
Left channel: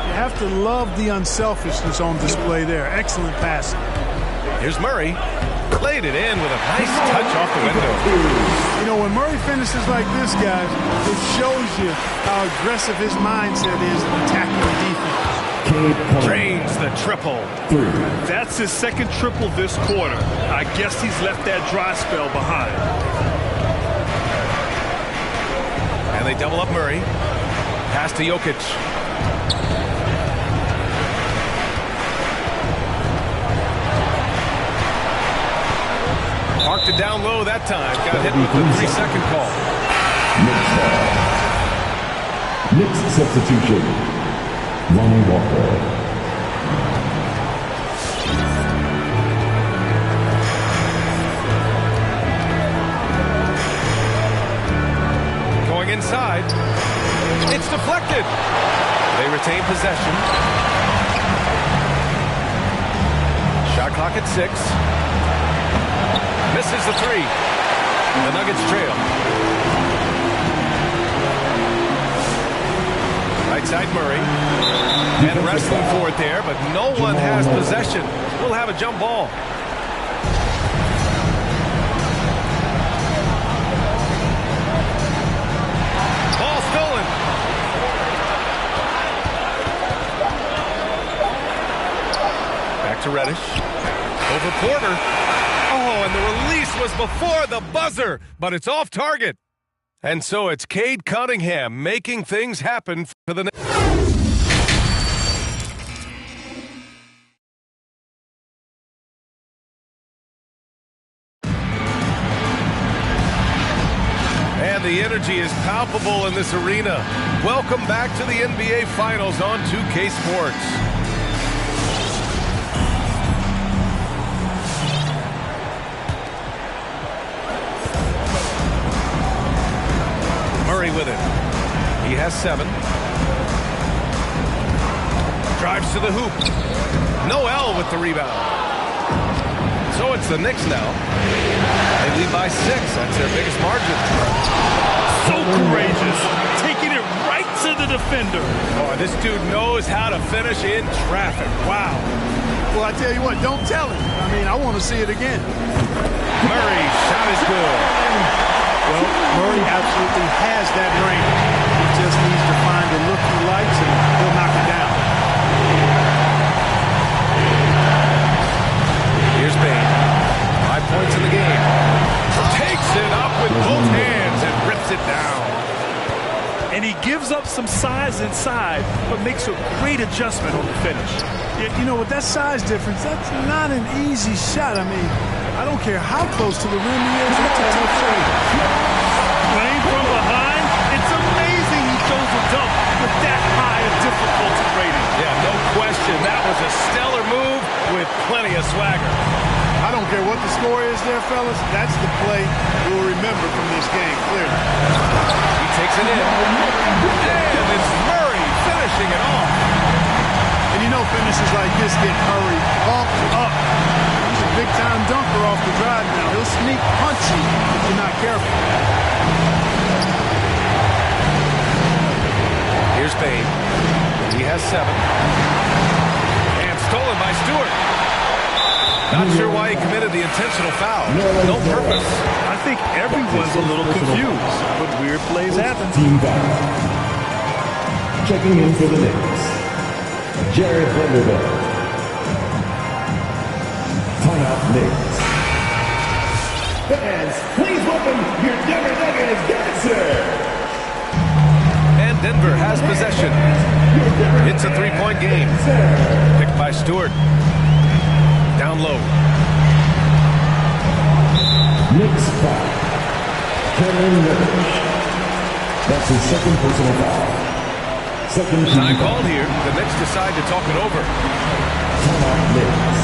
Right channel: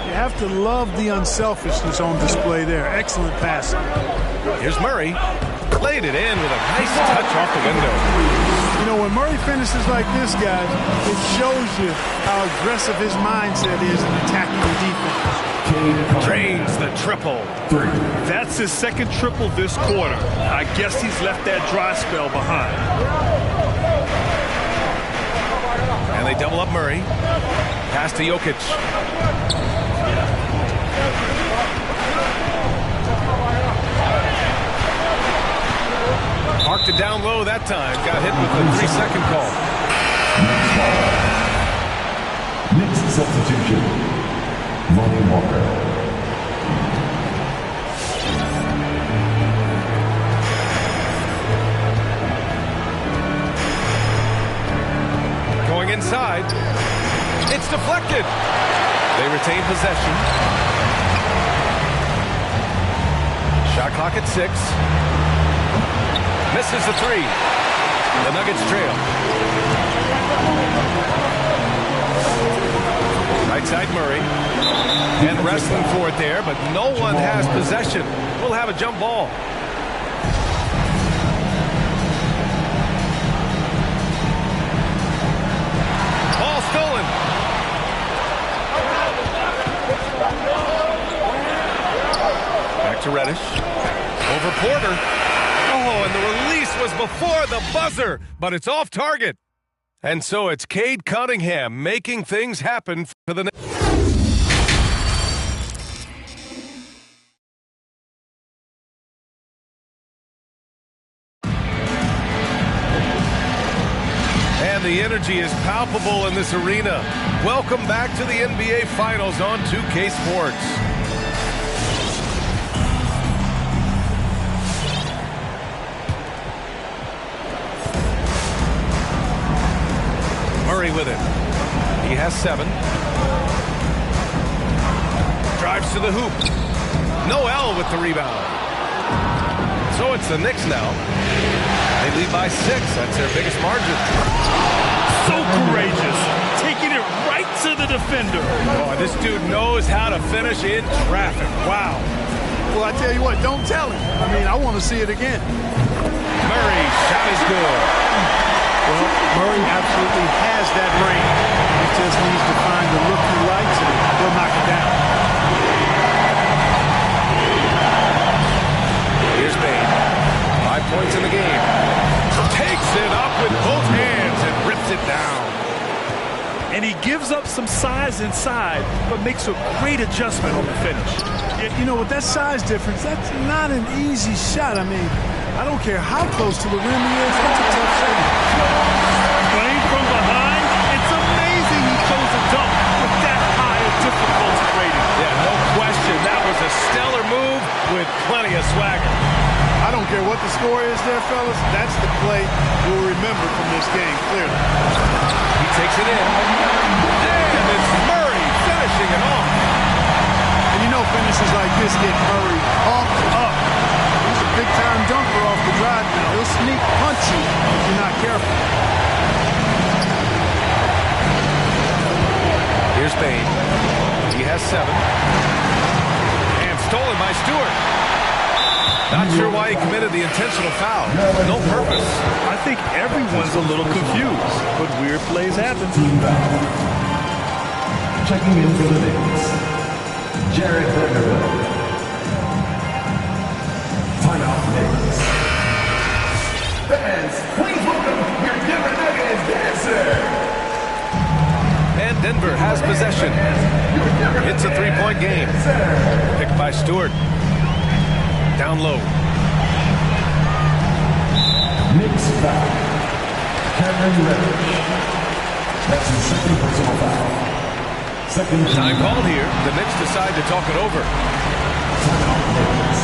You have to love the unselfishness on display there. Excellent passing. Here's Murray. Laid it in with a nice touch off the window. You know, when Murray finishes like this, guys, it shows you how aggressive his mindset is in attacking the defense. Drains the triple. That's his second triple this quarter. I guess he's left that dry spell behind. And they double up Murray. Pass to Jokic. Parked it down low that time. Got hit with the 3-second call. Knicks substitution. Lonnie Walker. Going inside. It's deflected. They retain possession. Shot clock at 6. Misses the 3. The Nuggets trail. Right side Murray. And wrestling for it there, but no one has possession. We'll have a jump ball. Ball stolen. Back to Reddish. Over Porter. Oh, and the release was before the buzzer, but it's off target. And so it's Cade Cunningham making things happen for the Knicks. And the energy is palpable in this arena. Welcome back to the NBA Finals on 2K Sports. Murray with it. He has 7. Drives to the hoop. Noel with the rebound. So it's the Knicks now. They lead by 6. That's their biggest margin. So courageous. Taking it right to the defender. Oh, this dude knows how to finish in traffic. Wow. Well, I tell you what, don't tell him. I mean, I want to see it again. Murray, shot is good. Well, Murray absolutely has that range. He just needs to find the look he likes, and he'll knock it down. Here's Bain. 5 points in the game. Takes it up with both hands and rips it down. And he gives up some size inside, but makes a great adjustment on the finish. Yeah, you know, with that size difference, that's not an easy shot. I mean, I don't care how close to the rim he is, that's a tough shot. Playing from behind, it's amazing he chose a dunk with that high a difficulty rating. Yeah, no question. That was a stellar move with plenty of swagger. I don't care what the score is there, fellas. That's the play we'll remember from this game, clearly. He takes it in. And it's Murray finishing it off. And you know finishes like this get Murray pumped up. He's a big-time dunker off the drive now. He'll sneak punch you if you're not careful. Here's Bain. He has 7. And stolen by Stewart. Not sure why he committed the intentional foul. No purpose. I think everyone's a little confused, but weird plays happen. Team foul. Checking in for the Knicks, Jared Vanderbilt. Timeout, Knicks. Fans, please welcome your Denver Nuggets dancer. And Denver has possession. It's a three-point game. Picked by Stewart. Down low. Knicks foul. Cameron Reddish. That's his second personal foul. Second time called here. The Knicks decide to talk it over. Timeout, Knicks.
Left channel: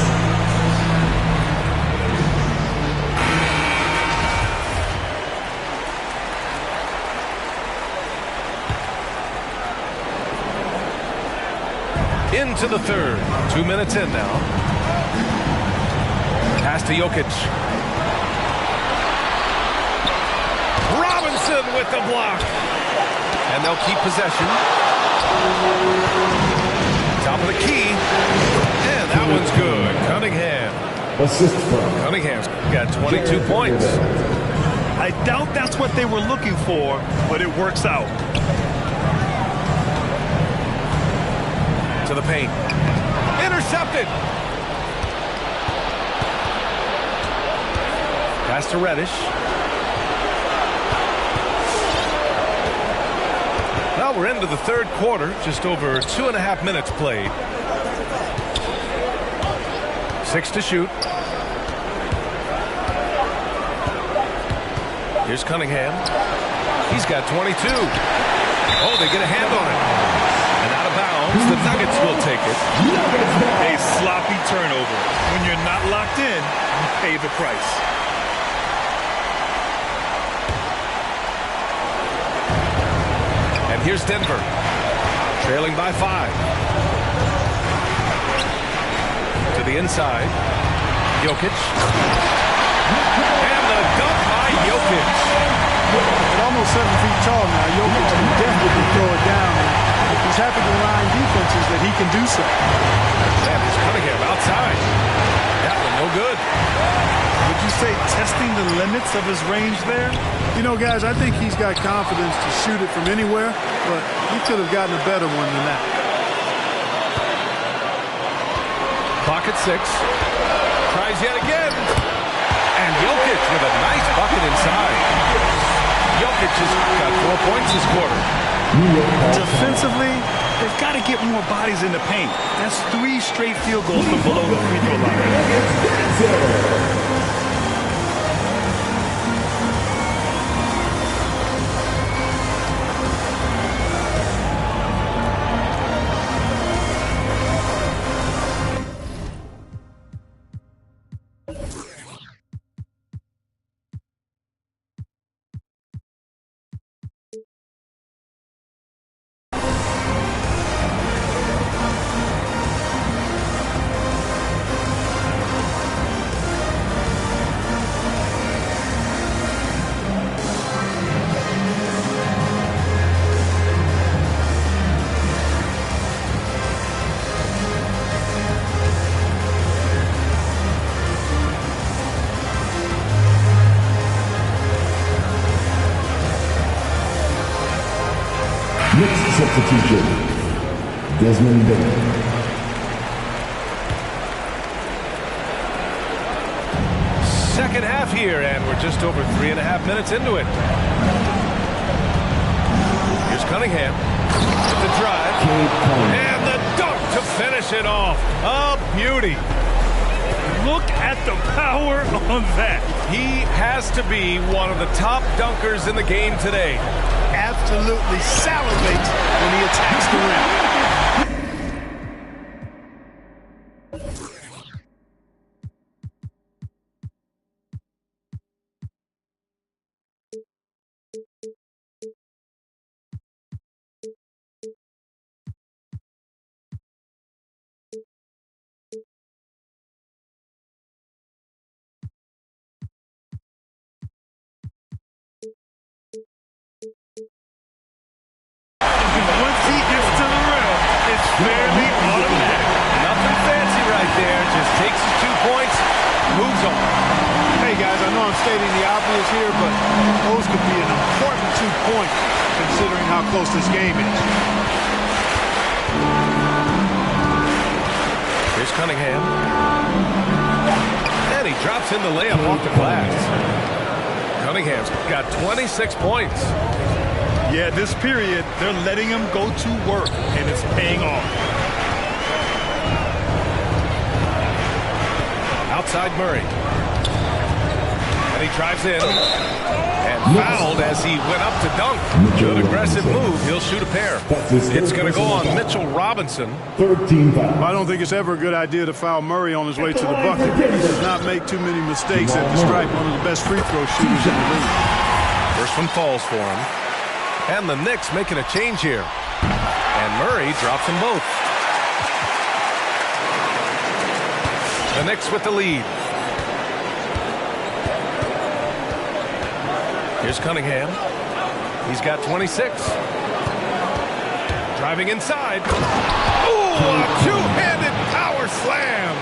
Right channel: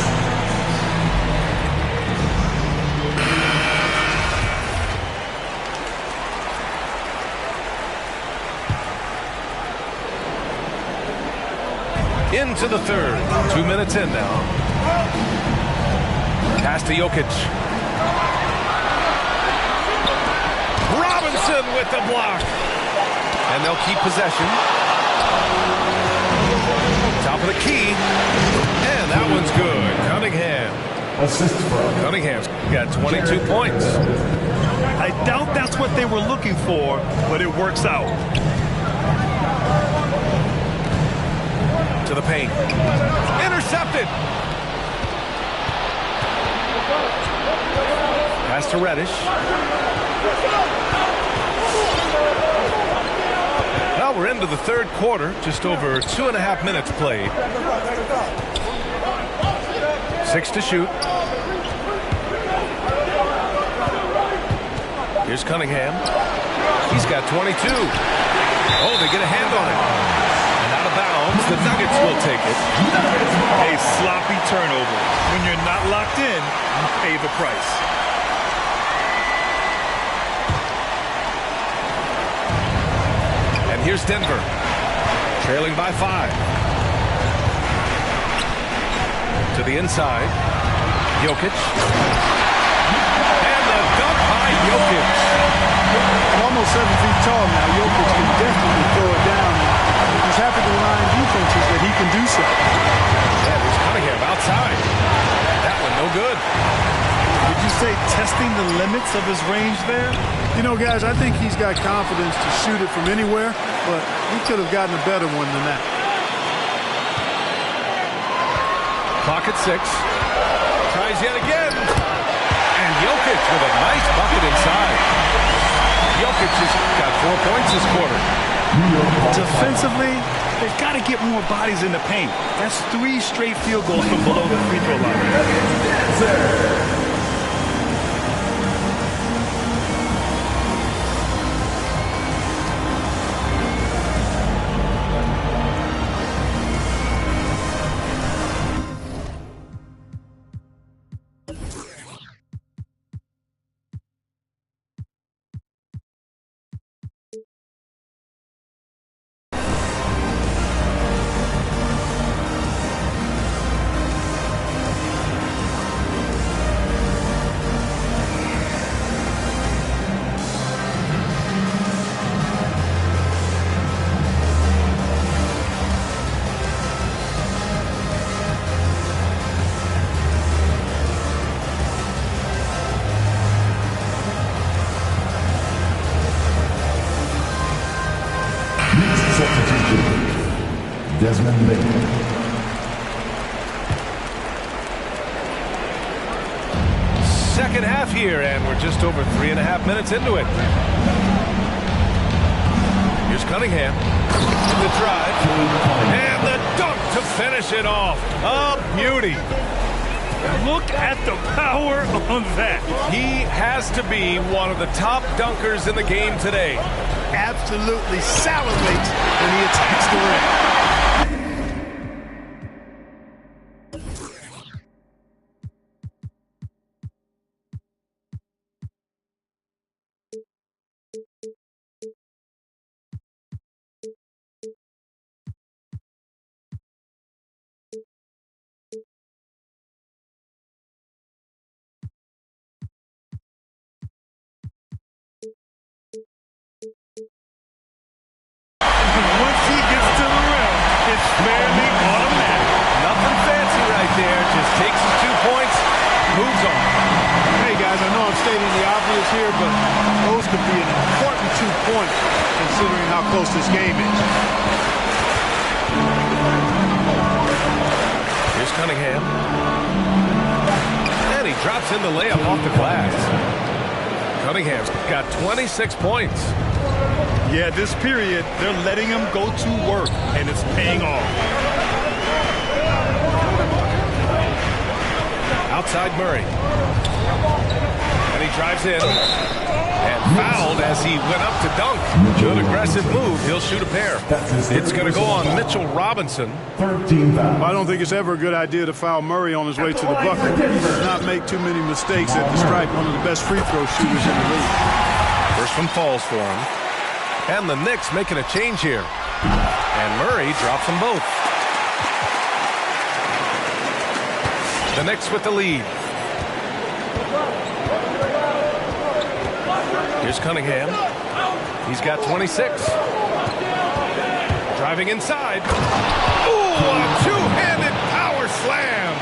Into the third. 2 minutes in now. Pass to Jokic. Robinson with the block. And they'll keep possession. Top of the key. And that one's good. Cunningham. Assist from Cunningham's got 22 points. I doubt that's what they were looking for, but it works out. To the paint. Intercepted. Pass to Reddish. Well, we're into the third quarter. Just over 2.5 minutes played. 6 to shoot. Here's Cunningham. He's got 22. Oh, they get a hand on it. And out of bounds, the Nuggets will take it. A sloppy turnover. When you're not locked in, you pay the price. And here's Denver, trailing by 5. To the inside, Jokic. And the dunk by Jokic. At almost 7 feet tall now, Jokic can definitely throw it down. He's happy to remind defenses that he can do so. And here's Cunningham outside. That one no good. Would you say testing the limits of his range there? You know, guys, I think he's got confidence to shoot it from anywhere, but he could have gotten a better one than that. Clock at 6. Tries yet again. And Jokic with a nice bucket inside. Jokic has got 4 points this quarter. Defensively, they've got to get more bodies in the paint. That's 3 straight field goals from below the free throw line. Next substitution, Desmond Bain. Second half here, and we're just over 3.5 minutes into it. Here's Cunningham with the drive, and the dunk to finish it off. A beauty. Look at the power on that. He has to be one of the top dunkers in the game today. Absolutely salivates when he attacks the rim. Once he gets to the rim, it's fairly automatic. Nothing fancy right there. Just takes his 2 points, moves on. Hey, guys, I know I'm stating the obvious here, but those could be an important 2 points considering how close this game is. Here's Cunningham. And he drops in the layup off the glass. Cunningham's got 26 points. Yeah, this period, they're letting him go to work, and it's paying off. Outside Murray. And he drives in. And fouled as he went up to dunk. Good aggressive move. He'll shoot a pair. It's going to go on Mitchell Robinson. 13 foul. I don't think it's ever a good idea to foul Murray on his way to the bucket. He does not make too many mistakes at the stripe. One of the best free throw shooters in the league. First one falls for him. And the Knicks making a change here. And Murray drops them both. The Knicks with the lead. Here's Cunningham. He's got 26. Driving inside. Ooh, a two-handed power slam.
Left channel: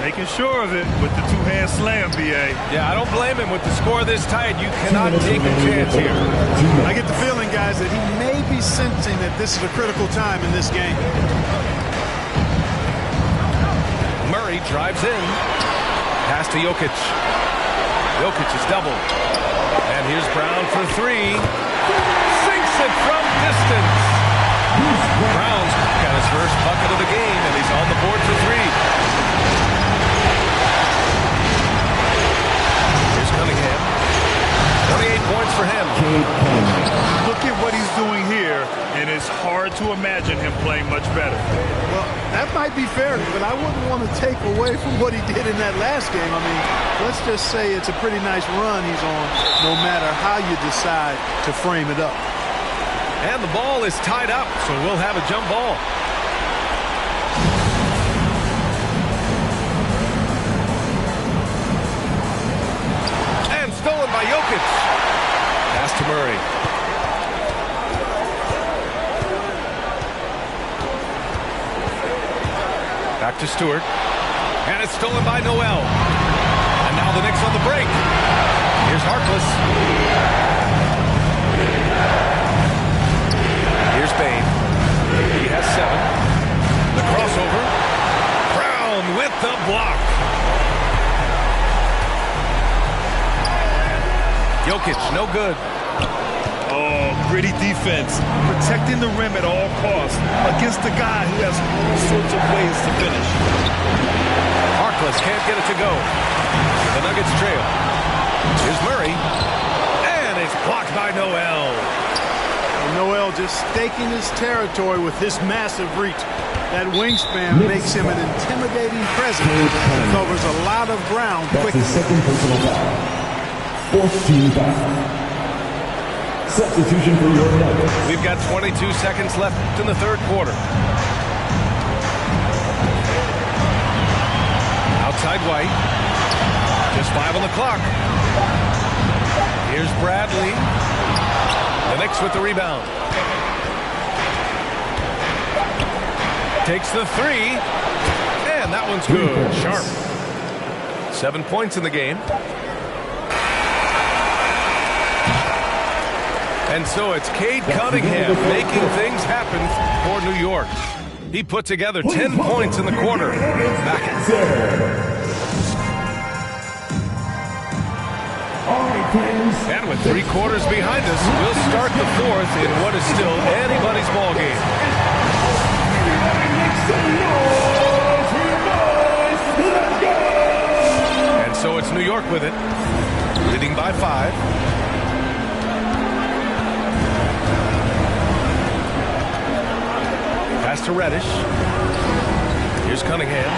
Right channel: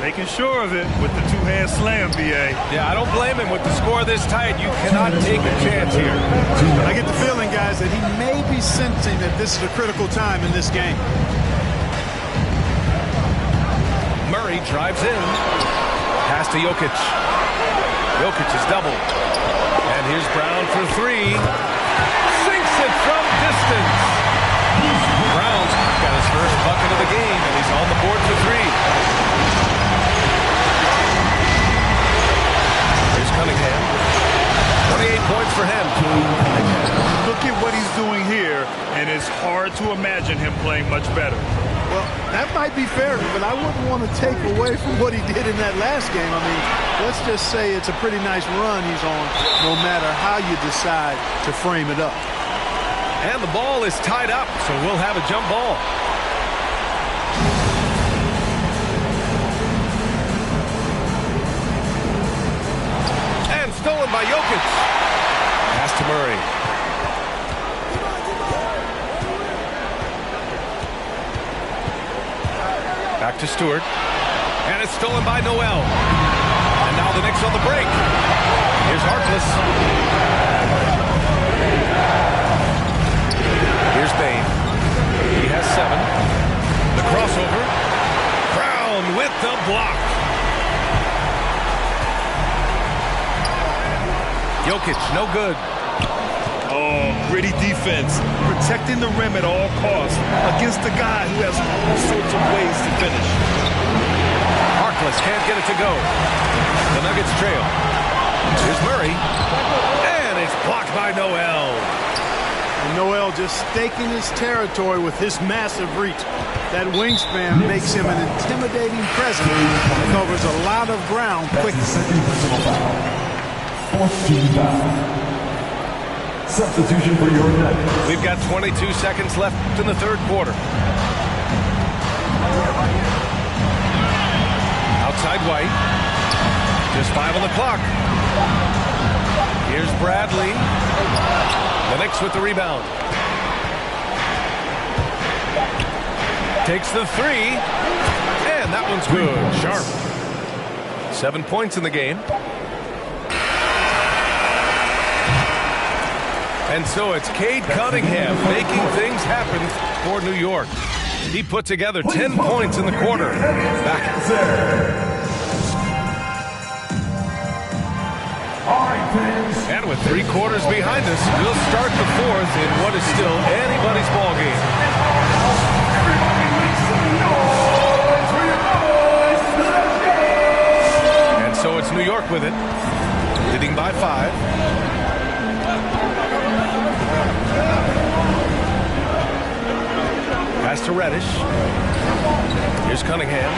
Making sure of it with the two-hand slam, B.A. Yeah, I don't blame him with the score this tight. You cannot take a chance here. I get the feeling, guys, that he may be sensing that this is a critical time in this game. Murray drives in. Pass to Jokic. Jokic is doubled. And here's Brown for three. Sinks it from distance. Brown's got his first bucket of the game, and he's on the board for three. Here's Cunningham. 28 points for him. Look at what he's doing here, and it's hard to imagine him playing much better. Well, that might be fair, but I wouldn't want to take away from what he did in that last game. I mean, let's just say it's a pretty nice run he's on, no matter how you decide to frame it up. And the ball is tied up, so we'll have a jump ball. And stolen by Jokic. Pass to Murray. Back to Stewart. And it's stolen by Noel. And now the Knicks on the break. Here's Harkless. Here's Bain. He has 7. The crossover. Brown with the block. Jokic, no good. Oh, gritty defense. Protecting the rim at all costs against a guy who has all sorts of ways to finish. Harkless can't get it to go. The Nuggets trail. Here's Murray. And it's blocked by Noel. And Noel just staking his territory with his massive reach. That wingspan makes him an intimidating presence. He covers a lot of ground quickly. That's his second personal foul. 4th team foul. Substitution for your Nuggets. We've got 22 seconds left in the third quarter. Outside White. Just 5 on the clock. Here's Bradley. The Knicks with the rebound. Takes the three. And that one's good. Sharp. 7 points in the game. And so it's Cade Cunningham making things happen for New York. He put together 10 points in the quarter. Back. And with 3 quarters behind us, we'll start the fourth in what is still anybody's ball game. And so it's New York with it, leading by 5. Pass to Reddish. Here's Cunningham.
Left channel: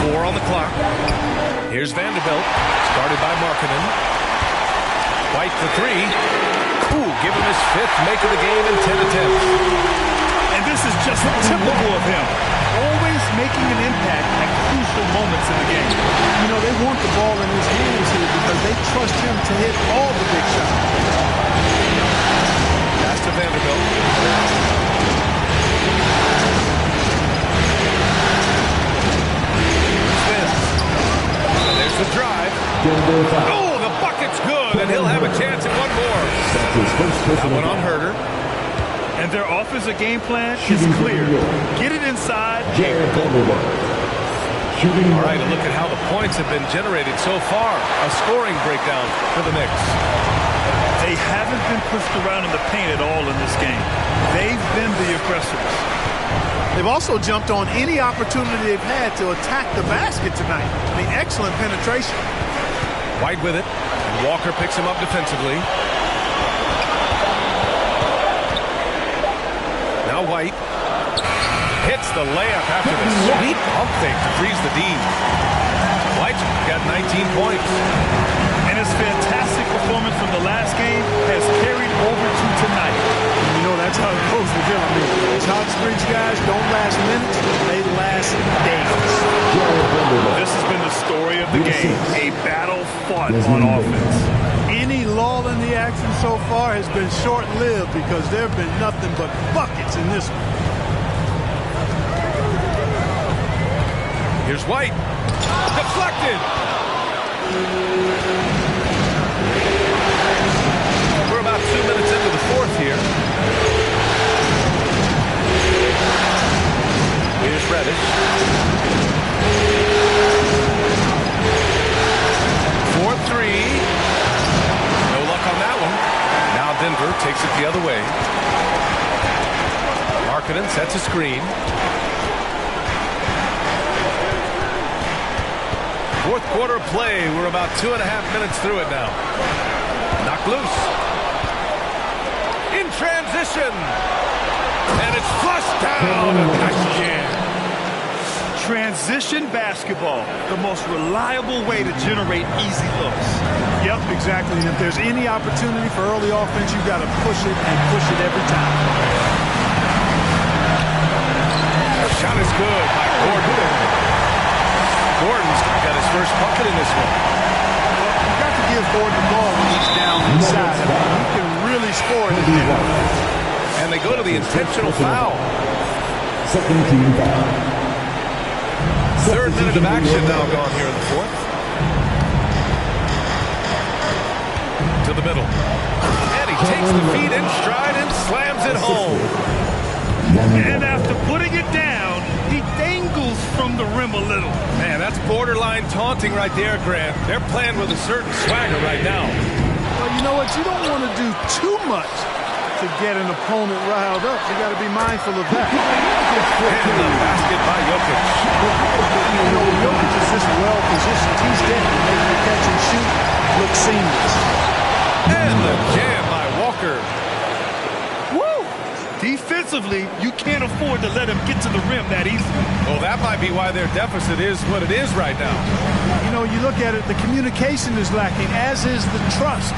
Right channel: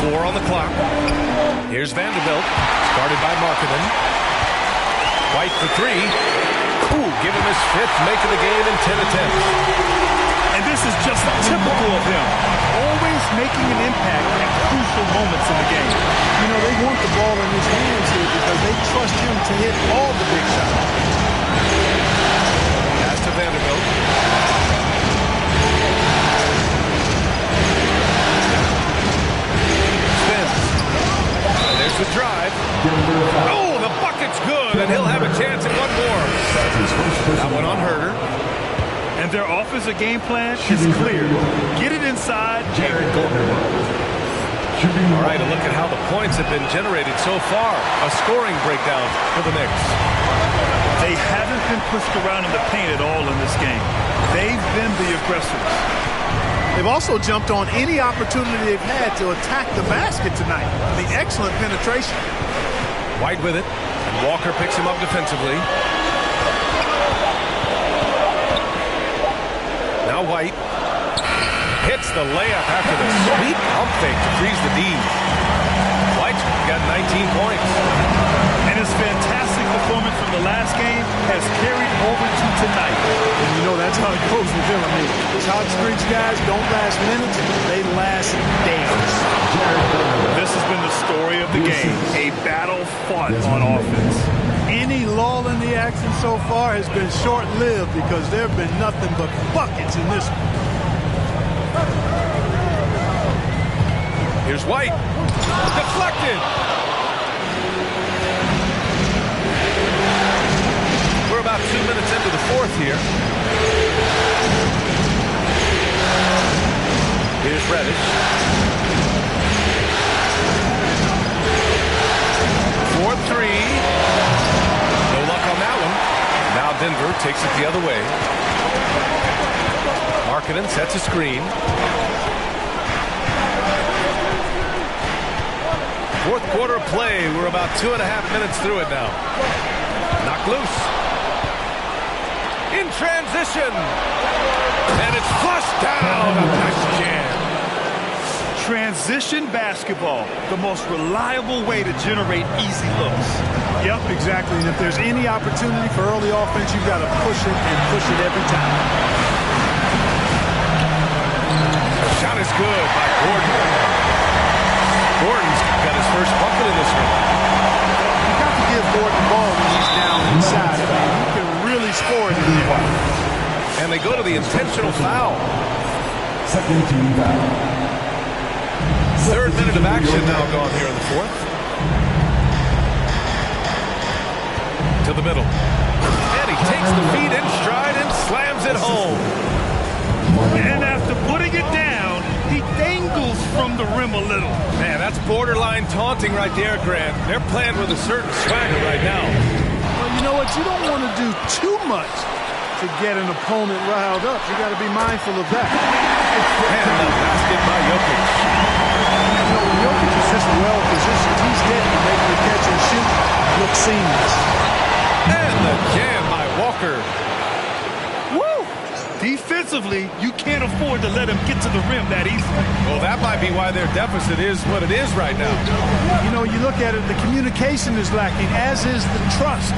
Four on the clock. Here's Vanderbilt, started by Markkanen. White for 3. Ooh, give him his 5th make of the game in 10 attempts. And this is just typical of him. Always making an impact at crucial moments in the game. You know, they want the ball in his hands here because they trust him to hit all the big shots. to Vanderbilt. Spins. And there's the drive. Oh, the bucket's good, and he'll have a chance at one more. That one on Herter. And their offensive game plan is clear. Get it inside and go to work. All right, a look at how the points have been generated so far. A scoring breakdown for the Knicks. They haven't been pushed around in the paint at all in this game. They've been the aggressors. They've also jumped on any opportunity they've had to attack the basket tonight. I mean, excellent penetration. White with it, and Walker picks him up defensively. Now White hits the layup after the sweet pump fake to freeze the D. White's got 19 points. And his fantastic performance from the last game has carried over to tonight. And you know, that's how it goes with him. I mean, these hot streaks guys don't last minutes, they last days. This has been the story of the game, a battle fought on offense. Any lull in the action so far has been short-lived because there have been nothing but buckets in this one. Here's White. Deflected. We're about 2 minutes into the fourth here. Here's Reddish. 4-3. No luck on that one. Now Denver takes it the other way. Markkanen sets a screen. Fourth quarter play. We're about 2.5 minutes through it now. Knocked loose. In transition. And it's flushed down. A nice jam. Transition basketball, the most reliable way to generate easy looks. Yep, exactly. And if there's any opportunity for early offense, you've got to push it and push it every time. The shot is good by Gordon. Gordon's got his first bucket in this one. Well, you got to give Gordon the ball when he's down inside. I mean, he can really score it in there. And they go to the intentional foul. Second team foul. Third minute of action now gone here in the fourth. To the middle. And he takes the feed in stride and slams it home. And after putting it down, he dangles from the rim a little. Man, that's borderline taunting right there, Grant. They're playing with a certain swagger right now. Well, you know what? You don't want to do too much to get an opponent riled up. You got to be mindful of that. And the basket by Jokic. You know, when Jokic is this well positioned, he's dead to make the catch and shoot look seamless. And the jam by Walker. Woo! Defensively, you can't afford to let him get to the rim that easily. Well, that might be why their deficit is what it is right now. You know, you look at it, the communication is lacking, as is the trust.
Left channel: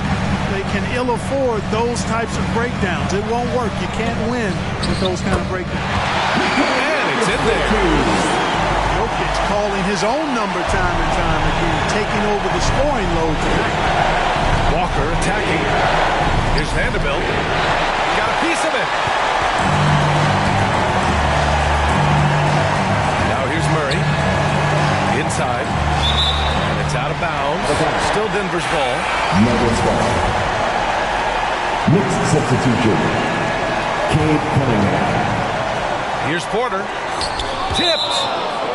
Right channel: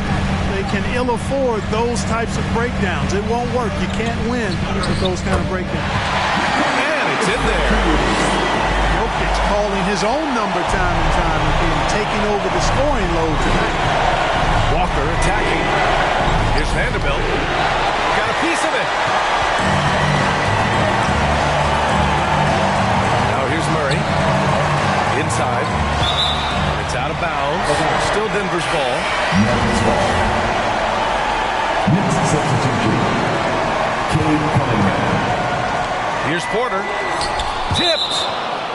They can ill afford those types of breakdowns. It won't work. You can't win with those kind of breakdowns. And it's in there. Jokic calling his own number time and time again, taking over the scoring load tonight. Walker attacking. Here's Vanderbilt. Got a piece of it. Now here's Murray. Inside. And it's out of bounds. Still Denver's ball. Nuggets ball. Knicks substitution. Cade Cunningham. Here's Porter. Tipped.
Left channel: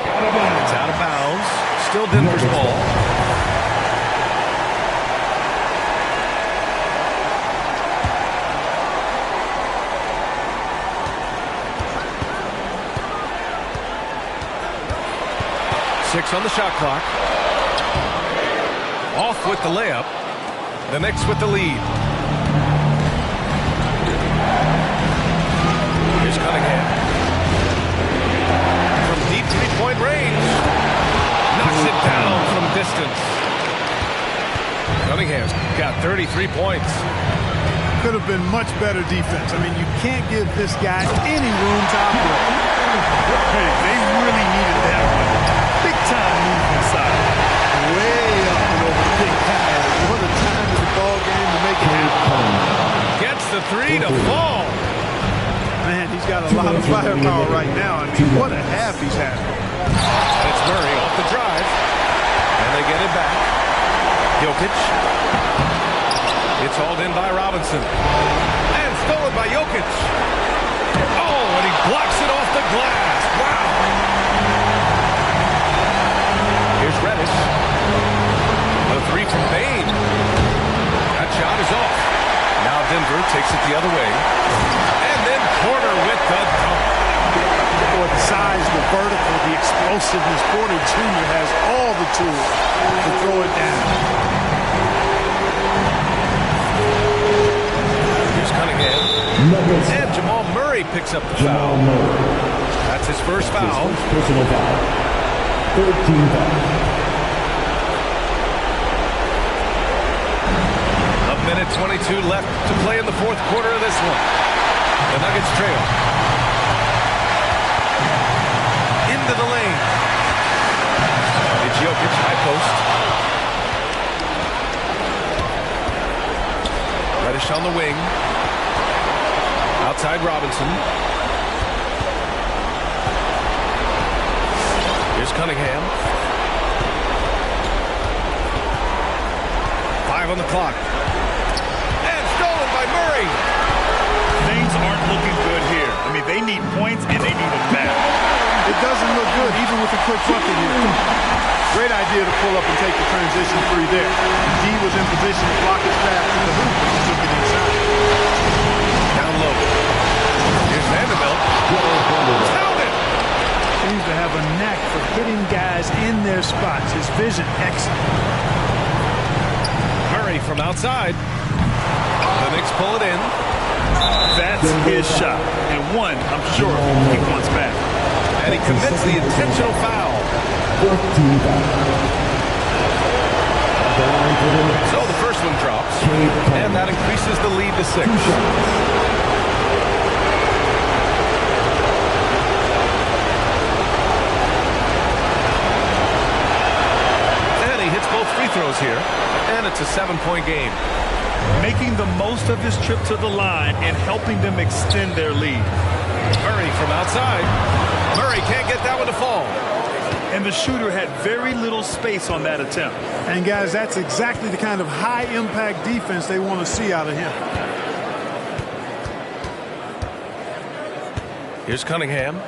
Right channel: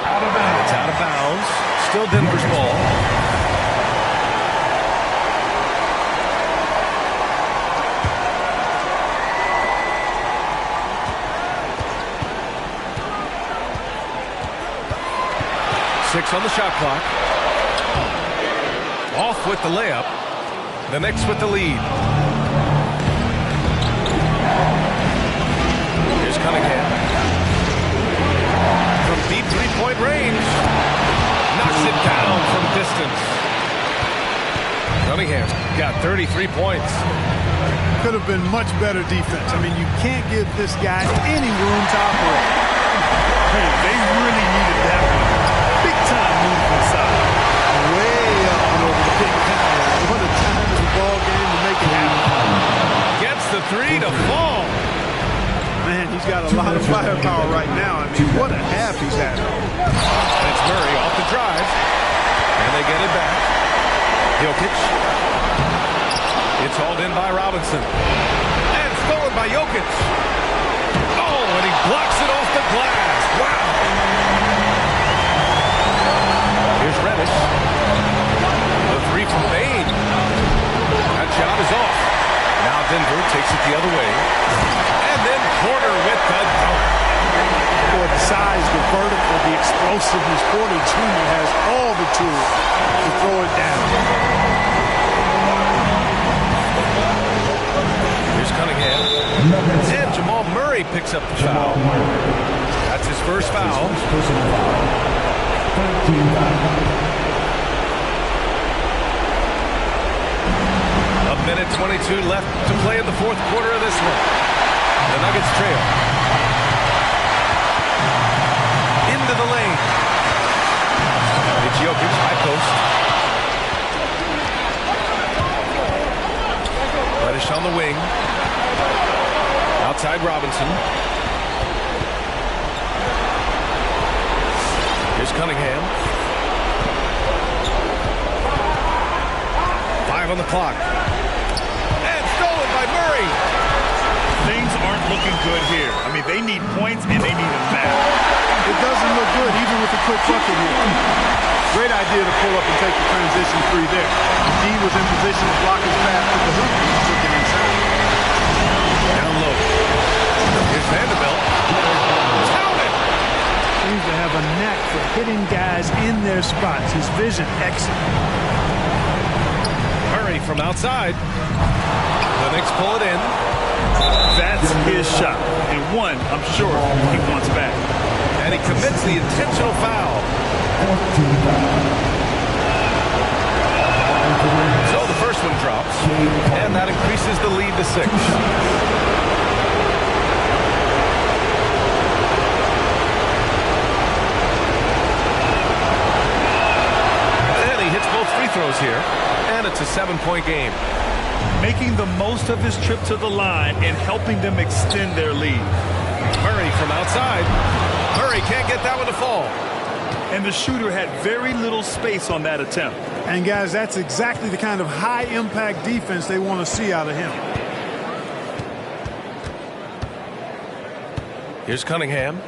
Out of bounds. It's out of bounds. Still Denver's ball. Six on the shot clock. Off with the layup. The Knicks with the lead. Here's Cunningham. From deep three-point range. Knocks it down from distance. Cunningham's got 33 points. Could have been much better defense. I mean, you can't give this guy any room to operate. Hey, they really needed that one. Big time move inside. Way up and over the big guy. What a time in the ball game to make it happen. Gets the three to fall. Man, he's got a lot of firepower right now. I mean, what a half he's had. And it's Murray off the drive. And they get it back. Jokic. It's hauled in by Robinson. And stolen by Jokic. Oh, and he blocks it off the glass. Wow. Here's Reddish. The three from Bain. That shot is off. Now Denver takes it the other way. And then Porter with the dunk. Boy, the size, the vertical, the explosiveness. Porter Jr. has all the tools to throw it down. Here's Cunningham. And Jamal Murray picks up the foul. That's his first foul. Personal foul. 13 foul. A minute 22 left to play in the fourth quarter of this one. The Nuggets trail. Into the lane. It's Jokic, high post. Reddish on the wing. Outside Robinson. Here's Cunningham. 5 on the clock. And stolen by Murray. Things aren't looking good here. I mean, they need points and they need them now. It doesn't look good, even with a quick bucket here. Great idea to pull up and take the transition three there. D was in position to block his path to the hoop, and he took it inside. Down low. Here's Vanderbilt. Count it! Seems to have a knack for hitting guys in their spots. His vision, excellent. Murray from outside. The Knicks pull it in. That's his shot. And one, I'm sure, he wants back. And he commits the intentional foul. 14 foul. So the first one drops. And that increases the lead to 6. And he hits both free throws here. And it's a 7-point game. Making the most of his trip to the line and helping them extend their lead. Murray from outside. Murray can't get that one to fall. And the shooter had very little space on that attempt. And guys, that's exactly the kind of high-impact defense they want to see out of him. Here's Cunningham.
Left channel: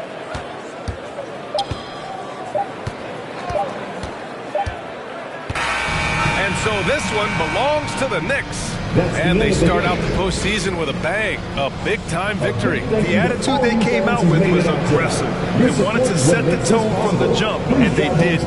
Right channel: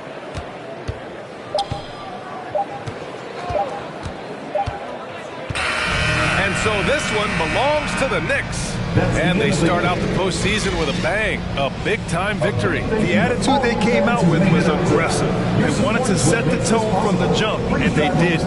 And so this one belongs to the Knicks. And they start out the postseason with a bang, a big-time victory. The attitude they came out with was aggressive. They wanted to set the tone from the jump, and they did.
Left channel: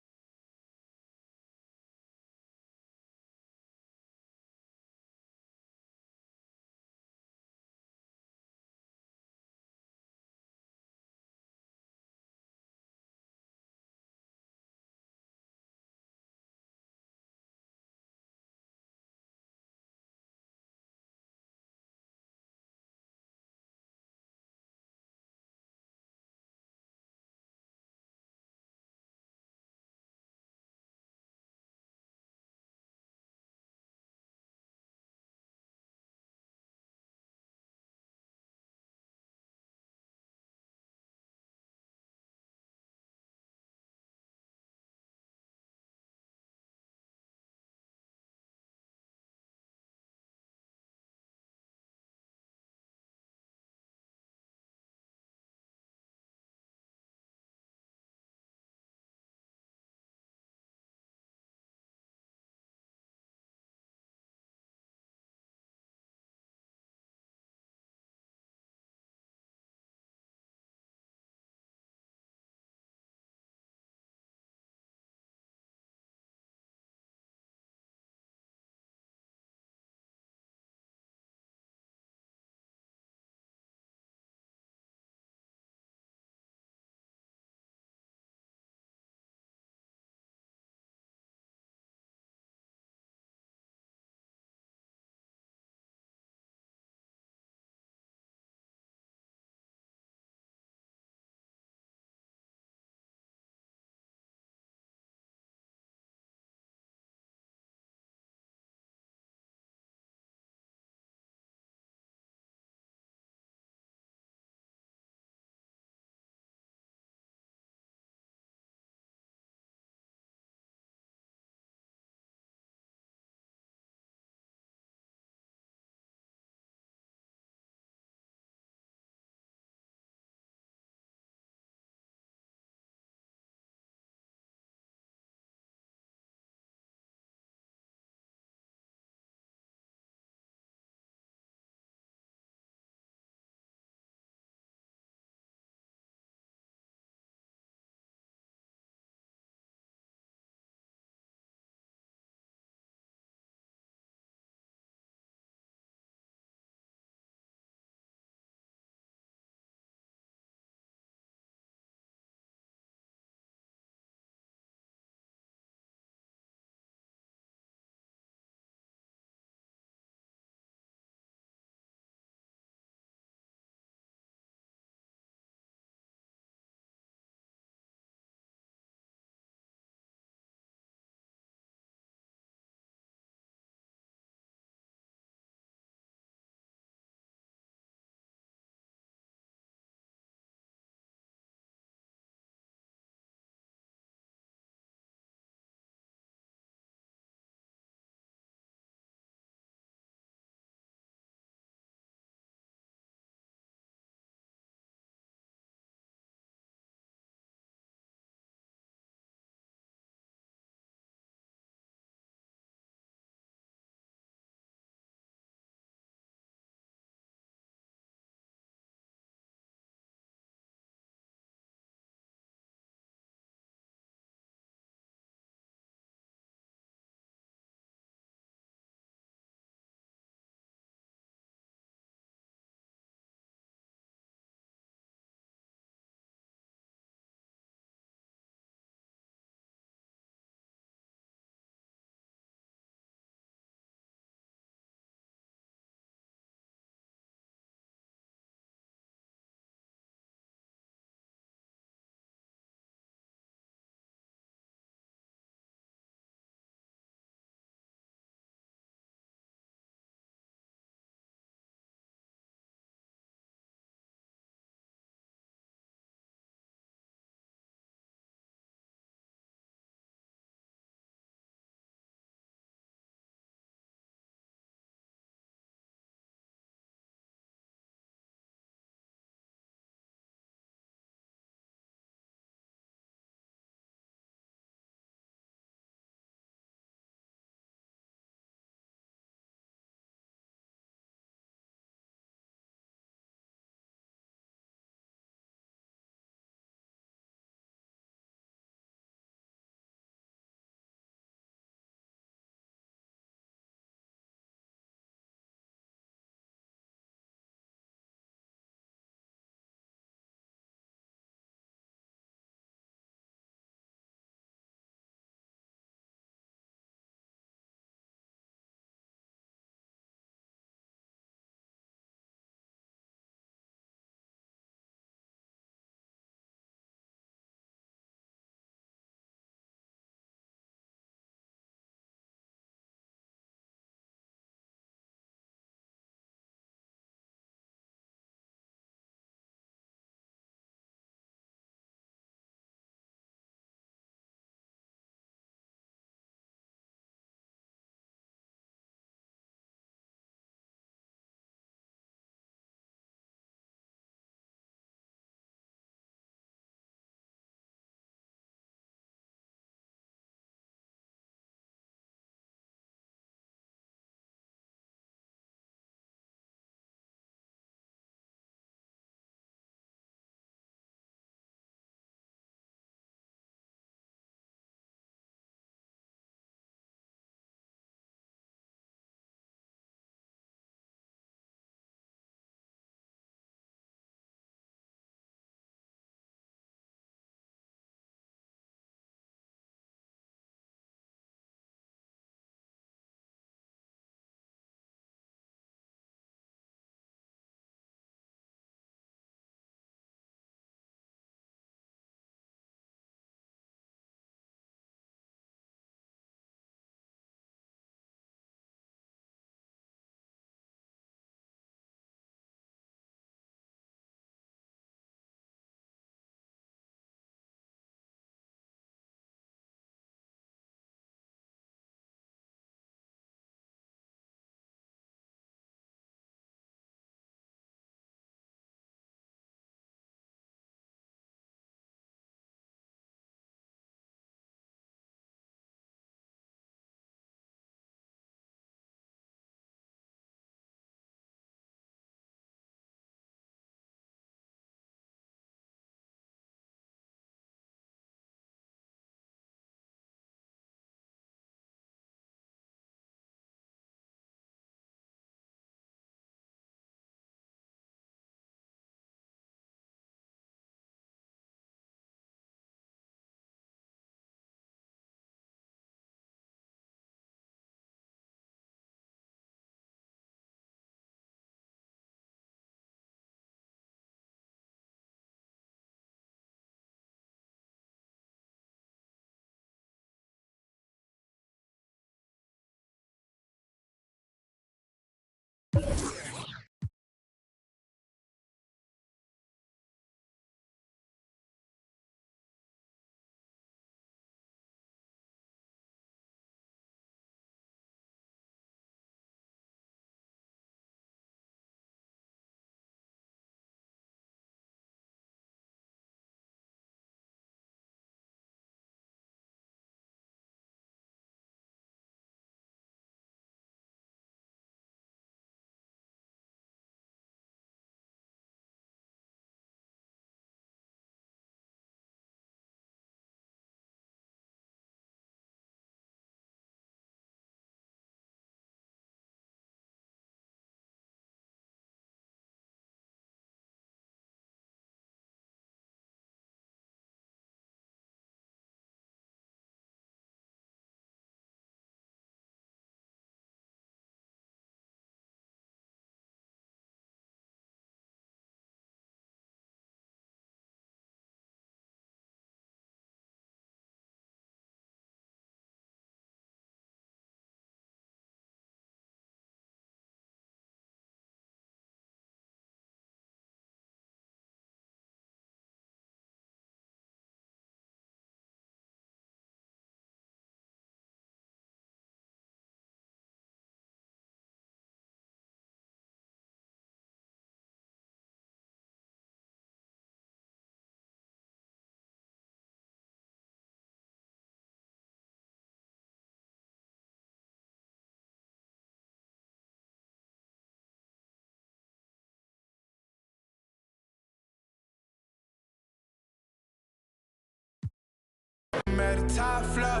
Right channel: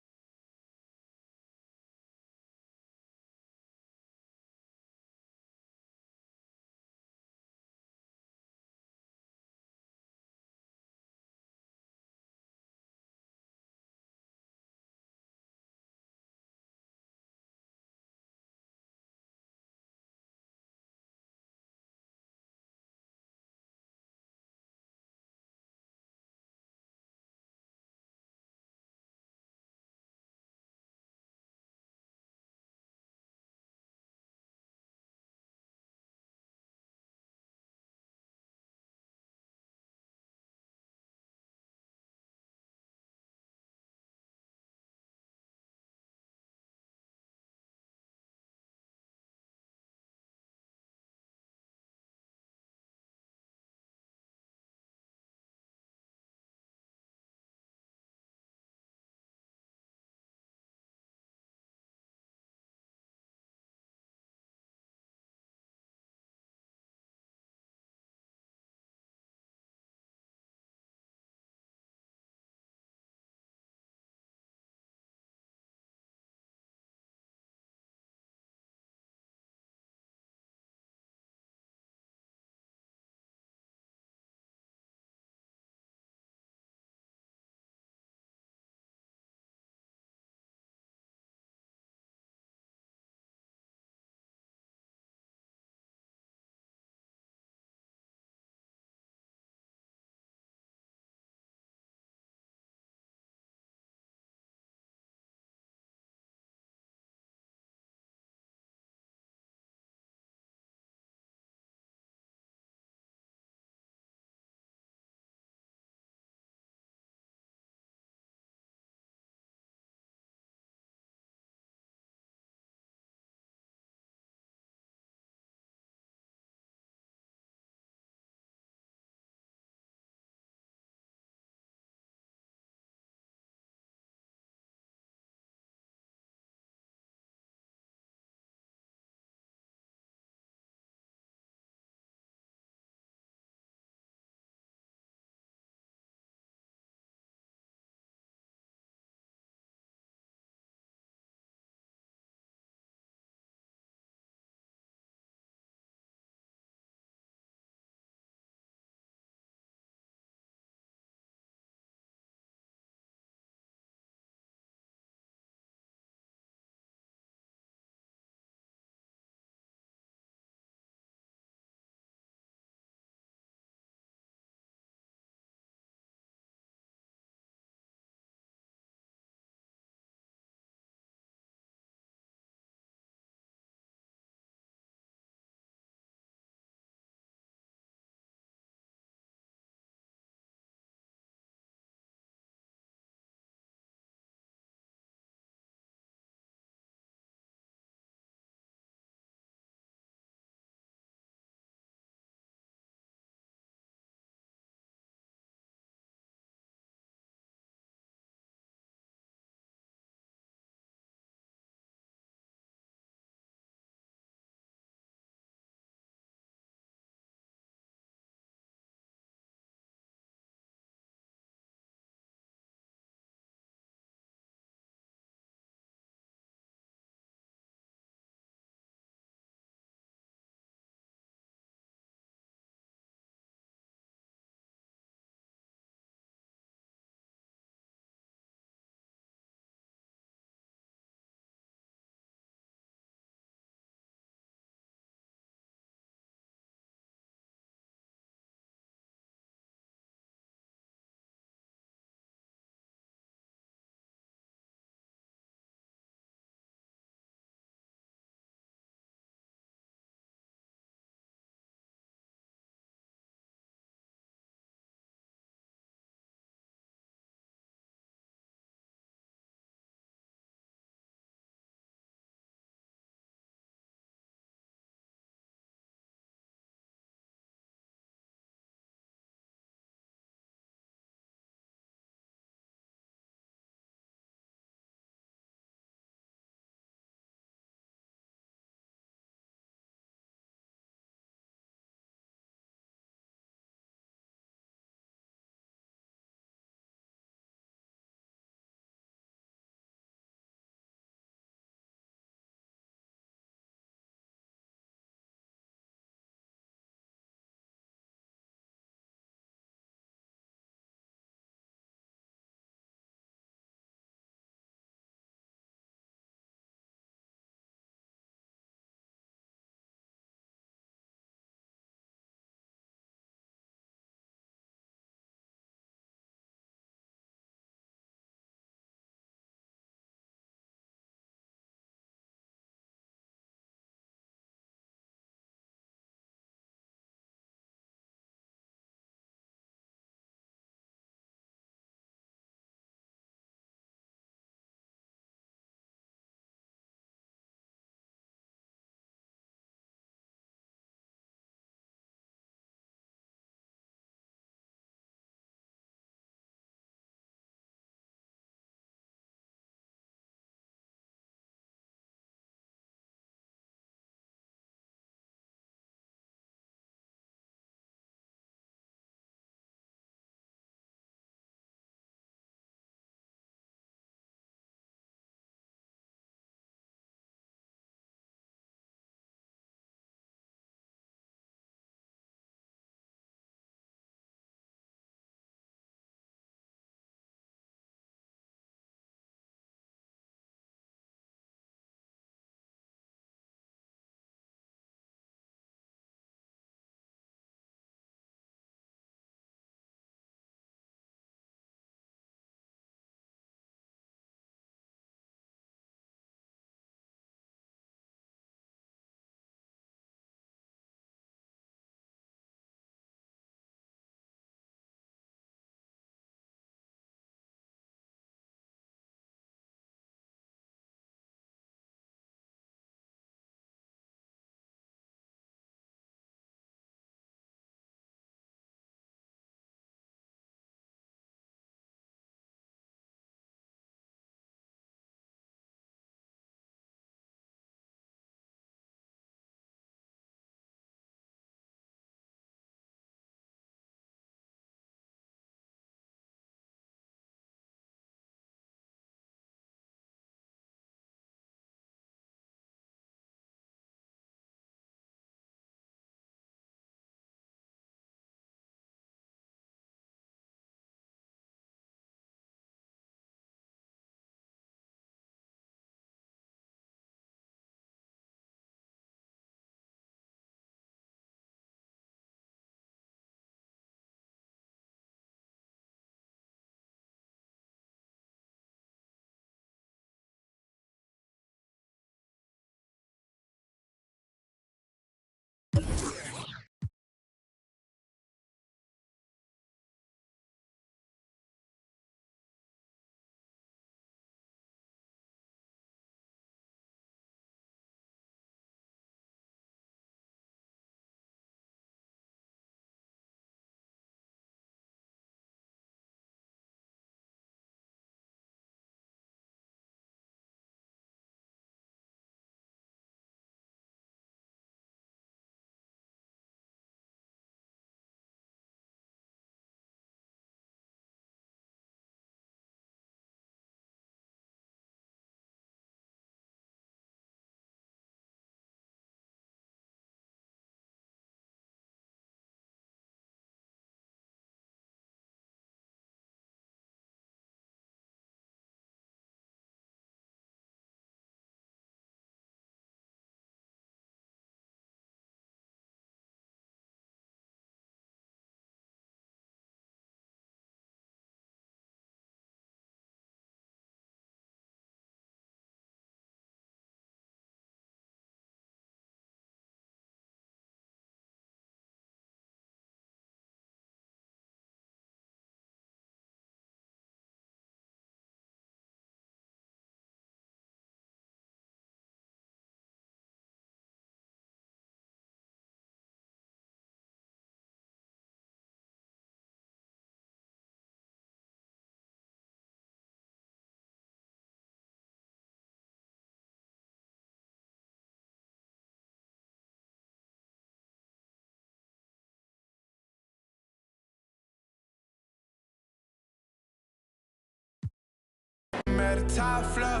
at the top floor.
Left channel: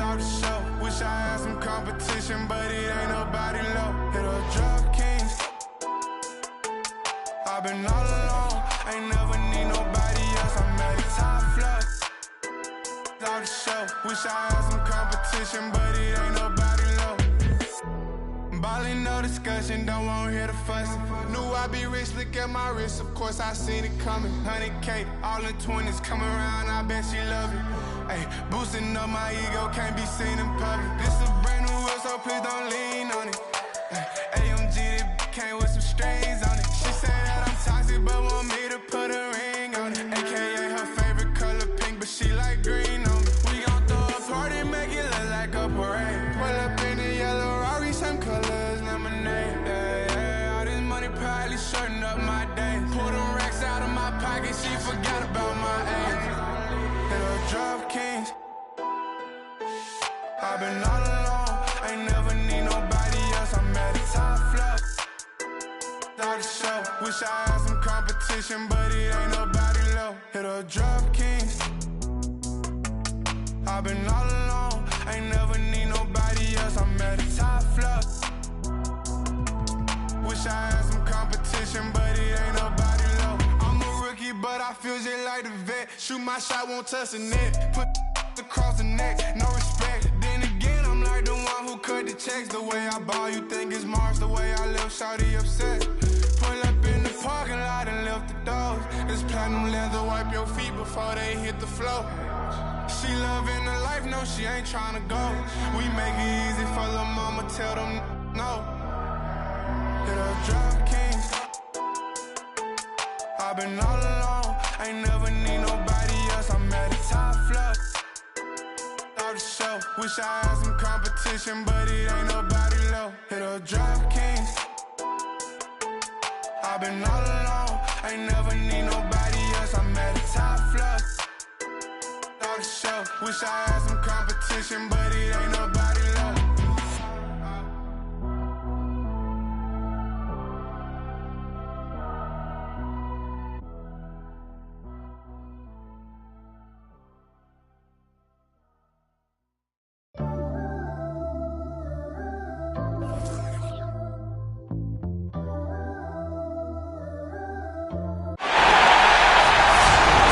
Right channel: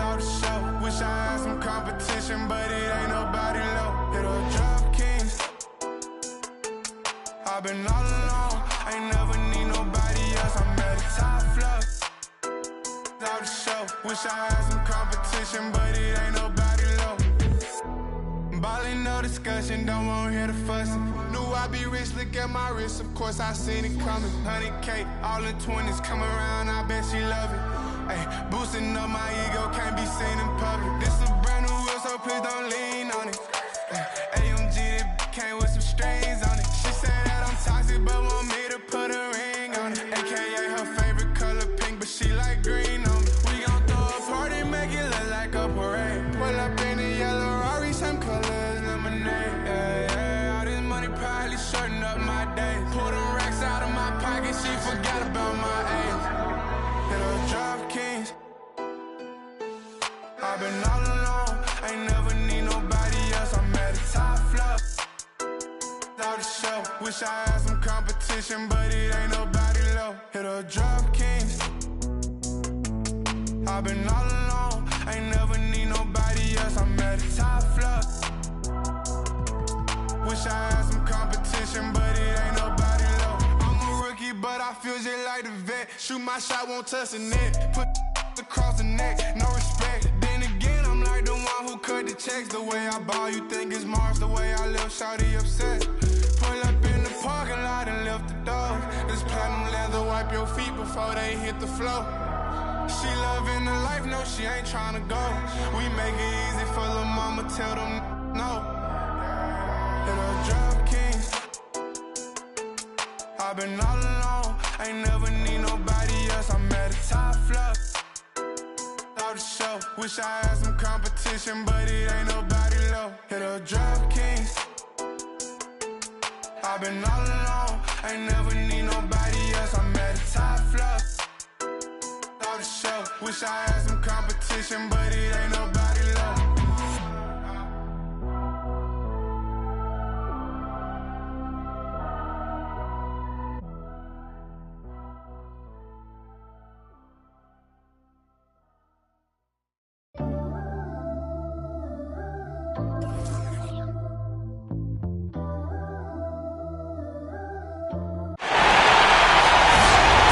Out the show. Wish I had some competition, but it ain't nobody low. Hit a drop kings. I've been all alone. Ain't never need nobody else. I'm at the top floor. Out the show. Wish I had some competition, but it ain't nobody low. Ballin', no discussion, don't wanna hear the fussing. Knew I'd be rich, look at my wrist, of course I seen it coming. 100K, all in 20s, come around, I bet she love it. Ay, boosting up my ego, can't be seen in public. This a brand new whip, so please don't lean on it. AMG, that came with some strings on it. She said that I'm toxic, but want me to put a ring on it. AKA her favorite color pink, but she like green on me. We gon' throw a party, make it look like a parade. Pull up in the yellow Rari, same color as lemonade. Yeah, yeah, all this money probably shorten up my days. Pull them racks out of my pocket, she forgot about my age. Hit her drop kings. I've been all alone, ain't never need nobody else. I'm at the top floor. Out the show. Wish I had some competition, but it ain't nobody low. Hit her drop kings. I've been all alone, ain't never need nobody else. I'm at the top floor. Wish I had some competition, but it ain't nobody low. I'm a rookie, but I feel just like the vet. Shoot my shot, won't touch the net. Put across the neck, no respect. Then again, I'm like the one who cut the checks. The way I ball, you think it's Mars. The way I live, shawty upset. Pull up in the parking lot and lift the doors. This platinum leather, wipe your feet before they hit the floor. She loving the life, no, she ain't tryna go. We make it easy for lil' mama, tell them no. Hit her drop kings. I've been all alone, ain't never need nobody else. I'm at the top floor. Out the show. Wish I had some competition, but it ain't nobody low. Hit her drop kings. I've been all alone, ain't never need nobody else. I'm at the top floor. Out the show. Wish I had some competition, but it ain't nobody low.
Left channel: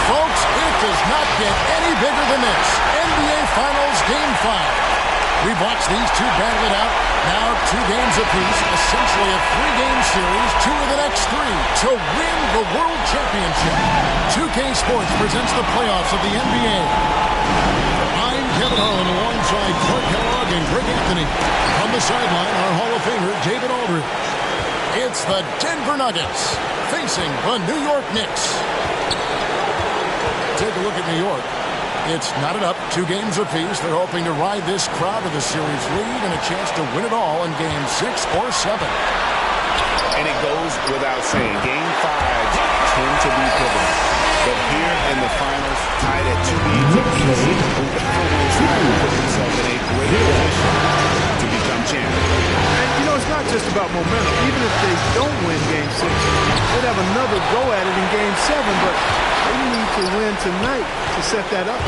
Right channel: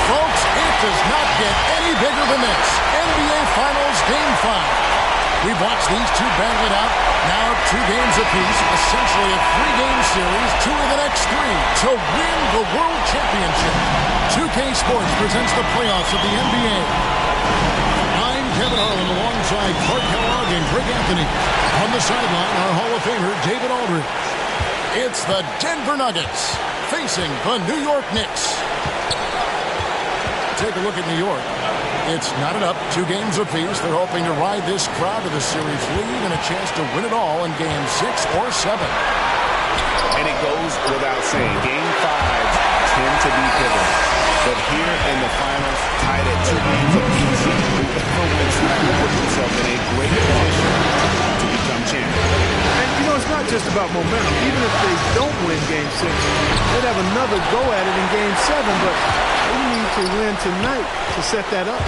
Folks, it does not get any bigger than this. NBA Finals Game 5. We've watched these two battle it out. Now 2 games apiece, essentially a 3-game series, 2 of the next 3 to win the World Championship. 2K Sports presents the playoffs of the NBA. I'm Kevin Harlan alongside Clark Kellogg and Greg Anthony. On the sideline, our Hall of Famer, David Aldridge. It's the Denver Nuggets facing the New York Knicks. Take a look at New York. It's knotted up, 2 games apiece. They're hoping to ride this crowd to the series lead and a chance to win it all in Game 6 or 7. And it goes without saying, Game 5s tend to be pivotal. But here in the finals, tied at 2 games apiece, whoever wins tonight will put themselves in a great position to become champion. And, you know, it's not just about momentum. Even if they don't win Game 6, they'd have another go at it in Game 7, but they need to win tonight to set that up.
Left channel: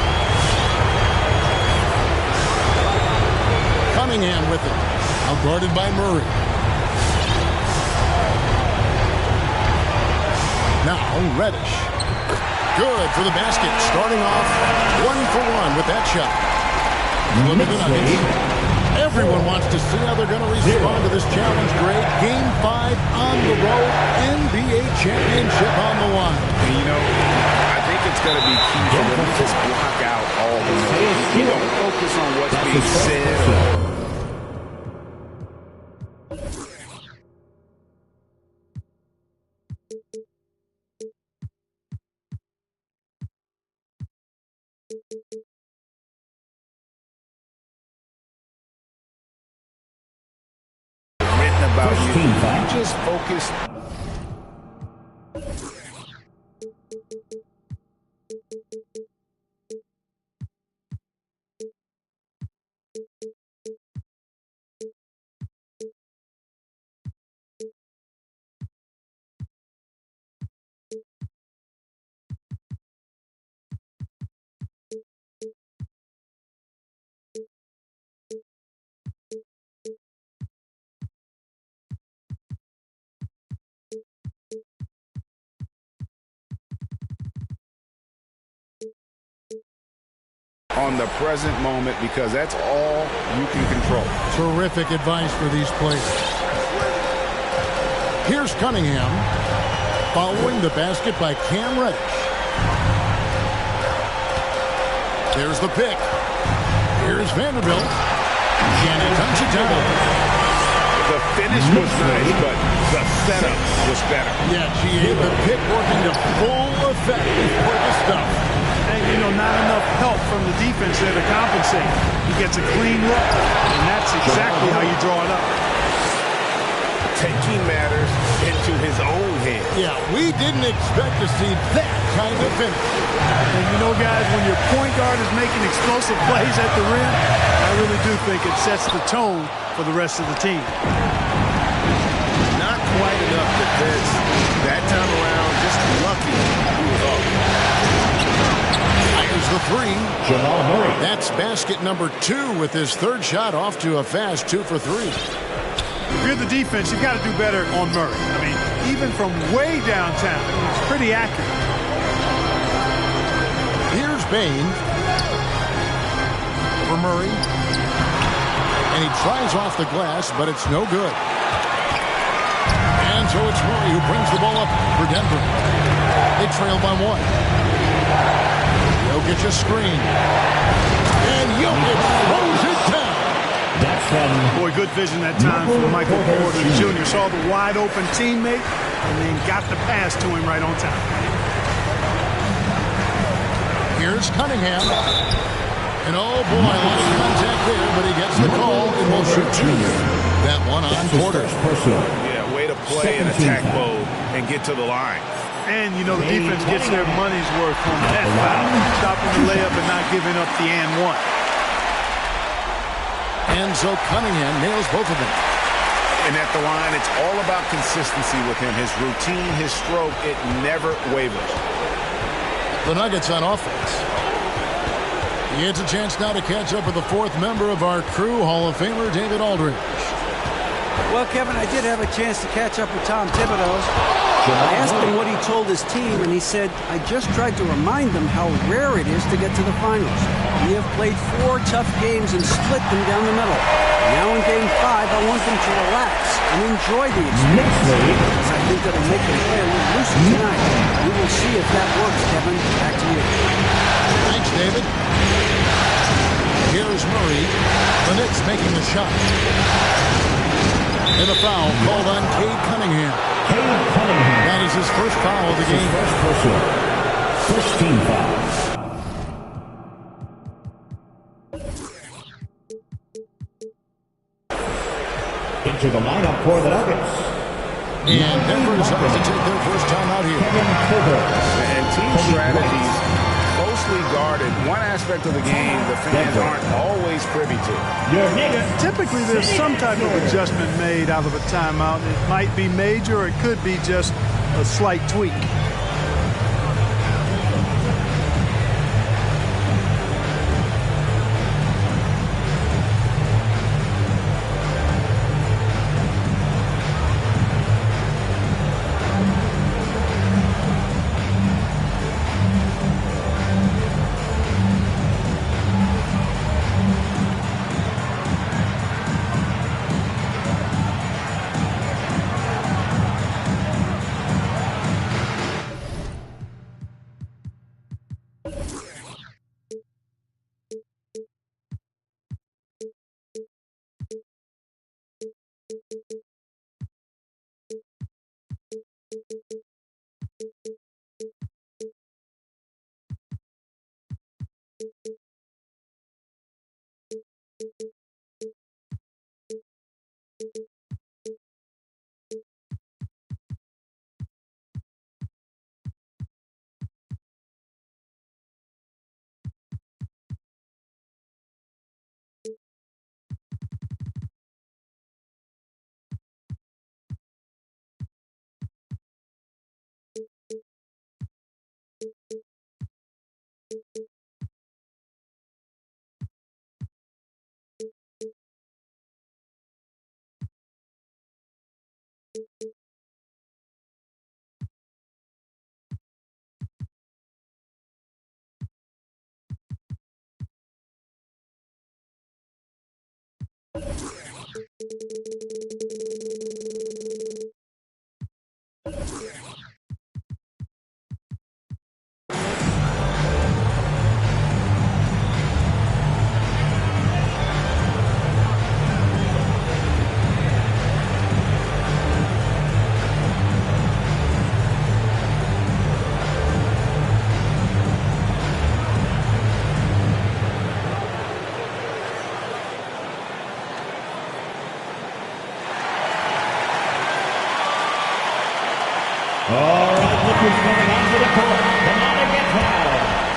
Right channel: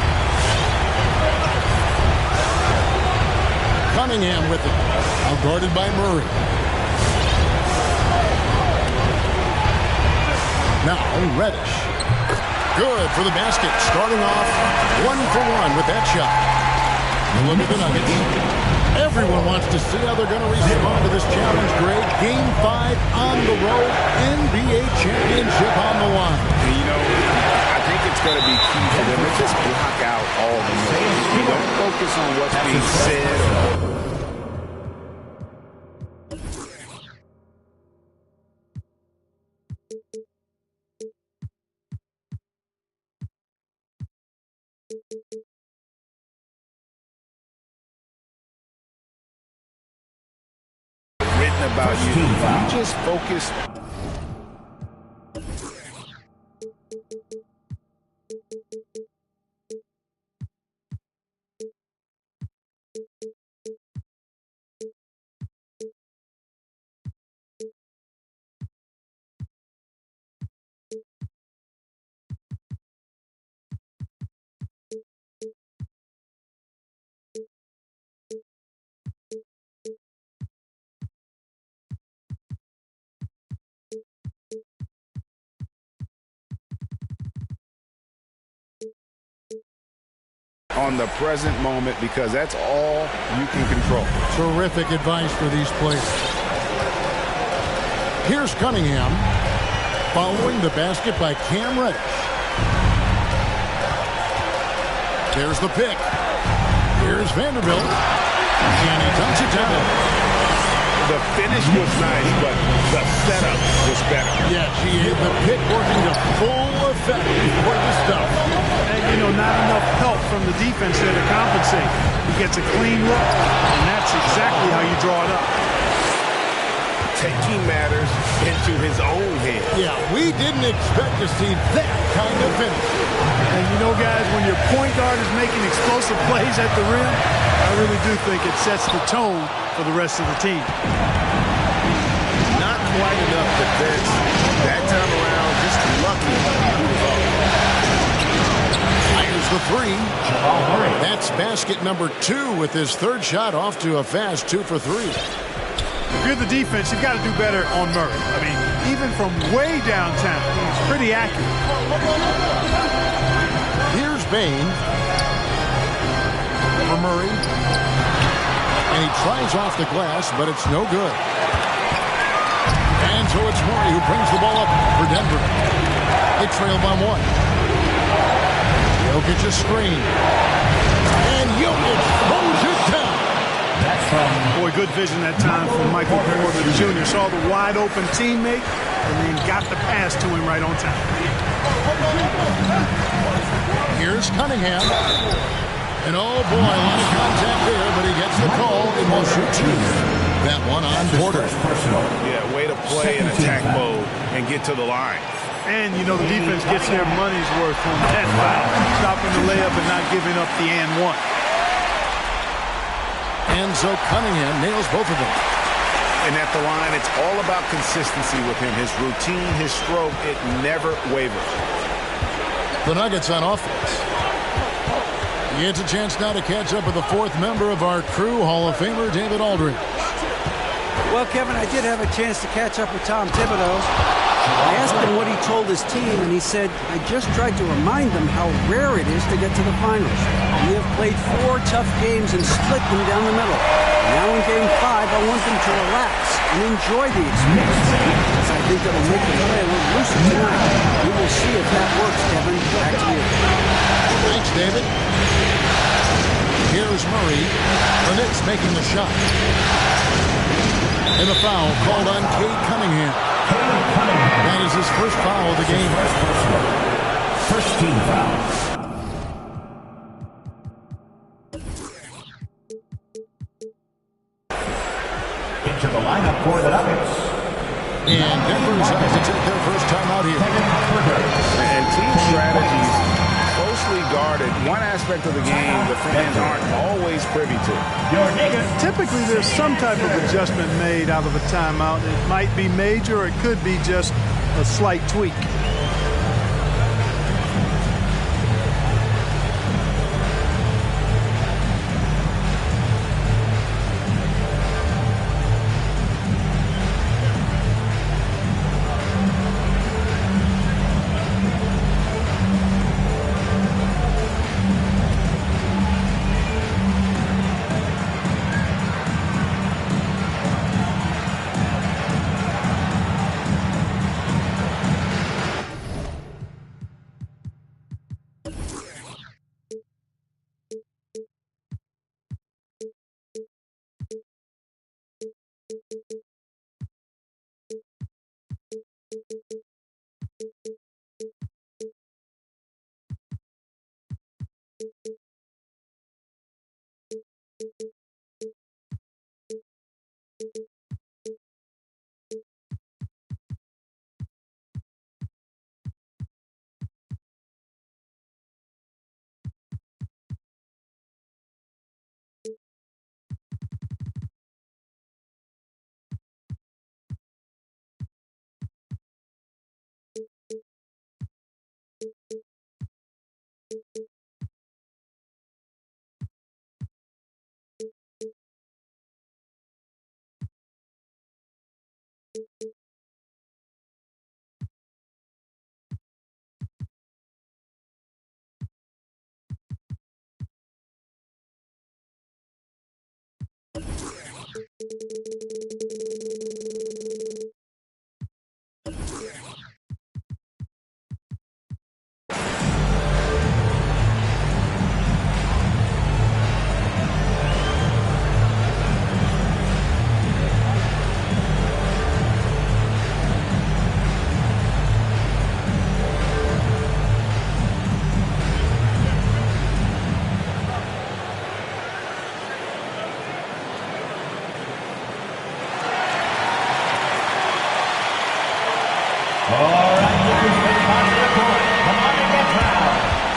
Cunningham with it. Out guarded by Murray. Now Reddish. Good for the basket. Starting off 1 for 1 with that shot. Look at the Nuggets. Everyone wants to see how they're going to respond to this challenge, Greg. Game 5 on the road. NBA championship on the line. And, you know, I think it's going to be key for them to just block out all the noise. You don't focus on what's being said or... written about you. You just focus. on the present moment because that's all you can control. Terrific advice for these players. Here's Cunningham following the basket by Cam Reddish. There's the pick. Here's Vanderbilt. And he dunks it down. The finish was nice, but the setup was better. Yeah, GA, the pick working to full effect before the stuff. And, you know, not enough help from the defense there to compensate. He gets a clean look, and that's exactly how you draw it up. Taking matters into his own hands. Yeah, we didn't expect to see that kind of finish. And, you know, guys, when your point guard is making explosive plays at the rim, I really do think it sets the tone for the rest of the team. Not quite enough defense that time around. Just lucky he was off. Fires the three. Jamal Murray. That's basket number 2 with his third shot off to a fast 2 for 3. If you're the defense, you've got to do better on Murray. I mean, even from way downtown, he's pretty accurate. Here's Bain for Murray. And he tries off the glass, but it's no good. And so it's Murray who brings the ball up for Denver. They trail by 1. Jokic a screen. And Jokic throws it down. That's from... Boy, good vision that time from Michael Porter Jr. Saw the wide open teammate and then got the pass to him right on time. Here's Cunningham. And oh boy, a lot of contact there, but he gets the call and will shoot 2. That one on Porter. Yeah, way to play in attack mode and get to the line. And, you know, the defense gets their money's worth on that foul. Stopping the layup and not giving up the and one. And so Cunningham nails both of them. And at the line, it's all about consistency with him. His routine, his stroke, it never wavers. The Nuggets on offense. He gets a chance now to catch up with the 4th member of our crew, Hall of Famer David Aldridge. Well, Kevin, I did have a chance to catch up with Tom Thibodeau. I asked him what he told his team, and he said, I just tried to remind them how rare it is to get to the finals. We have played 4 tough games and split them down the middle. Now in Game 5, I want them to relax and enjoy the experience, because I think that'll make them play a little looser tonight. We will see if that works, Kevin. Back to you. Thanks, David. Here's Murray. The Knicks making the shot. And the foul called on Cade Cunningham. That is his first foul of the game. First team foul. Into the lineup for the Nuggets. And Denver decides to take their first time out here. And team strategies closely guarded. One aspect of the game the fans aren't always privy to. Typically, there's some type of adjustment made out of a timeout. It might be major, or it could be just a slight tweak.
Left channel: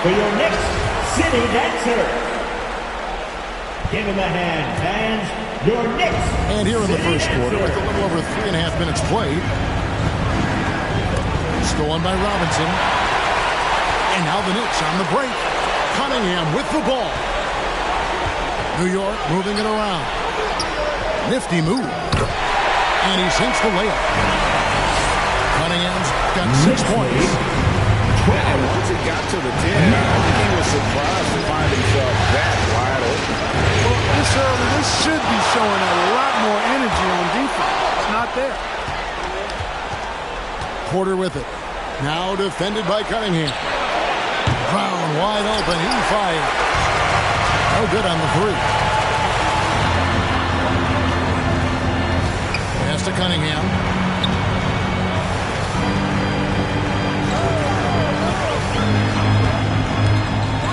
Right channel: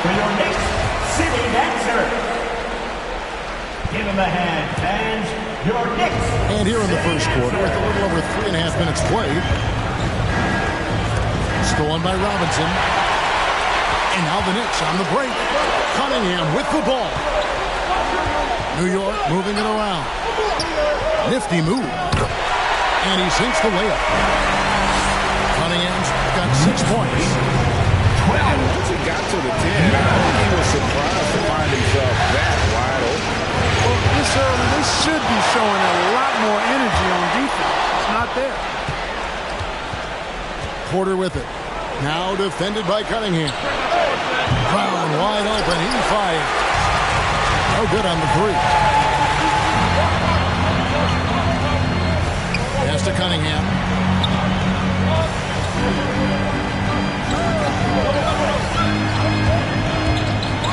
for your Knicks City Dancer. Give him a hand, fans. Your Knicks. And here in the first quarter, with a little over 3.5 minutes played. Stolen by Robinson. And now the Knicks on the break. Cunningham with the ball. New York moving it around. Nifty move. And he sinks the layup. Cunningham's got 6 points. And once he got to the 10, I think he was surprised to find himself that wide open. Well, this early, they should be showing a lot more energy on defense. It's not there. Porter with it. Now defended by Cunningham. Brown wide open. He fired. No good on the 3. Pass to Cunningham.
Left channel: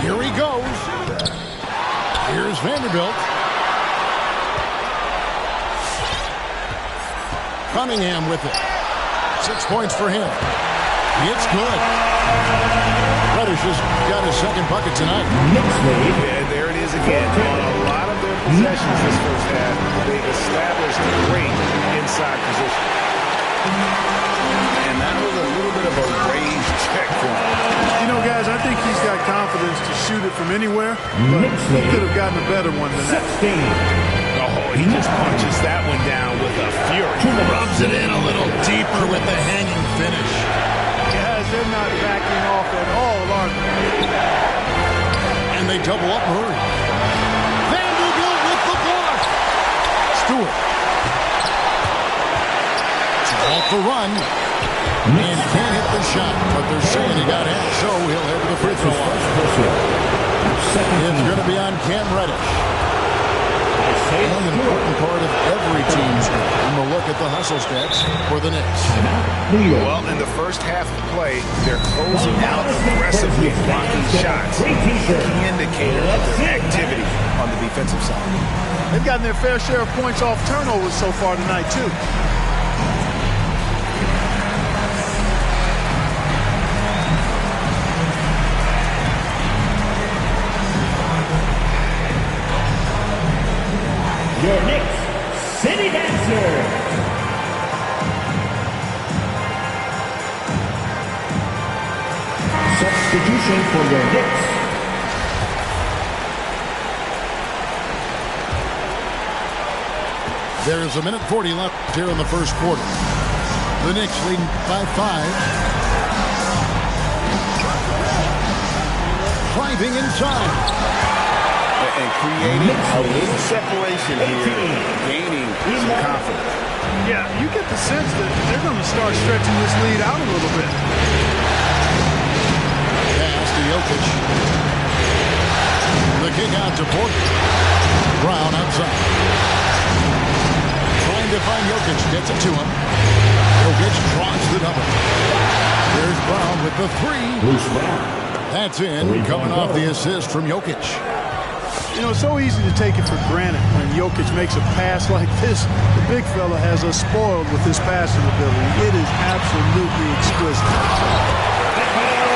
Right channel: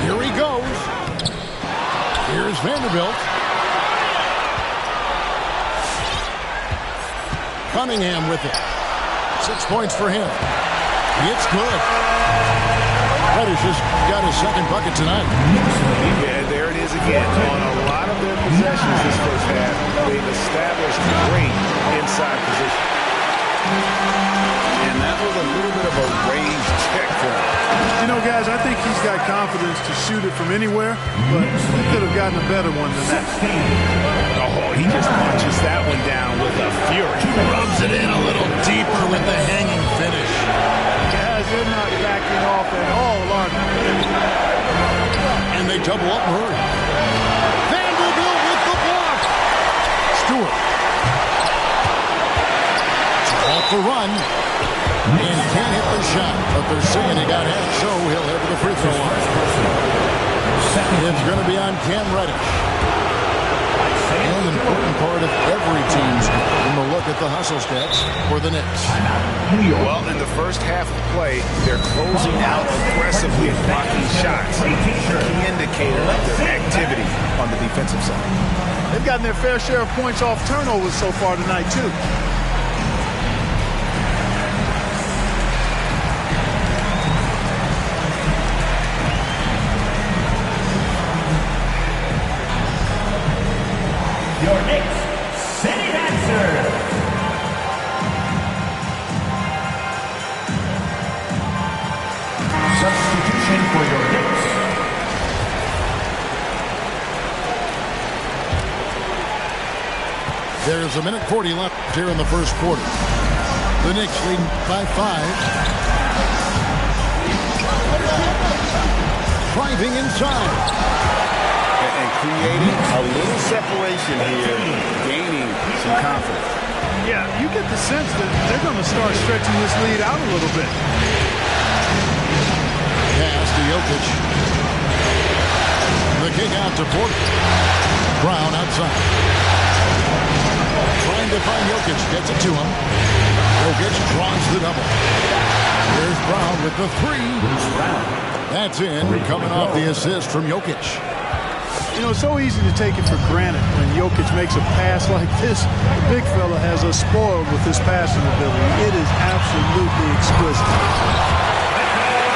Here he goes. Here's Vanderbilt. Cunningham with it. 6 points for him. It's good. Reddish has got his second bucket tonight. Yeah, there it is again. On a lot of their possessions this first half, they've established great inside position. And that was a little bit of a raised check for him. You know, guys, I think he's got confidence to shoot it from anywhere, but he could have gotten a better one than that. Oh, he just punches that one down with a fury. Rubs it in a little deeper with the hanging finish. Guys, they're not backing off at all, are they? And they double up Murray. Vanderbilt with the block. Stewart. Off the run. And can't hit the shot. But they're saying he got half, so he'll head to the free throw line. It's going to be on Cam Reddish. And an important part of every team's game. We'll look at the hustle stats for the Knicks. Well, in the first half of play, they're closing out aggressively, blocking shots. A key indicator of their activity on the defensive side. They've gotten their fair share of points off turnovers so far tonight, too. Your Knicks City Dancer. Substitution for your Knicks. There's a minute 40 left here in the first quarter. The Knicks leading by 5. Driving inside. And creating a little separation here, gaining some confidence. Yeah, you get the sense that they're going to start stretching this lead out a little bit. Pass to Jokic. The kick out to Porter. Brown outside. Trying to find Jokic. Gets it to him. Jokic draws the double. There's Brown with the 3. Bruce Brown. That's in, coming off the assist from Jokic. You know, it's so easy to take it for granted when Jokic makes a pass like this. The big fella has us spoiled with his passing ability. It is absolutely exquisite.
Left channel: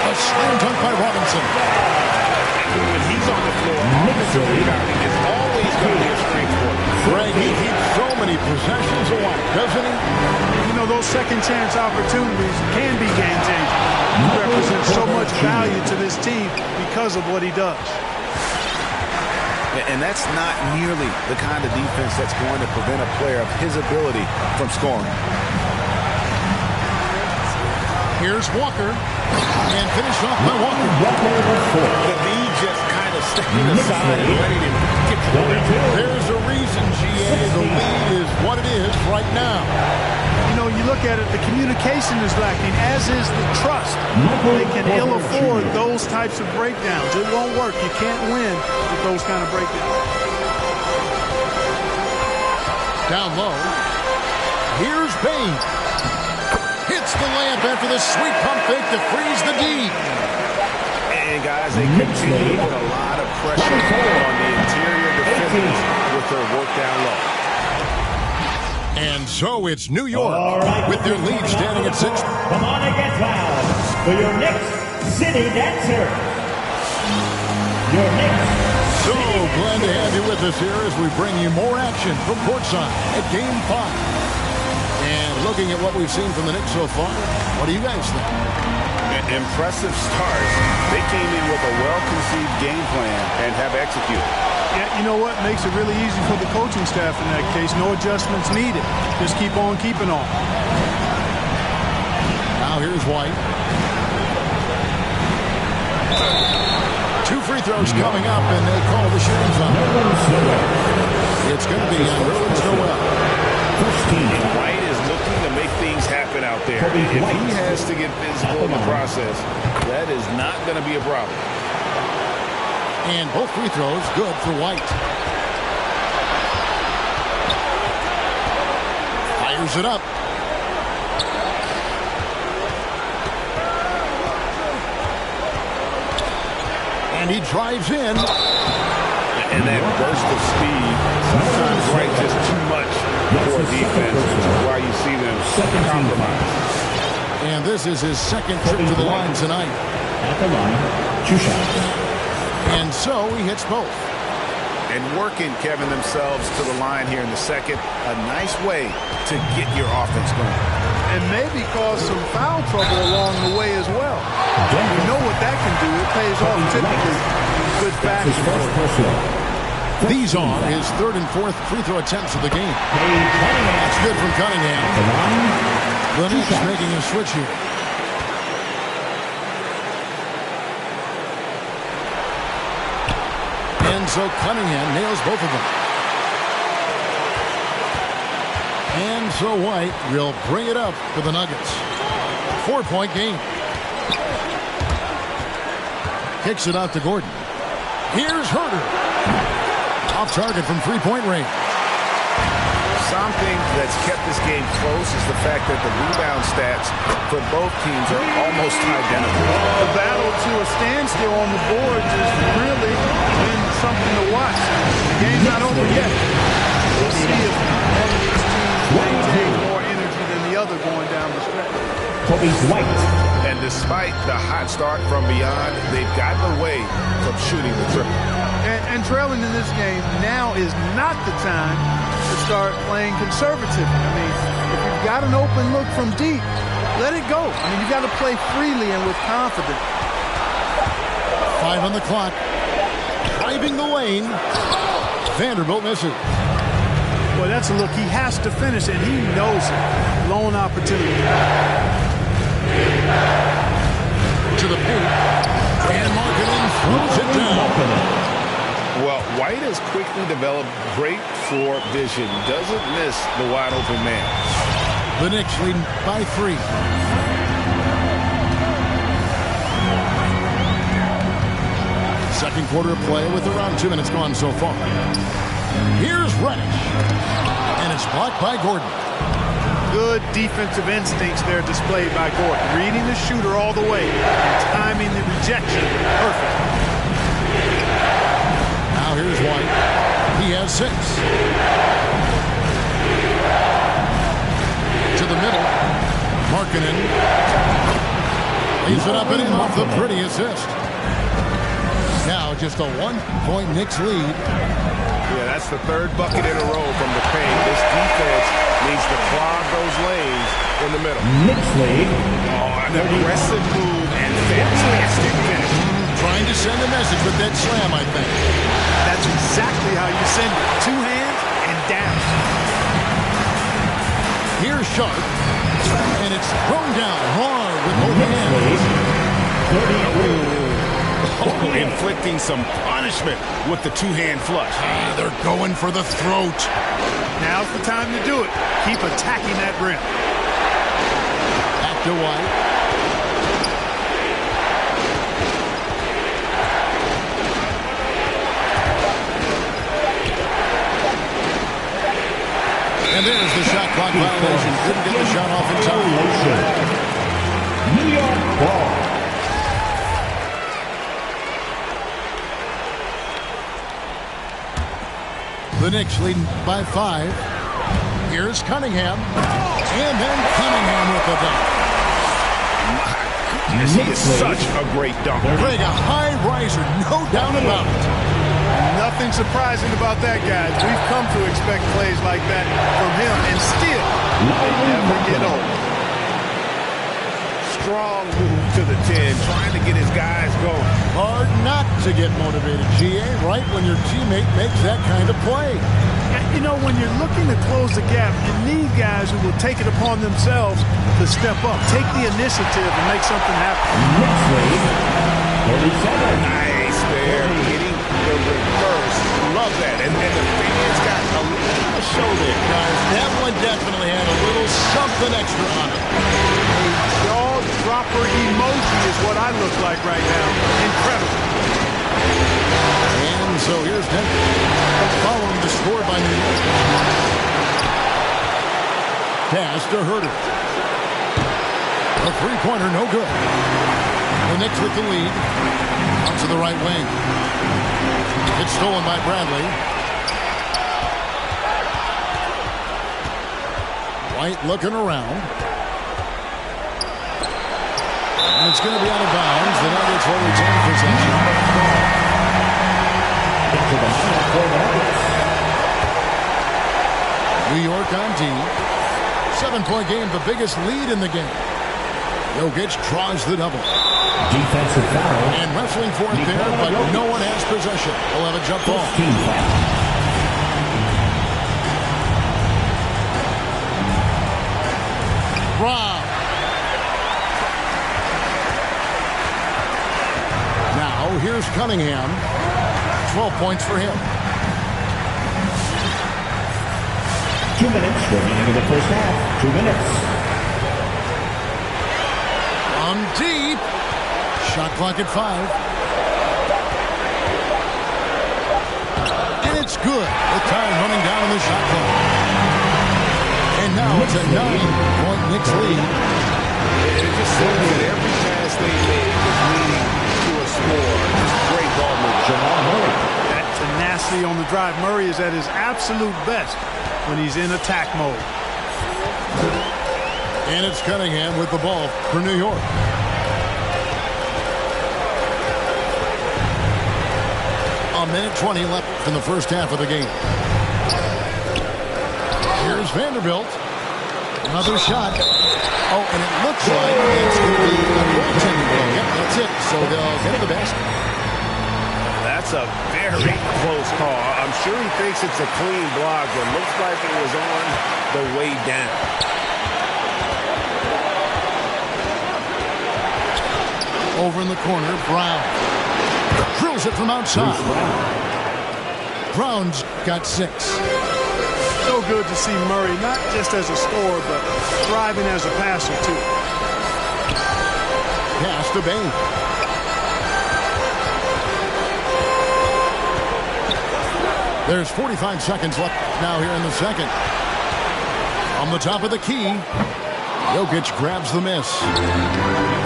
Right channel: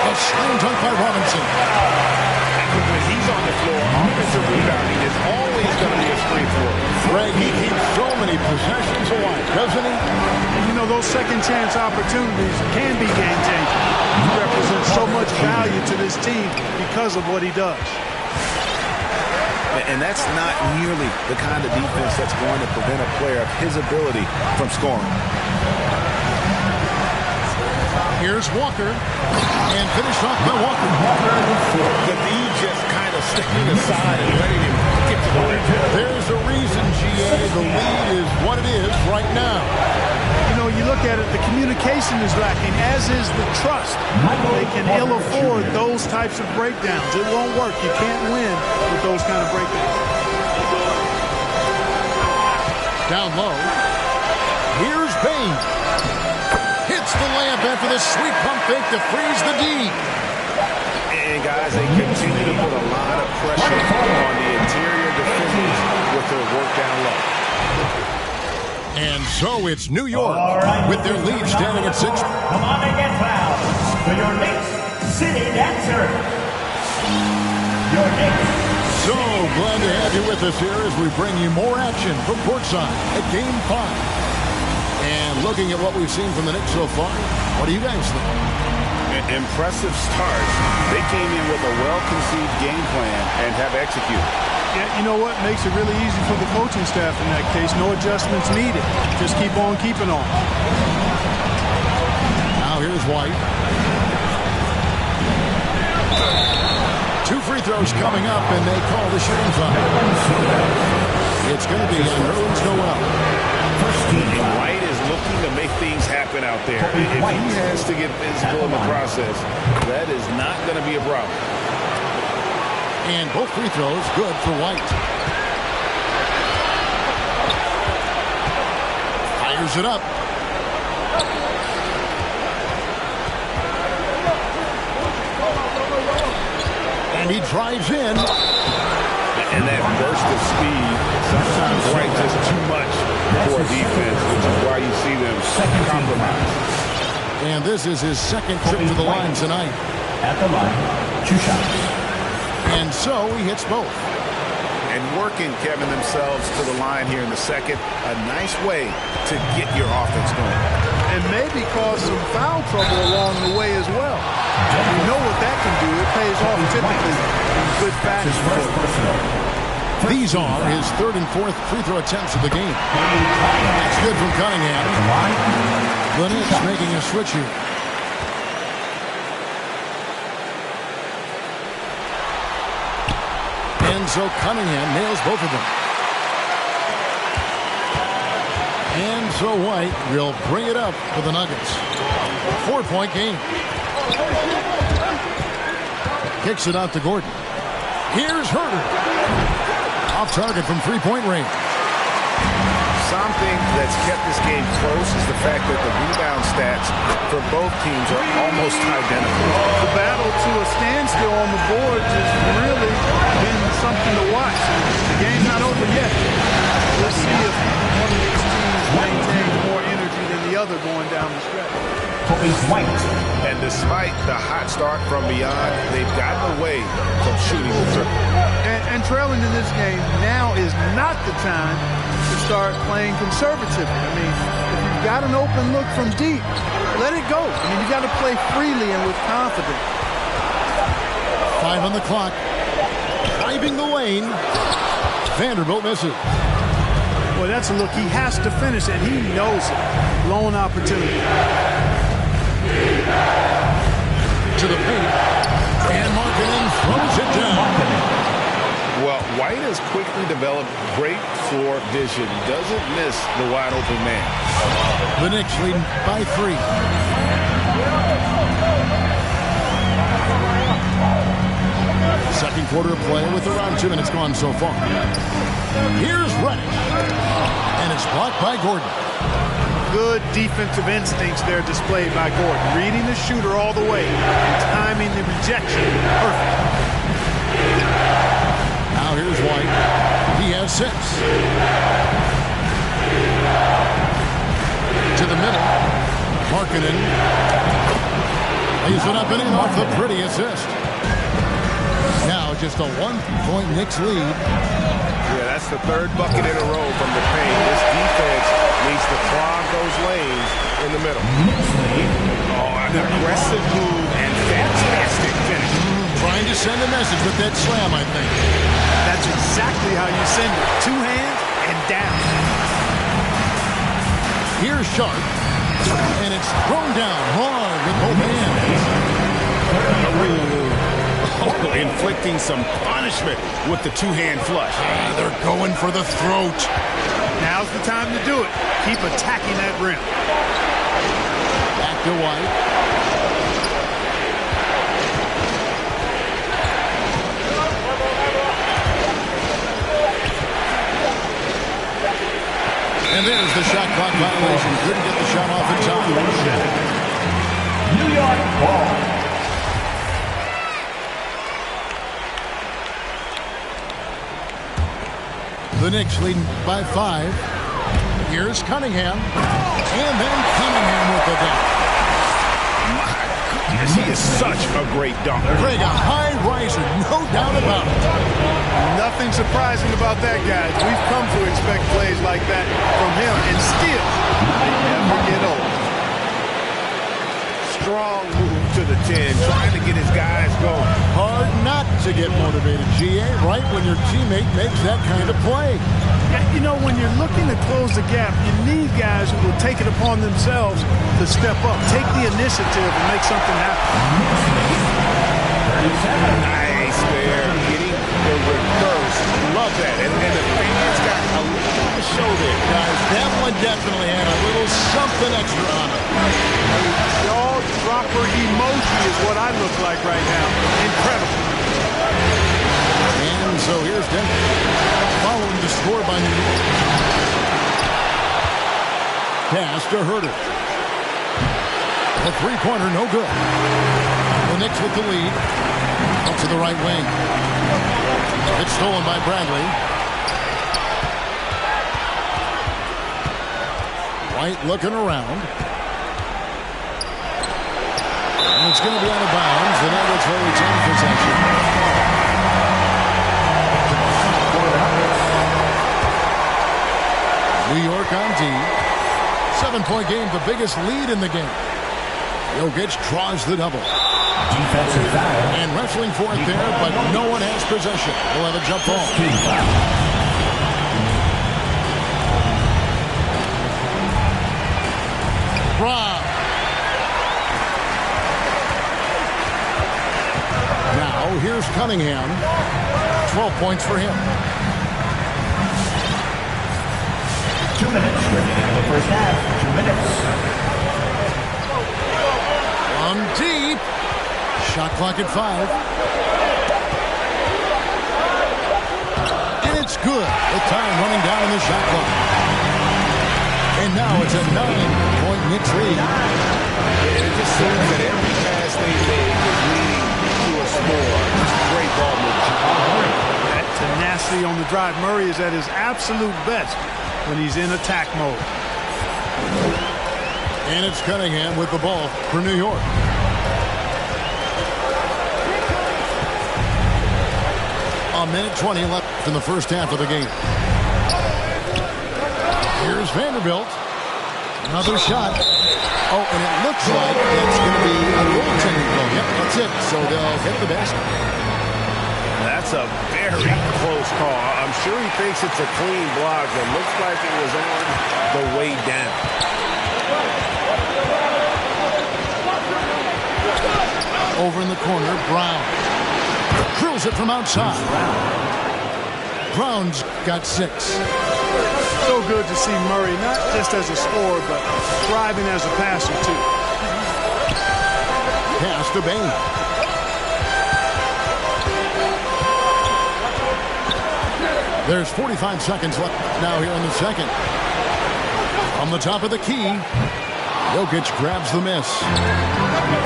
A slam dunk by Robinson. When he's on the floor, offensive rebounding is always going to be a strength for him. Greg, he keeps so many possessions alive, doesn't he? You know, those second chance opportunities can be game-changing. He represents so much value to this team because of what he does. And that's not nearly the kind of defense that's going to prevent a player of his ability from scoring. Here's Walker. And finished off by Walker. The D just kind of stepping aside and letting him get to the rim. There's a reason, GA, the lead is what it is right now. You know, you look at it, the communication is lacking, as is the trust. They can ill afford those types of breakdowns. It won't work. You can't win with those kind of breakdowns. Down low. Here's Payne. Hits the layup after the sweet pump fake to freeze the D. And guys, they continue to put a lot of pressure on the interior defenders with their work down low. And so it's New York with their lead standing at 6. Come on and get loud for your Knicks City Dancer. your Knicks. So glad to have you with us here as we bring you more action from courtside at Game 5. And looking at what we've seen from the Knicks so far, what do you guys think? Impressive starts. They came in with a well-conceived game plan and have executed. Yeah, you know what? Makes it really easy for the coaching staff in that case. No adjustments needed. Just keep on keeping on. Now here's White. 2 free throws coming up, and they call the shooting foul. It's going to be on Nerlens Noel. And White is looking to make things happen out there. If he has to get physical in the process, that is not going to be a problem. And both free throws good for White. Fires it up. And he drives in. And that burst of speed, sometimes White just too much for defense, which is why you see them compromise. And this is his second trip to the line tonight. At the line, 2 shots. And so he hits both. And working, Kevin, themselves to the line here in the second. A nice way to get your offense going. And maybe cause some foul trouble along the way as well. You know what that can do. It pays off typically in good fashion for you. These are his 3rd and 4th free throw attempts of the game. That's good from Cunningham. The Knicks making a switch here. And so Cunningham nails both of them. And so White will bring it up for the Nuggets. 4-point game. Kicks it out to Gordon. Here's Herter. Off target from 3-point range. Something that's kept this game close is the fact that the rebound stats for both teams are almost identical. The battle to a standstill on the boards has really been something to watch. The game's not over yet. We'll see if one of these teams maintains more energy than the other going down the stretch. White. And despite the hot start from beyond, they've gotten away from shooting the triple. And trailing in this game, now is not the time to start playing conservatively. I mean, if you've got an open look from deep, let it go. I mean, you've got to play freely and with confidence. 5 on the clock. Driving the lane. Vanderbilt misses. Well, that's a look he has to finish, and he knows it. Lone opportunity. To the paint. And Markkanen throws it down. Well, White has quickly developed great floor vision. Doesn't miss the wide open man. The Knicks leading by 3. Second quarter of play with around 2 minutes gone so far. Here's Reddish. And it's blocked by Gordon. Good defensive instincts there displayed by Gordon. Reading the shooter all the way and timing the rejection perfect. Now here's White. He has 6. To the middle. Markkanen. Lays it up and in off the pretty assist. Now just a 1-point Knicks lead. Yeah, that's the 3rd bucket in a row from the paint. This defense needs to clog those lanes in the middle. Knicks lead. Oh, an aggressive move and fantastic finish. Trying to send a message with that slam, I think. That's exactly how you send it. 2 hands and down. Here's Sharp. And it's thrown down hard with both hands. Oh, inflicting some punishment with the 2-hand flush. They're going for the throat. Now's the time to do it. Keep attacking that rim. Back to White. And there's the shot clock violation. Couldn't get the shot off in time. New York ball. The Knicks leading by 5. Here's Cunningham. And then Cunningham with the dunk. My He is such a great dunker. Greg, a high riser, no doubt about it. Nothing surprising about that, guys. We've come to expect plays like that from him, and still, they never get old. Strong move to the 10, trying to get his guys going. Hard not to get motivated, GA, right when your teammate makes that kind of play. You know, when you're looking to close the gap, you need guys who will take it upon themselves to step up, take the initiative, and make something happen. Nice there, getting the reverse. Love that. And the fans got a little to show there. Guys, that one definitely had a little something extra on it. A jaw dropper emoji is what I look like right now. Incredible. And so here's Denver, following the score by New York. Pass to Herter. A three-pointer, no good. The Knicks with the lead. Out to the right wing. It's stolen by Bradley. White looking around. And it's going to be out of bounds. The Nuggets will retain possession. New York on D. 7-point game, the biggest lead in the game. Jokic draws the double. Defensive foul. And wrestling for it there, but no one has possession. He'll have a jump ball. Team foul. Rob. Now, here's Cunningham. 12 points for him. 2 minutes remaining in the first half. 2 minutes. From deep. Shot clock at 5. And it's good. With time running down in the shot clock. And now it's a 9-point Knicks lead. And it just seems that every pass they make is leading to a score. Just great ball move. Jamal Murray. That tenacity on the drive. Murray is at his absolute best when he's in attack mode. And it's Cunningham with the ball for New York. A minute 20 left in the first half of the game. Here's Vanderbilt. Another shot. Oh, and it looks like it's going to be a goaltending goal. Yep, that's it. So they'll get the basket. That's a very close call. I'm sure he thinks it's a clean block, but looks like it was on the way down. Over in the corner, Brown. Drills it from outside. Brown's got 6. So good to see Murray, not just as a scorer, but thriving as a passer, too. Pass to Bain. There's 45 seconds left now here in the second. From the top of the key, Jokic grabs the miss.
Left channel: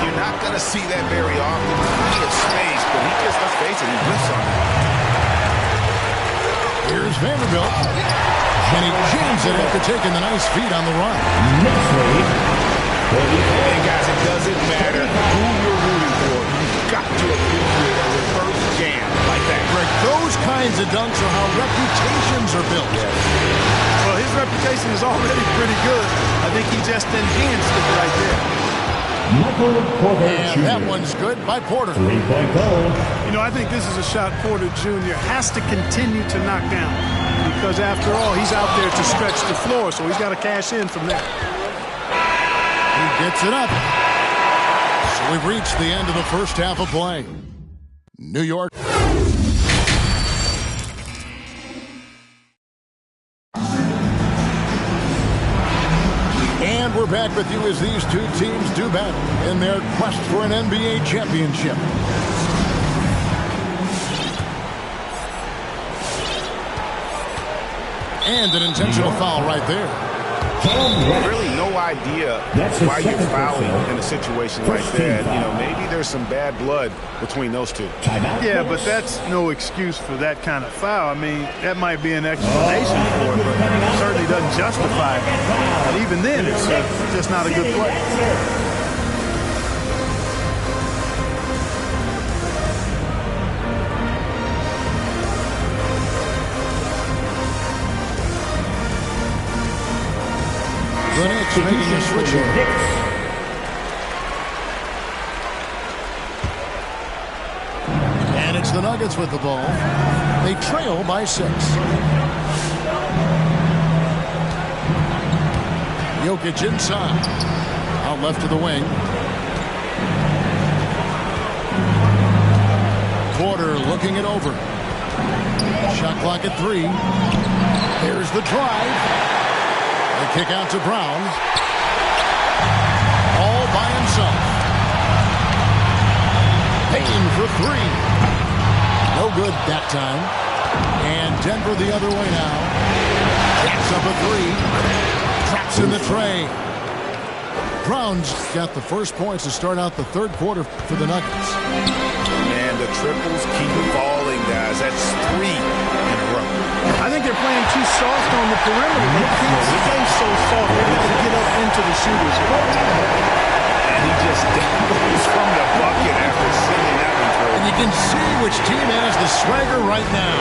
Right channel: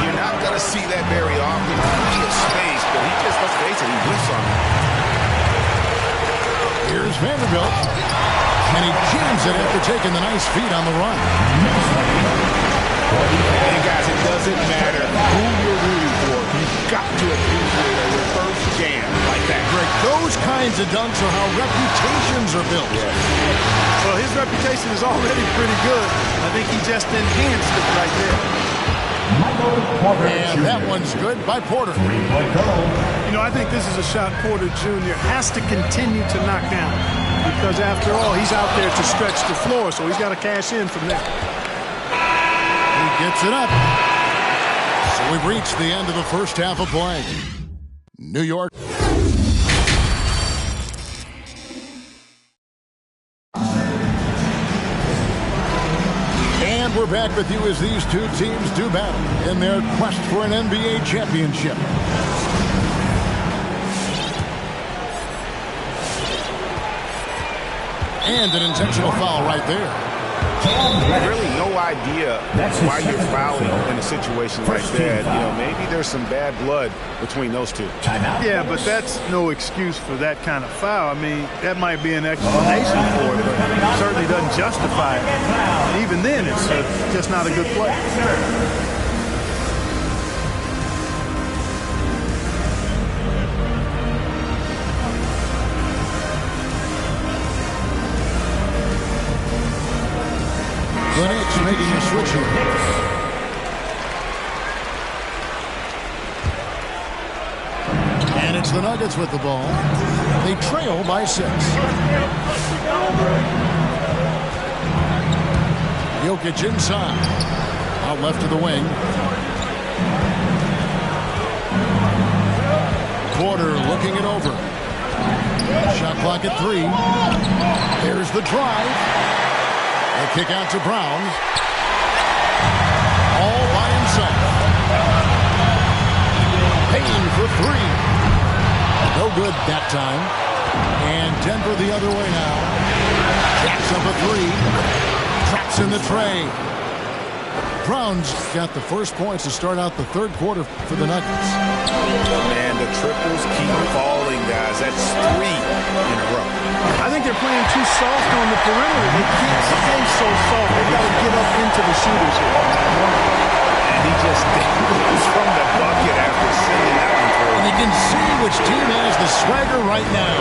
You're not going to see that very often. Plenty of space, but he just, let's face it, he whiffs on it. Here's Vanderbilt. And he jams it after taking the nice feed on the run. And guys, it doesn't matter who you're rooting for. You've got to appreciate a reverse jam like that. Greg, those kinds of dunks are how reputations are built. Yes. Well, his reputation is already pretty good. I think he just enhanced it right there. Michael Porter And Jr. that one's good by Porter. 3-point goal. You know, I think this is a shot Porter Jr. has to continue to knock down. Because after all, he's out there to stretch the floor, so he's got to cash in from there. He gets it up. So we've reached the end of the first half of play. New York. And we're back with you as these two teams do battle in their quest for an NBA championship. And an intentional foul right there. Really no idea why you're fouling in a situation like that. You know, maybe there's some bad blood between those two. Yeah, but that's no excuse for that kind of foul. I mean, that might be an explanation for it, but it certainly doesn't justify it. And even then, it's just not a good play. The Knicks making a switch here. And it's the Nuggets with the ball. They trail by 6. Jokic inside. Out left to the wing. Porter looking it over. Shot clock at 3. Here's the drive. The kick out to Brown. All by himself. Payne for 3. No good that time. And Denver the other way now. Jacks up a 3. Traps in the tray. Brown's got the first points to start out the third quarter for the Nuggets. Man, the triples keep falling, guys. That's 3 in a row. I think they're playing too soft on the perimeter. They can't stay so soft. They've got to get up into the shooters here. And he just dangles from the bucket after sending that one through. And you can see which team has the swagger right now.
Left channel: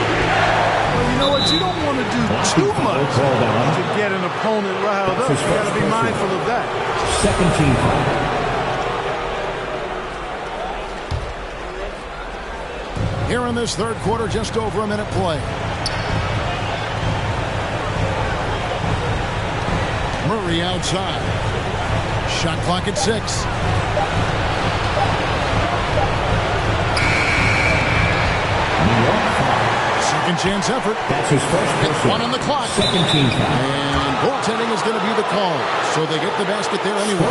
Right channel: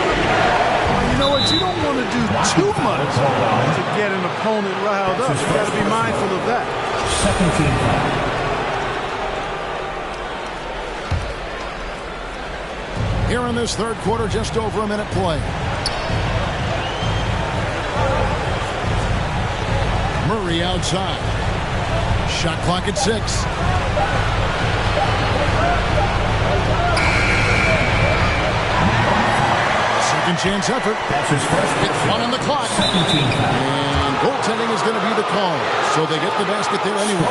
Well, you know what? You don't want to do too much to get an opponent riled up. You got to be mindful of that. Second team foul. Here in this third quarter, just over a minute play. Murray outside. Shot clock at 6. Second chance effort. That's his first. It's 1 on the clock. Second team foul. And goaltending is going to be the call. So they get the basket there anyway.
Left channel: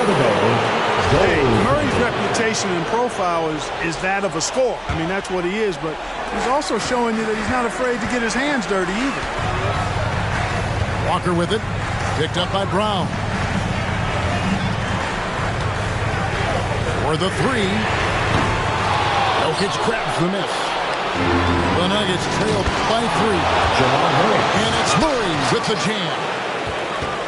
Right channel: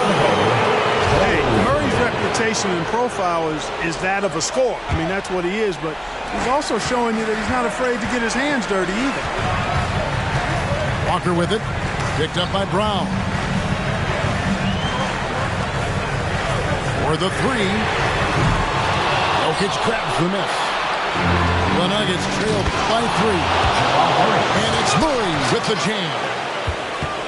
Hey, Murray's reputation and profile is that of a scorer. I mean, that's what he is, but he's also showing you that he's not afraid to get his hands dirty either. Walker with it. Picked up by Brown. For the 3. Jokic grabs the miss. The Nuggets trail by 3. And it's Murray with the jam.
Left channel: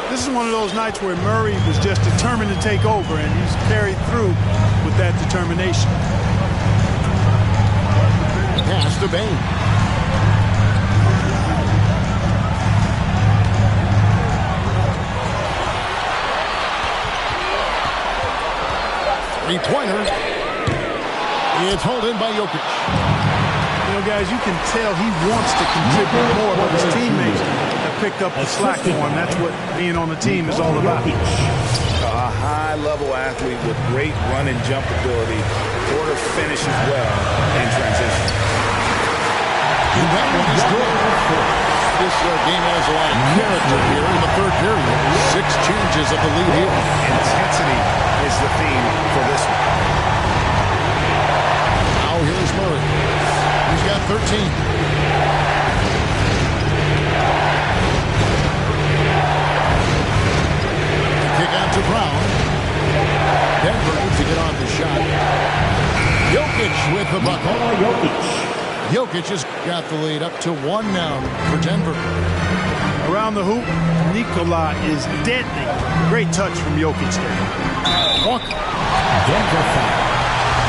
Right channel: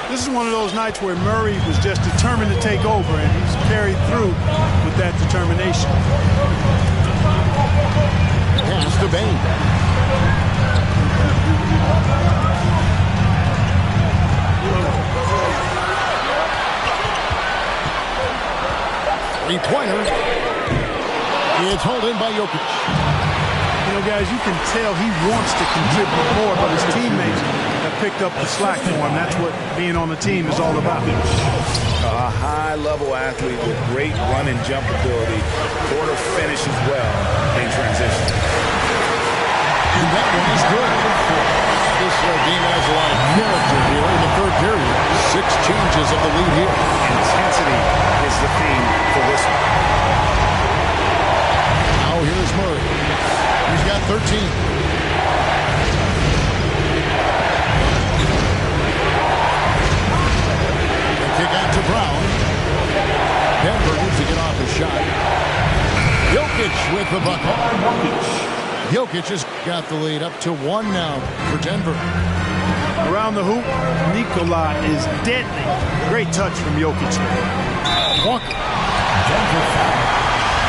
This is one of those nights where Murray was just determined to take over, and he's carried through with that determination. Pass to Bane. Three-pointer. It's hauled in by Jokic. You know, guys, you can tell he wants to contribute more, but his teammates have picked up the slack for him. That's what being on the team is all about. A high-level athlete with great run and jump ability. Porter finishes well in transition. And that one is good. This game has a lot of character here in the third period. 6 changes of the lead here. Intensity is the theme for this one. Now here's Murray. He's got 13. The kick out to Brown. Denver needs to get off the shot. Jokic with the bucket. Jokic has got the lead up to 1 now for Denver. Around the hoop, Nikola is deadly. Great touch from Jokic there. Walker. Denver foul.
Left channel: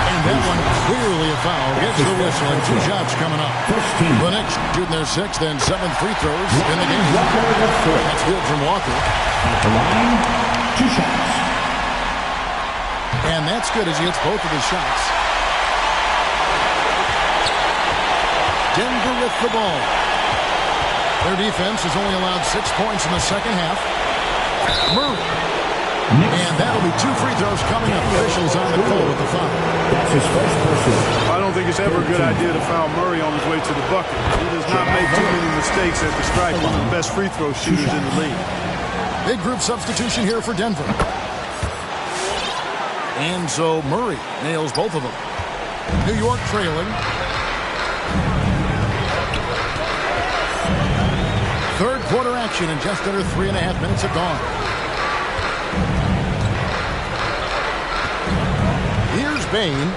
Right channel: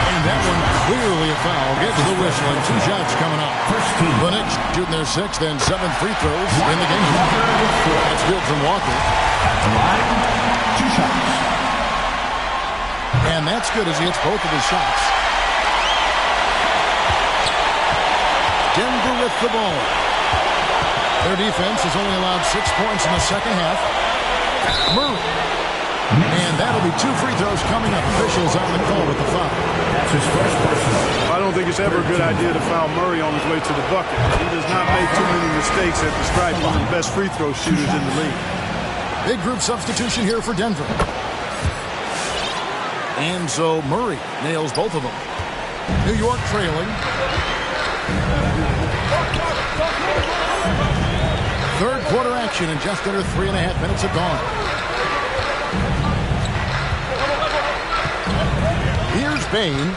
And that one clearly a foul. Gets the whistle and 2 shots coming up. First team. The Knicks shooting their 6th and 7th free throws in the game. That's good from Walker. At the line, 2 shots. And that's good as he hits both of his shots. Denver with the ball. Their defense has only allowed 6 points in the second half. Murray. And that'll be 2 free throws coming up. Officials on the call with the foul. That's his first personal. I don't think it's ever a good idea to foul Murray on his way to the bucket. He does not make too many mistakes at the stripe. One of the best free throw shooters in the league. Big group substitution here for Denver. And so Murray nails both of them. New York trailing. Third quarter action and just under 3.5 minutes have gone. Here's Bane.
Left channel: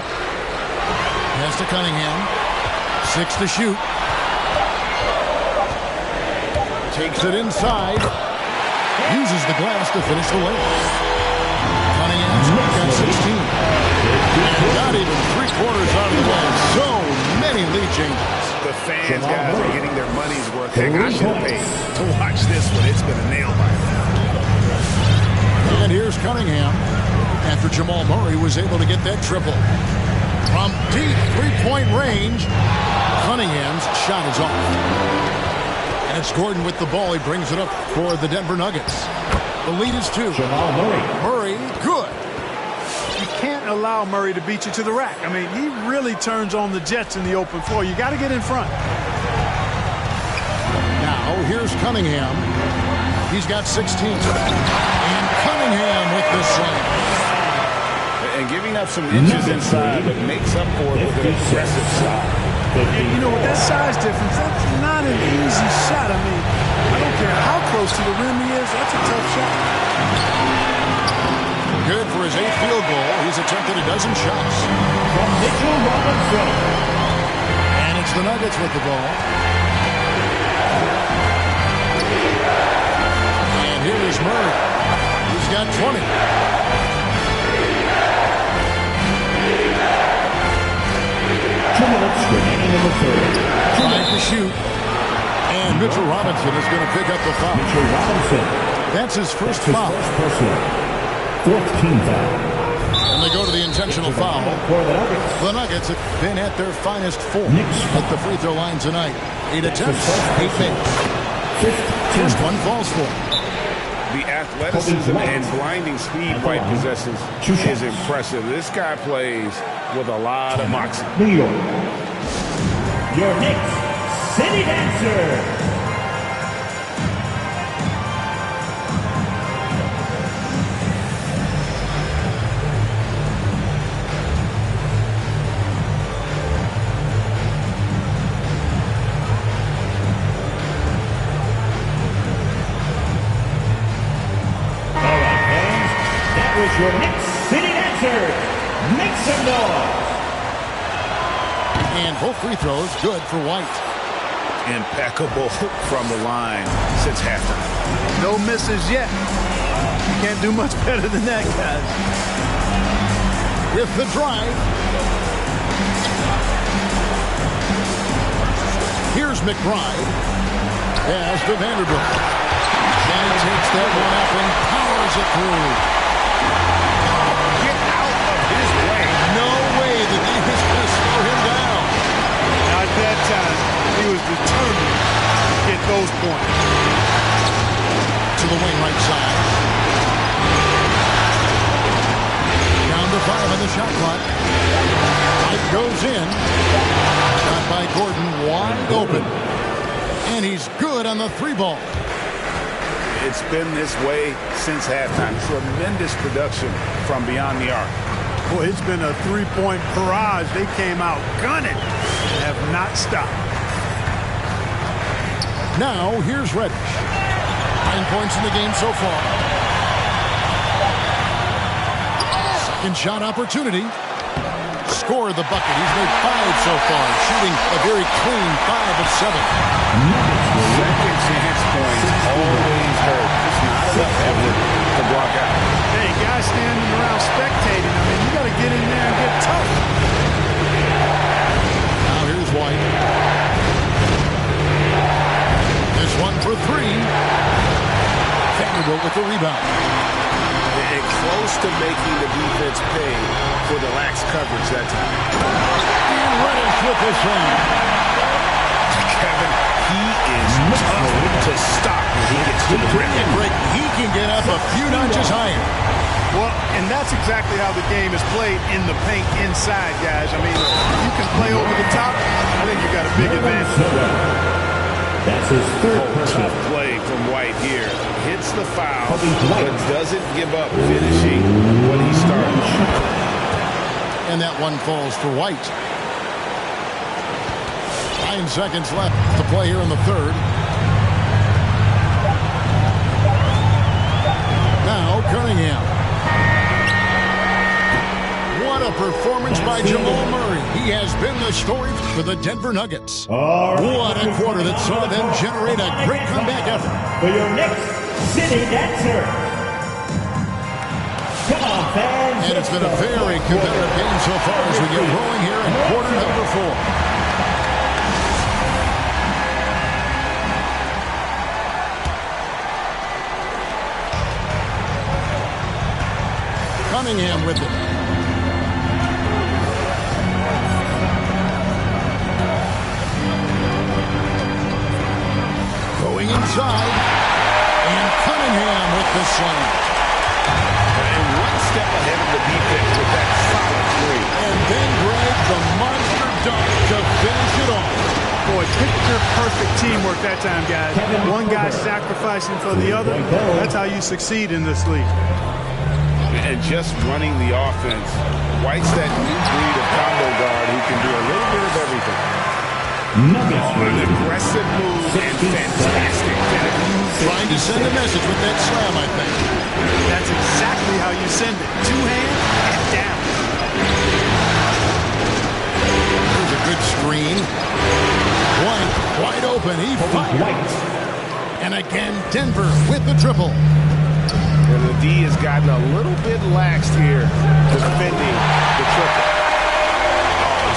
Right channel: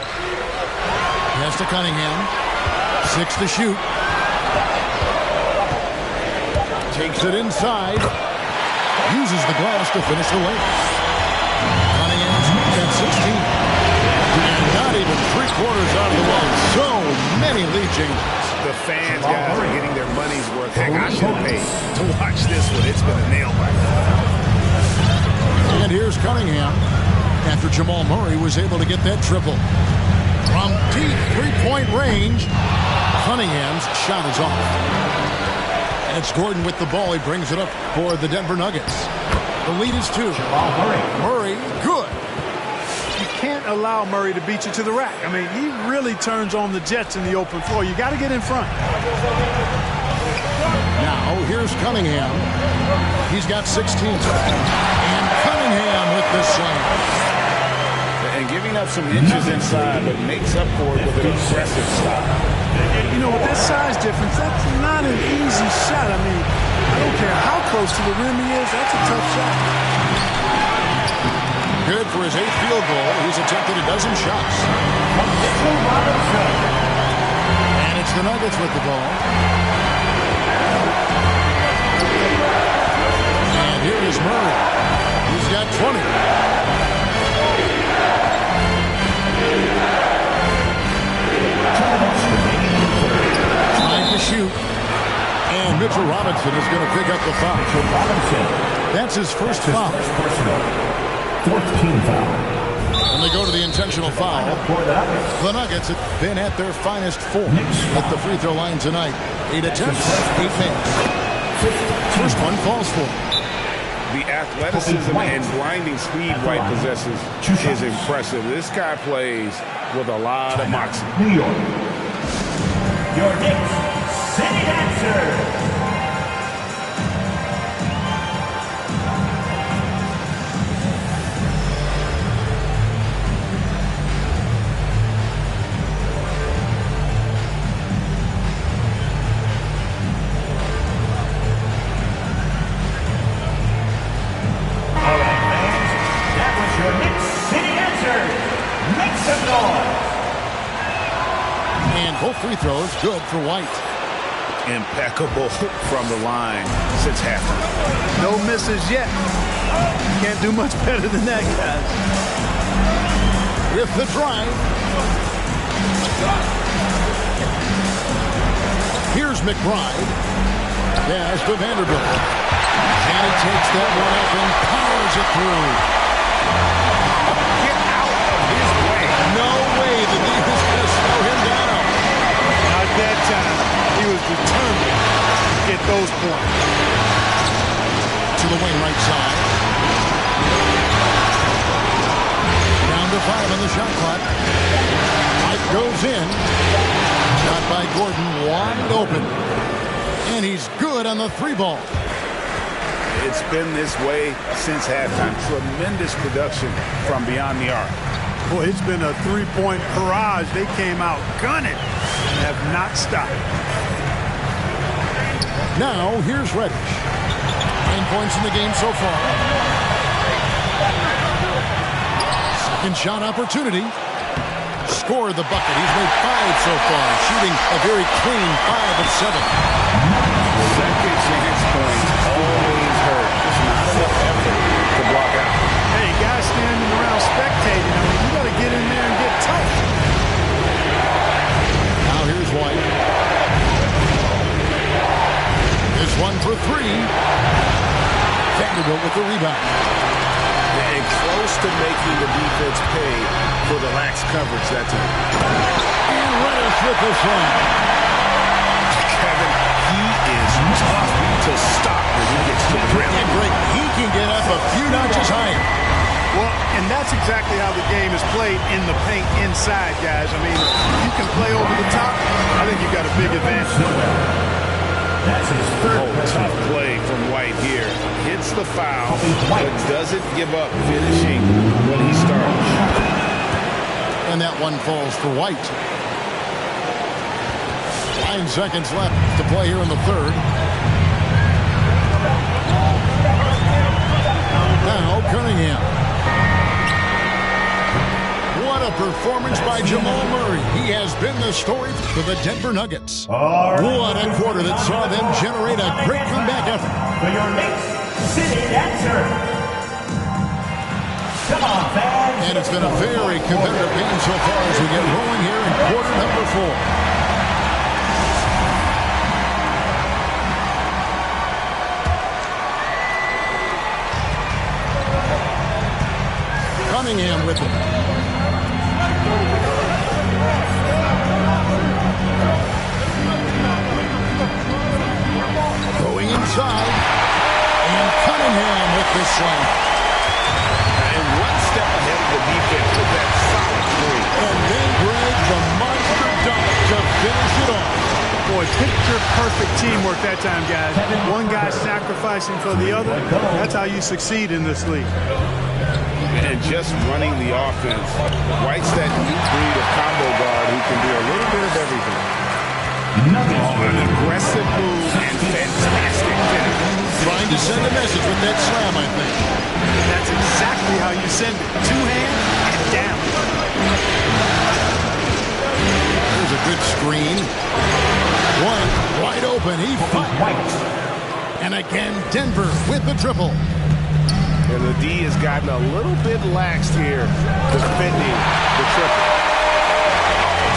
Pass to Cunningham. 6 to shoot. Takes it inside. Uses the glass to finish the layup. Cunningham's got 16. And not even 3/4 out of the way. So many lead changes. The fans, guys, are getting their money's worth. Heck, I should have paid to watch this one. It's been a nail biter. And here's Cunningham after Jamal Murray was able to get that triple. From deep three-point range, Cunningham's shot is off. And it's Gordon with the ball. He brings it up for the Denver Nuggets. The lead is 2. Jamal Murray. Murray, good. You can't allow Murray to beat you to the rack. I mean, he really turns on the Jets in the open floor. You got to get in front. Now, here's Cunningham. He's got 16. And Cunningham with the slam. And giving up some inches inside, but makes up for it with an aggressive style. You know, with that size difference, that's not an easy shot. I mean, I don't care how close to the rim he is. That's a tough shot. Good for his 8th field goal. He's attempted a dozen shots. From Mitchell Robinson. And it's the Nuggets with the ball. And here is Murray. He's got 20. 2 minutes remaining in the third. Trying to shoot. And Mitchell Robinson is going to pick up the foul. Mitchell Robinson. That's his first foul. First personal. 4th team foul. And they go to the intentional foul. For the Nuggets. The Nuggets have been at their finest 4 at the free throw line tonight. 8 attempts, 8 makes. First one falls for him. The athleticism and blinding speed White possesses is impressive. This guy plays with a lot of moxie. New York. Your Knicks City Dancer. Your Knicks City Dancers, make some noise. And both free throws good for White. Impeccable from the line since halftime. No misses yet. You can't do much better than that, guys. With the drive. Here's McBride. Pass to Vanderbilt. And he takes that one up and powers it through. His way. No way that he was going to slow him down. Not that time. He was determined to get those points. To the wing right side. Down to 5 on the shot clock. White goes in. Shot by Gordon wide open. And he's good on the 3 ball. It's been this way since halftime. Tremendous production from beyond the arc. Boy, it's been a 3-point barrage. They came out gunning and have not stopped. Now, here's Reddish. 9 points in the game so far. Second shot opportunity. Scored the bucket. He's made 5 so far, shooting a very clean 5 of 7. Second chance points always hurt. Just not enough effort to block out. Hey, guys standing around spectating. I mean, you got to get in there and get tough. Now here's White. This one for 3. Vanderbilt with the rebound. And close to making the defense pay for the lax coverage that time. And Reddish with the slam. Kevin, he is tough to stop when he gets to the rim. And Greg, he can get up a few notches higher. Well, and that's exactly how the game is played in the paint inside, guys. I mean, if you can play over the top, I think you've got a big advantage. That's his third. Tough play from White here. Hits the foul, but doesn't give up finishing what he started. And that one falls for White. 9 seconds left to play here in the third. Now Cunningham. What a performance by Jamal Murray. He has been the story for the Denver Nuggets. What a quarter that saw them generate a great comeback effort. For your Knicks City Dancer. Come on, fans. And it's been a very competitive game so far as we get rolling here in quarter number 4. Cunningham with it. Going inside. And Cunningham with the slam. And one step ahead of the defense with that solid screen. And then Greg, the monster dunk to finish it off. Boy, picture-perfect teamwork that time, guys. One guy sacrificing for the other. That's how you succeed in this league. And just running the offense, White's that new breed of combo guard who can do a little bit of everything. An aggressive move and fantastic finish. Trying to send a message with that slam, I think. That's exactly how you send it. Two hands and down. There's a good screen. White, wide open. He fires. And again, Denver with the triple. And the D has gotten a little bit laxed here defending the triple.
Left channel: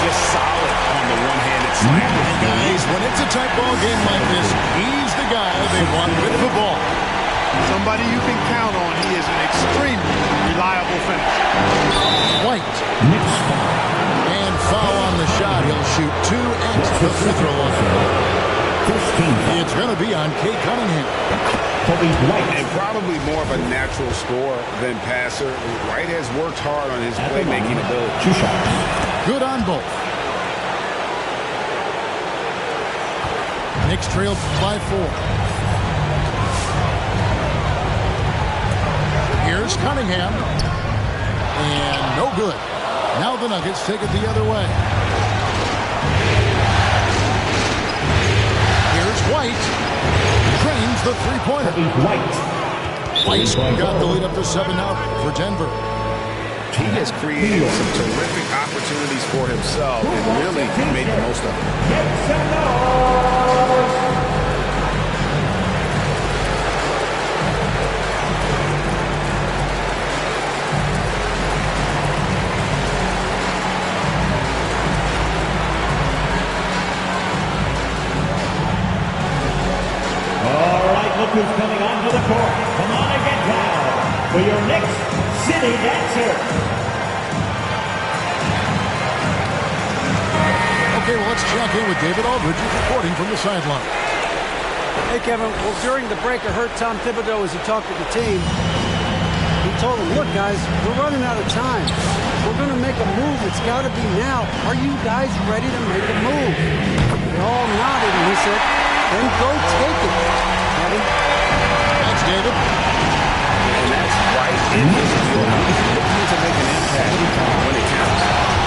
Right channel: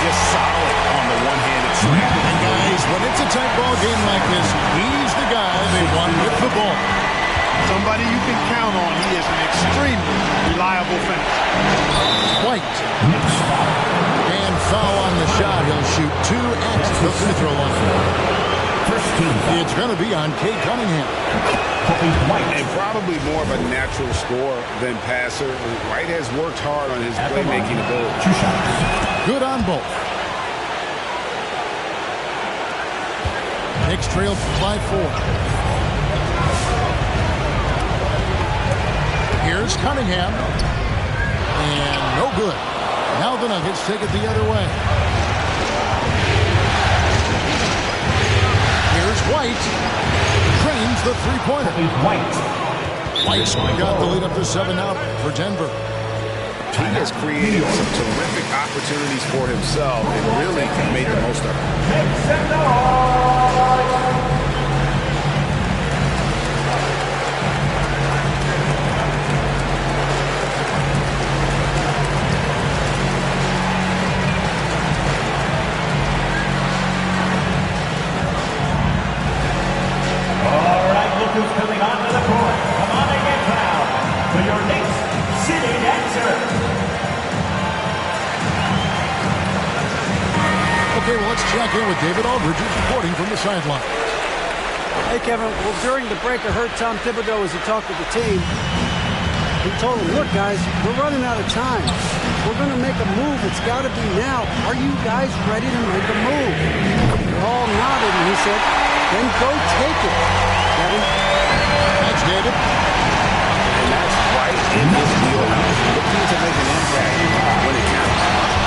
Just solid on the one-handed slam. And guys, when it's a tight ball game like this, he's the guy they want with the ball. Somebody you can count on. He is an extremely reliable finisher. White. Knicks foul. And foul on the shot. He'll shoot 2 at the free throw line. First team foul. It's going to be on Kate Cunningham. White. And probably more of a natural scorer than passer. White has worked hard on his playmaking ability. 2 shots. Good on both. Knicks trail by 4. Here's Cunningham. And no good. Now the Nuggets take it the other way. Here's White. Drains the three-pointer. White got the lead up to 7 now for Denver. He has created some terrific opportunities for himself and really made the most of them. Who's coming onto the court. Come on and get down for your Knicks City Dancer. Okay, well, let's check in with David Aldridge, who's reporting from the sideline. Hey, Kevin. Well, during the break, I heard Tom Thibodeau as he talked with the team. He told them, look, guys, we're running out of time. We're going to make a move. It's got to be now. Are you guys ready to make a move? They all nodded, and he said, then go take it. Kevin? Thanks, David. And that's right in his wheelhouse. Looking to make an impact when it counts.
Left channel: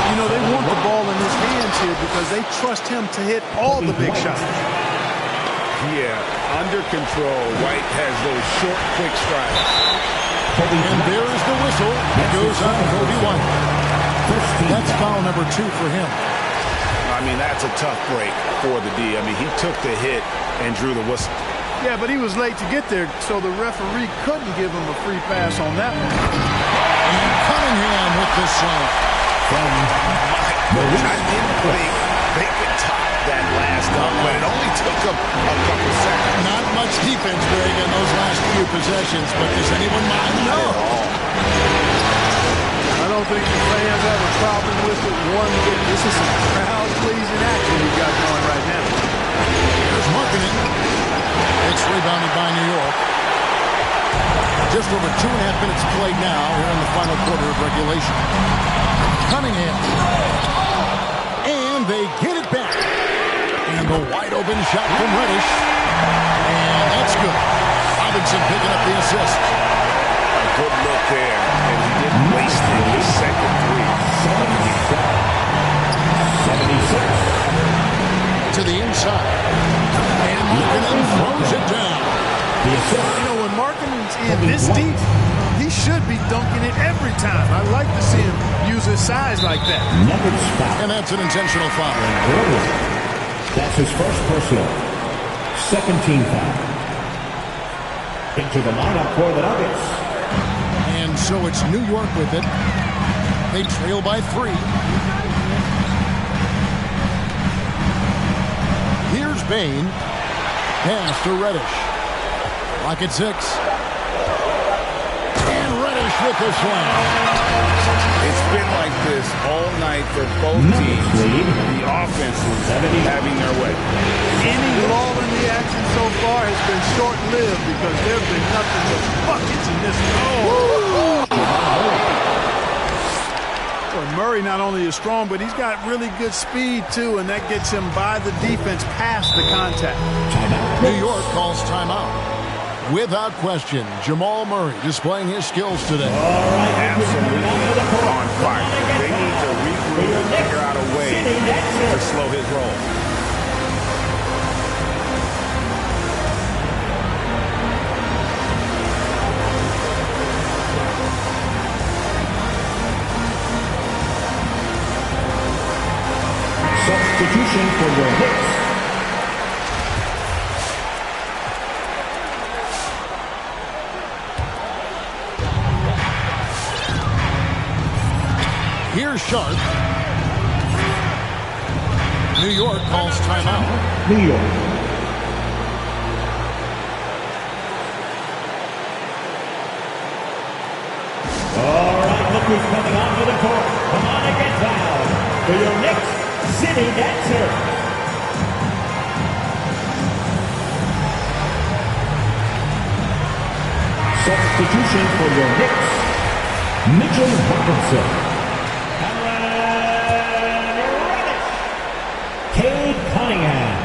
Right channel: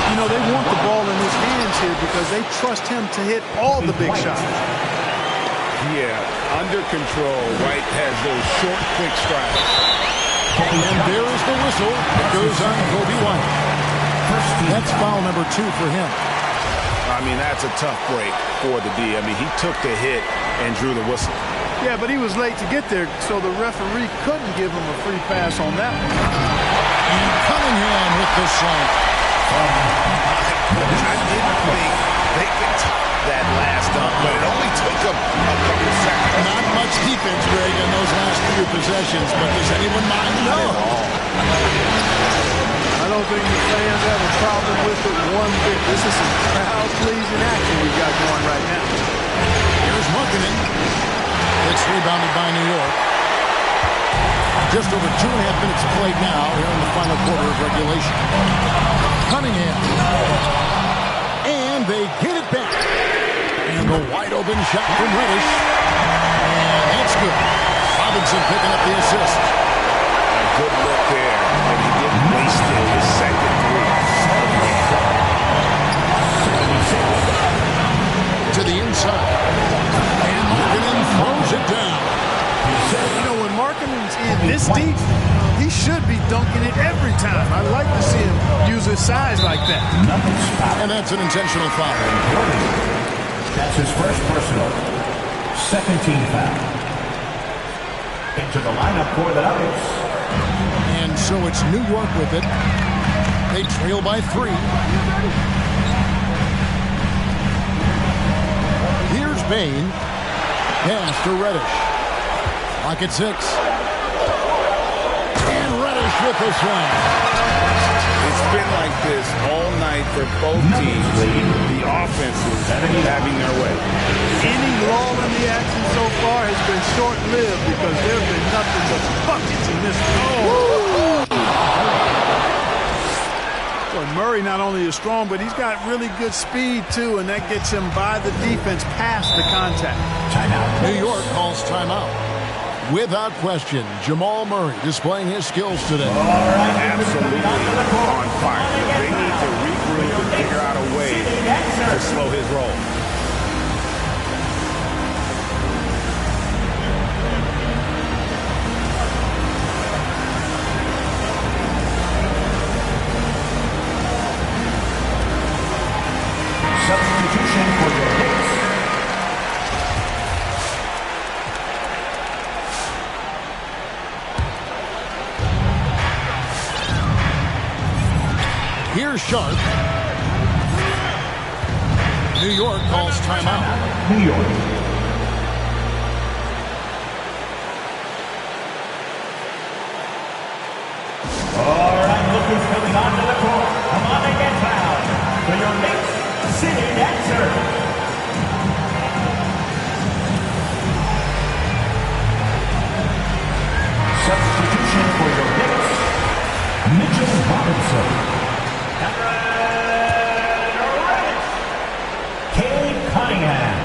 You know, they want the ball in his hands here because they trust him to hit all the big shots. Yeah, under control. White has those short, quick strides. And there is the whistle. It goes on Kobe White. That's foul number 2 for him. I mean, that's a tough break for the D. I mean, he took the hit and drew the whistle. Yeah, but he was late to get there, so the referee couldn't give him a free pass on that one. And Cunningham with the slam. My goodness, I didn't think they could top that last dunk, but it only took them a couple seconds. Not much defense, Greg, in those last few possessions, but does anyone mind? No. I don't think the fans have a problem with it one bit. This is some crowd-pleasing action we've got going right now. Here's Markkanen. It's rebounded by New York. Just over 2.5 minutes played now here in the final quarter of regulation. Cunningham. And they get it back. And the wide open shot from Reddish. And that's good. Robinson picking up the assist. A good look there. And he didn't waste it. His second 3 of the game. 76. To the inside. And Markkanen throws it down. You know, when Markkanen's in this deep, he should be dunking it every time. I like to see him use his size like that. And that's an intentional foul. That's his first personal. Second team foul. Into the lineup for the Nuggets. And so it's New York with it. They trail by 3. Here's Bain. Pass to Reddish. Clock at 6. And Reddish with the slam. It's been like this all night for both teams. The offenses having their way. Any lull in the action so far has been short-lived because there have been nothing but buckets in this one. Boy, Murray not only is strong, but he's got really good speed, too, and that gets him by the defense past the contact. Timeout. New York calls timeout. Without question, Jamal Murray displaying his skills today. Absolutely on fire. They need to regroup and figure out a way to slow his roll. Substitution for your Knicks. Here's Sharp. New York calls timeout. New York. All right, look who's coming onto the court. Come on and get fouled for your Knicks City Dancer. Substitution for your Knicks. Mitchell Robinson. Cunningham.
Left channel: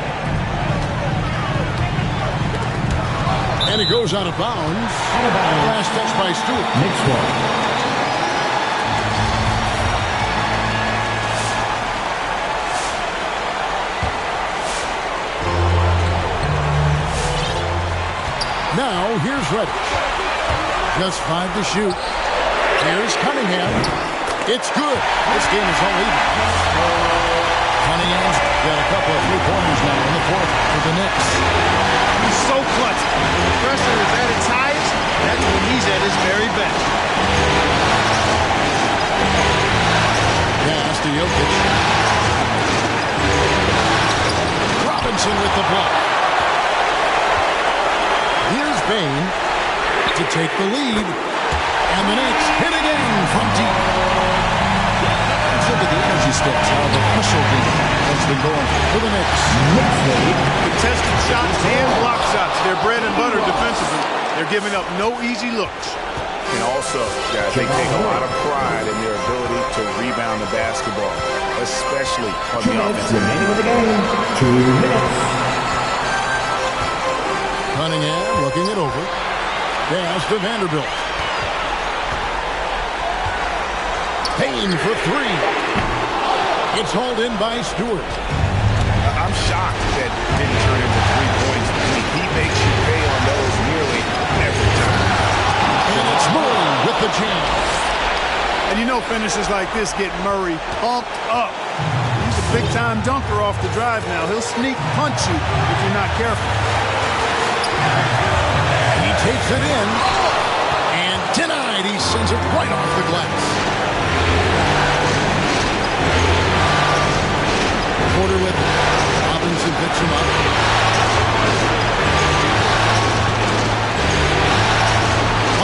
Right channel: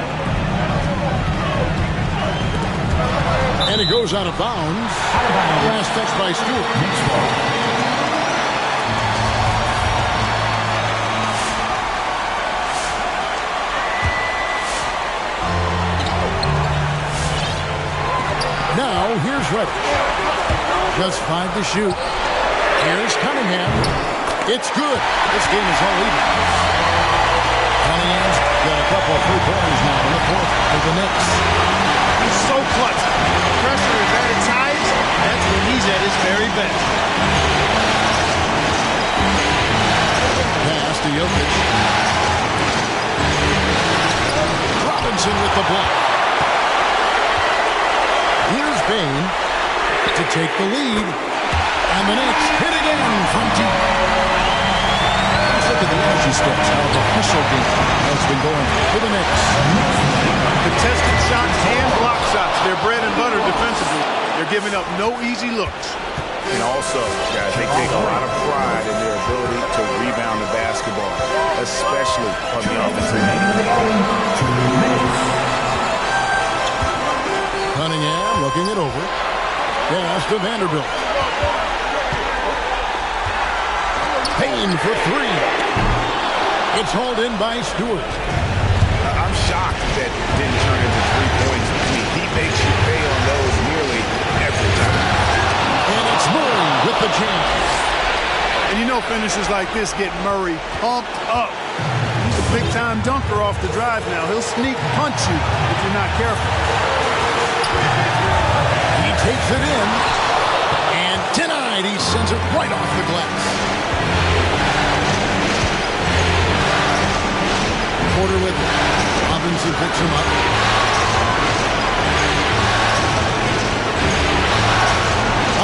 And it goes out of bounds. Out of bounds. Last touch by Stewart. Knicks ball. Now here's Reddish. Just 5 to shoot. Here's Cunningham. It's good. This game is all even. Cunningham's got a couple of three-pointers now in the fourth for the Knicks. He's so clutch. When the pressure is at its highest, that's when he's at his very best. Pass to Jokic. Robinson with the block. Here's Bane to take the lead. And the Knicks hit again from deep. Let's look at the energy stats, how the hustle game has been going for the Knicks. Contested shots and block shots. They're bread and butter defensively. They're giving up no easy looks. And also, guys, they take a lot of pride in their ability to rebound the basketball, especially on the offensive end. Remaining in the game, 2 minutes. Cunningham looking it over. Pass to Vanderbilt. Payne for 3. It's hauled in by Stewart. I'm shocked that didn't turn into 3 points. I mean, he makes you pay on those nearly every time. And it's Murray with the jam. And you know finishes like this get Murray pumped up. He's a big-time dunker off the drive now. He'll sneak punch you if you're not careful. He takes it in. And denied. He sends it right off the glass. Porter with it. Robinson picks him up.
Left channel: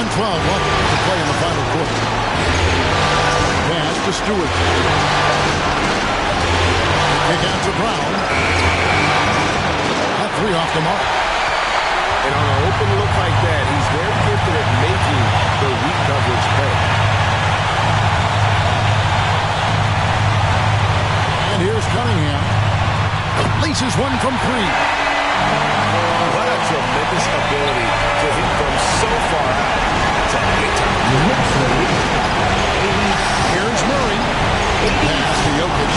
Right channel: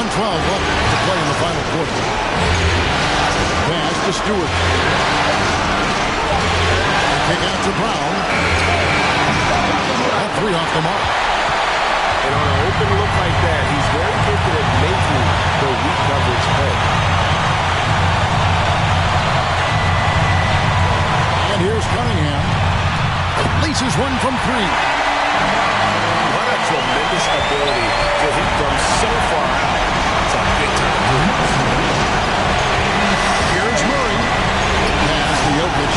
On 12 left to play in the final quarter. Pass to Stewart. Kick out to Brown. That 3 off the mark. And on an open look like that, he's very gifted at making the weak coverage pay. And here's Cunningham. Laces one from 3. What a tremendous ability to hit from so far out. It's a big time. Here's Murray. Pass to Jokic.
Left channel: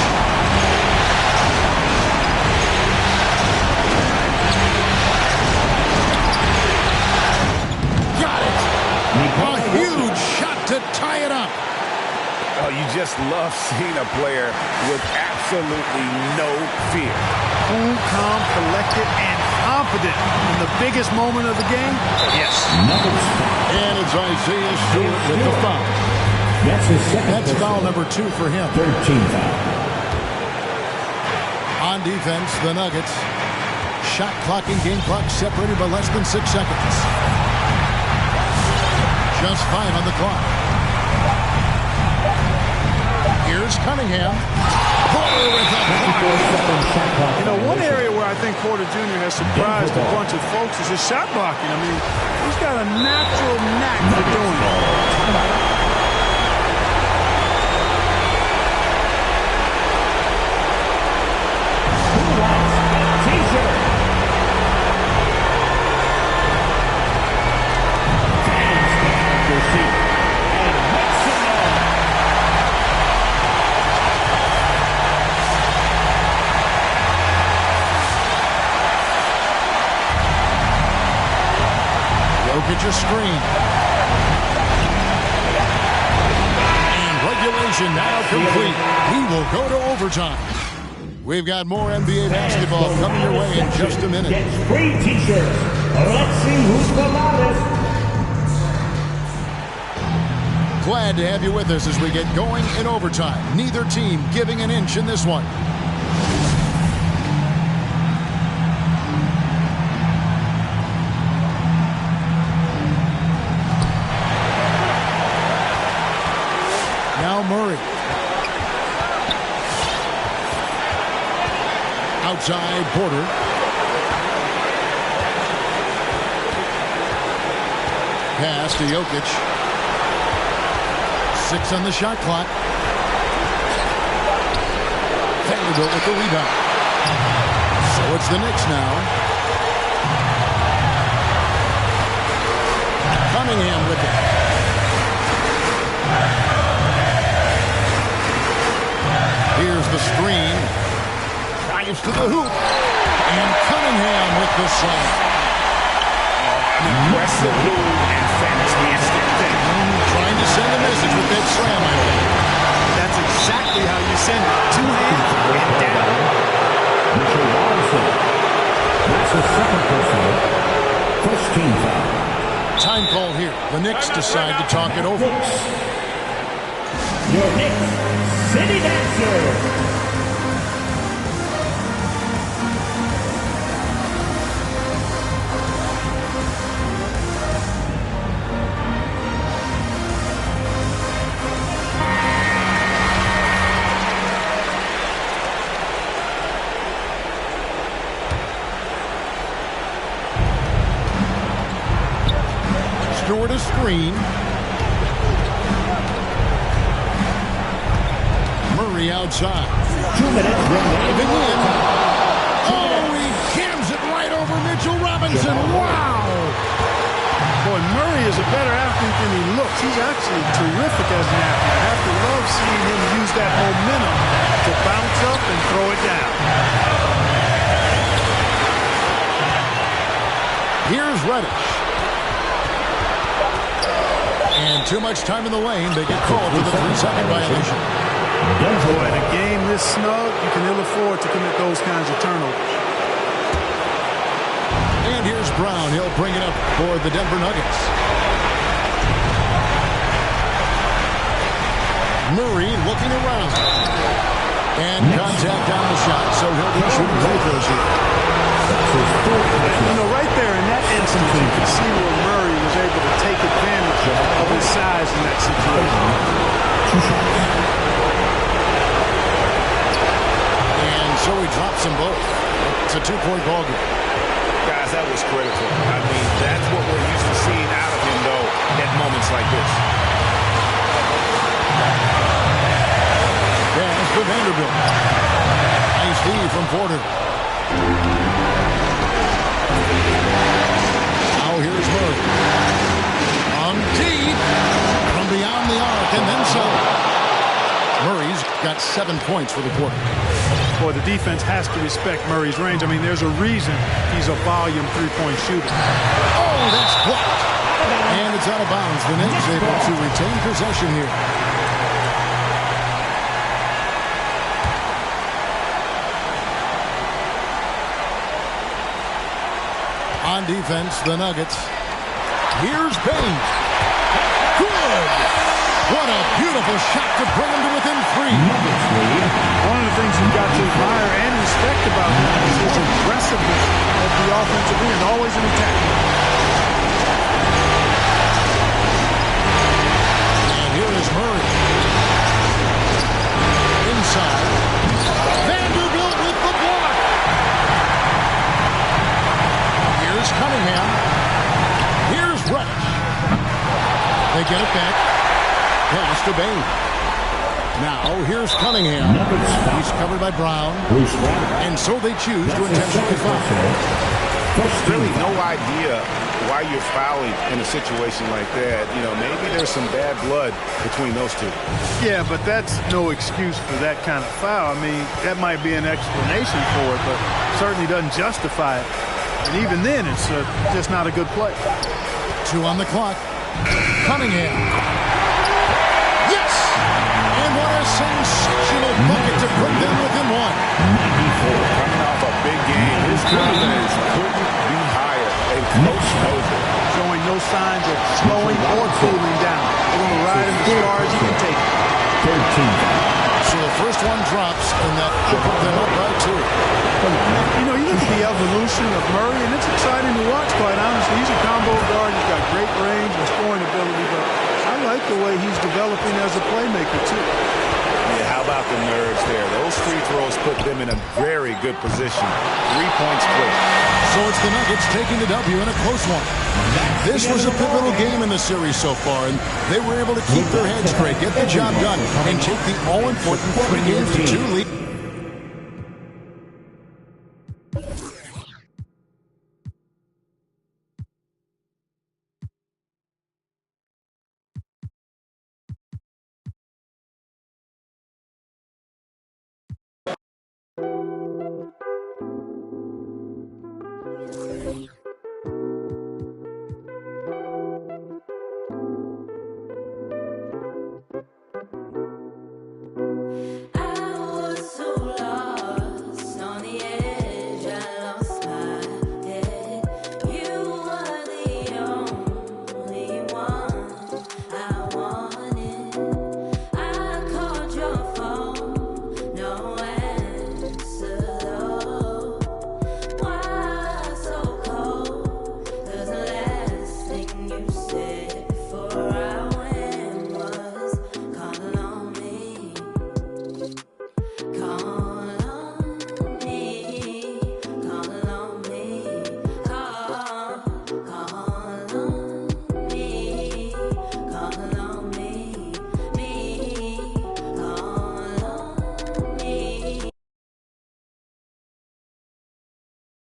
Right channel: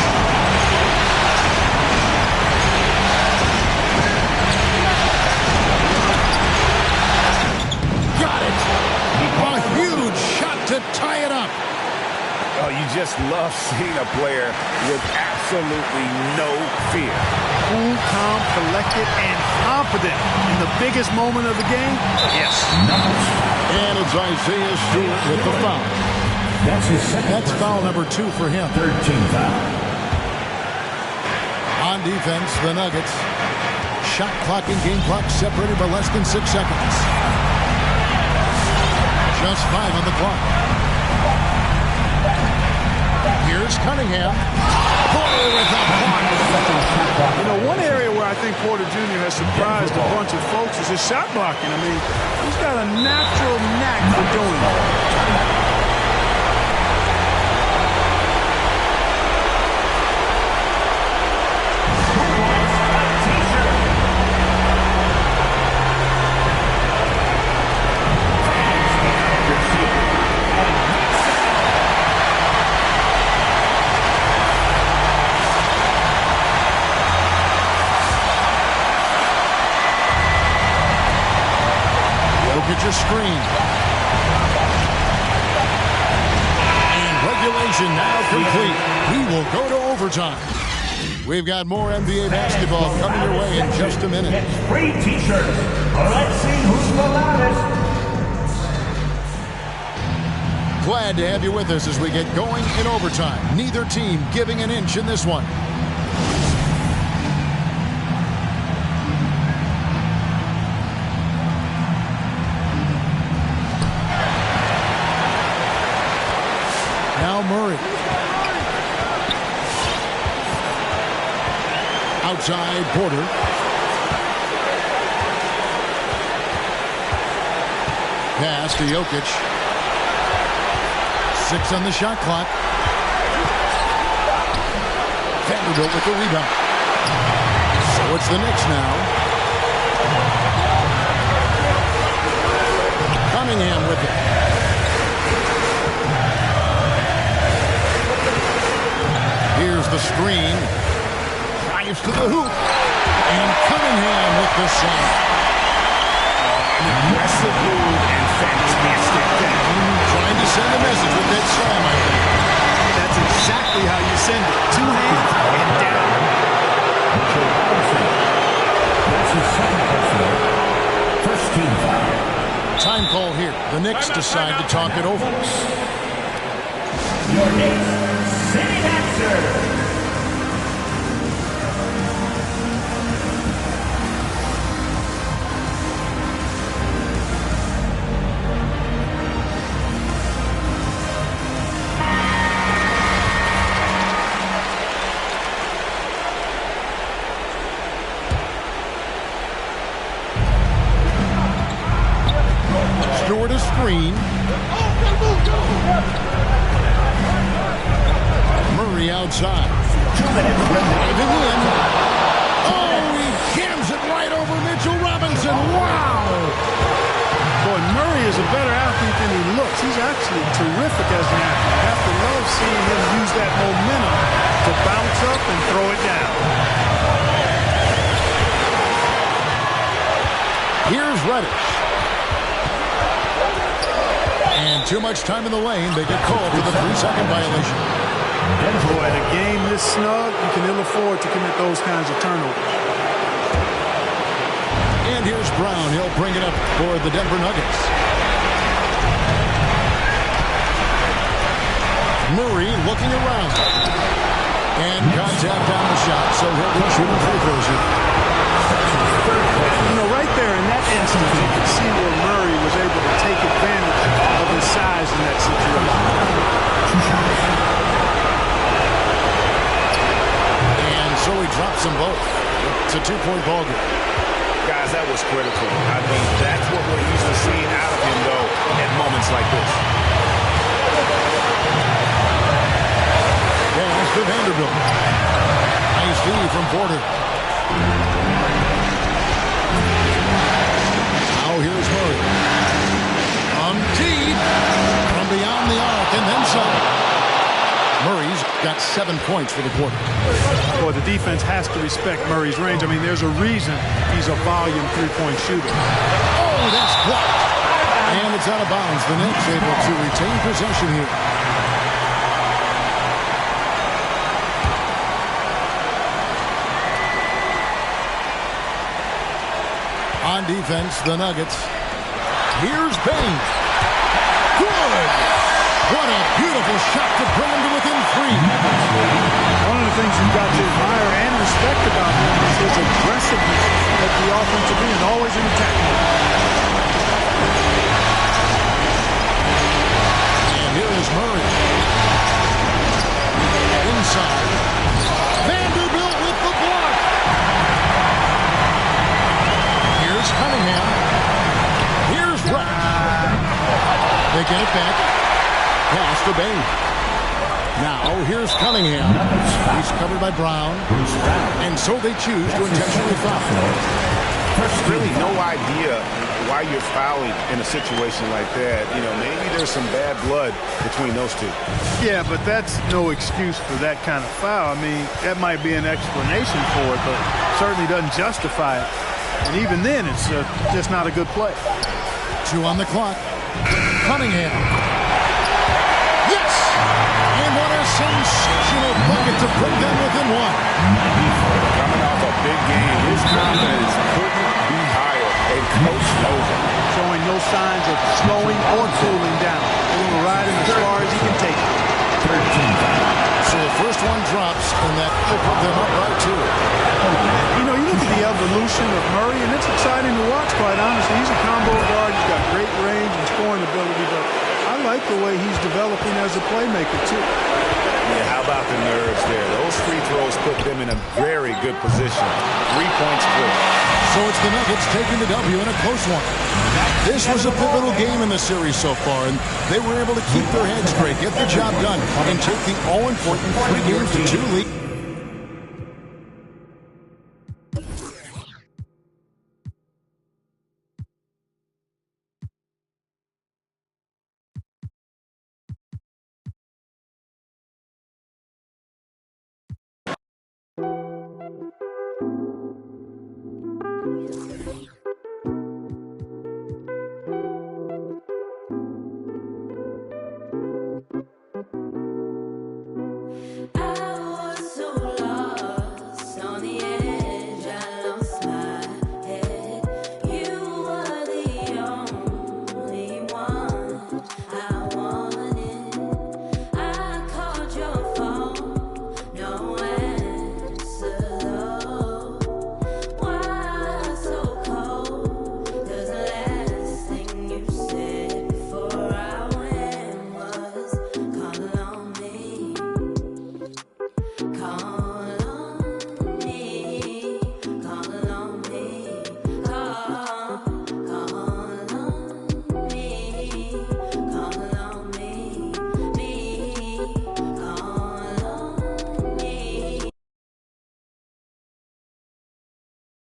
Got it. A huge shot to tie it up. Oh, you just love seeing a player with absolutely no fear. Cool, calm, collected, and confident in the biggest moment of the game. Yes. And it's Isaiah Stewart with the foul. That's his second. That's foul number 2 for him. 3rd team foul. On defense, the Nuggets. Shot clock and game clock separated by less than 6 seconds. Just 5 on the clock. Here's Cunningham. Porter with a block. You know, one area where I think Porter Jr. has surprised a bunch of folks is his shot blocking. I mean, he's got a natural knack for doing it. Jokic a screen. And regulation now complete. We will go to overtime. We've got more NBA basketball coming your way in just a minute. Gets free t-shirts. Let's see who's the loudest. Glad to have you with us as we get going in overtime. Neither team giving an inch in this one. Now Murray. Outside Porter. Pass to Jokic. 6 on the shot clock. Vanderbilt with the rebound. So it's the Knicks now. Cunningham with it. Here's the screen. Drives to the hoop. And Cunningham with the slam. An aggressive move and fantastic finish. Trying to send a message with that slam, I think. That's exactly how you send it. 2 hands and down. Mitchell Robinson. That's his second personal. First team foul. Time call here. The Knicks decide to talk it over. Your Knicks City Dancer. Stewart a screen. Murray outside. 2 minutes. Driving in. Oh, he jams it right over Mitchell Robinson. Wow. Boy, Murray is a better athlete than he looks. He's actually terrific as an athlete. I have to love seeing him use that momentum to bounce up and throw it down. Here's Reddish. And too much time in the lane. They get called for the 3-second violation. Boy, in a game this snug, you can ill afford to commit those kinds of turnovers. And here's Brown. He'll bring it up for the Denver Nuggets. Murray looking around. And contact on the shot, so he'll be shooting free throws here. You know, right there in that instance, you could see where Murray was able to take advantage of his size in that situation. And so he drops them both. It's a 2-point ball game. Guys, that was critical. I mean, that's what we're used to seeing out of him, though, at moments like this. Pass to Vanderbilt. Nice D from Porter. Now here's Murray. Deep. From beyond the arc and then some. Murray's got 7 points for the quarter. Boy, the defense has to respect Murray's range. I mean, there's a reason he's a volume 3-point shooter. Oh, that's blocked. And it's out of bounds. The Knicks able to retain possession here. On defense, the Nuggets. Here's Bain. Good. What a beautiful shot to bring him to within 3. One of the things you've got to admire and respect about him is his aggressiveness at the offensive end, always in attack. And here is Murray. inside. Vanderbilt with the block. Here's Cunningham. Here's Reich. They get it back. Pass to Bain. Now, here's Cunningham. He's covered by Brown. And so they choose to intentionally foul. Really no idea why you're fouling in a situation like that. You know, maybe there's some bad blood between those two. Yeah, but that's no excuse for that kind of foul. I mean, that might be an explanation for it, but certainly doesn't justify it. And even then, it's just not a good play. 2 on the clock. Cunningham. Yes! And what a sensational bucket to put them within 1. Coming off a big game, his confidence couldn't be higher, and Coach knows it. Showing no signs of slowing or cooling down. They're going to ride him as far as he can take it. 13. So the first one drops, and that will put them up by 2. You know, you look at the evolution of Murray, and it's exciting to watch, quite honestly. He's a combo guard. He's got great range and scoring ability, but I like the way he's developing as a playmaker, too. Yeah, how about the nerves there? Those free throws put them in a very good position. 3 points clear. So it's the Nuggets taking the W in a close one. This was a pivotal game in the series so far, and they were able to keep their heads straight, get the job done, and take the all-important 3 games to 2 lead.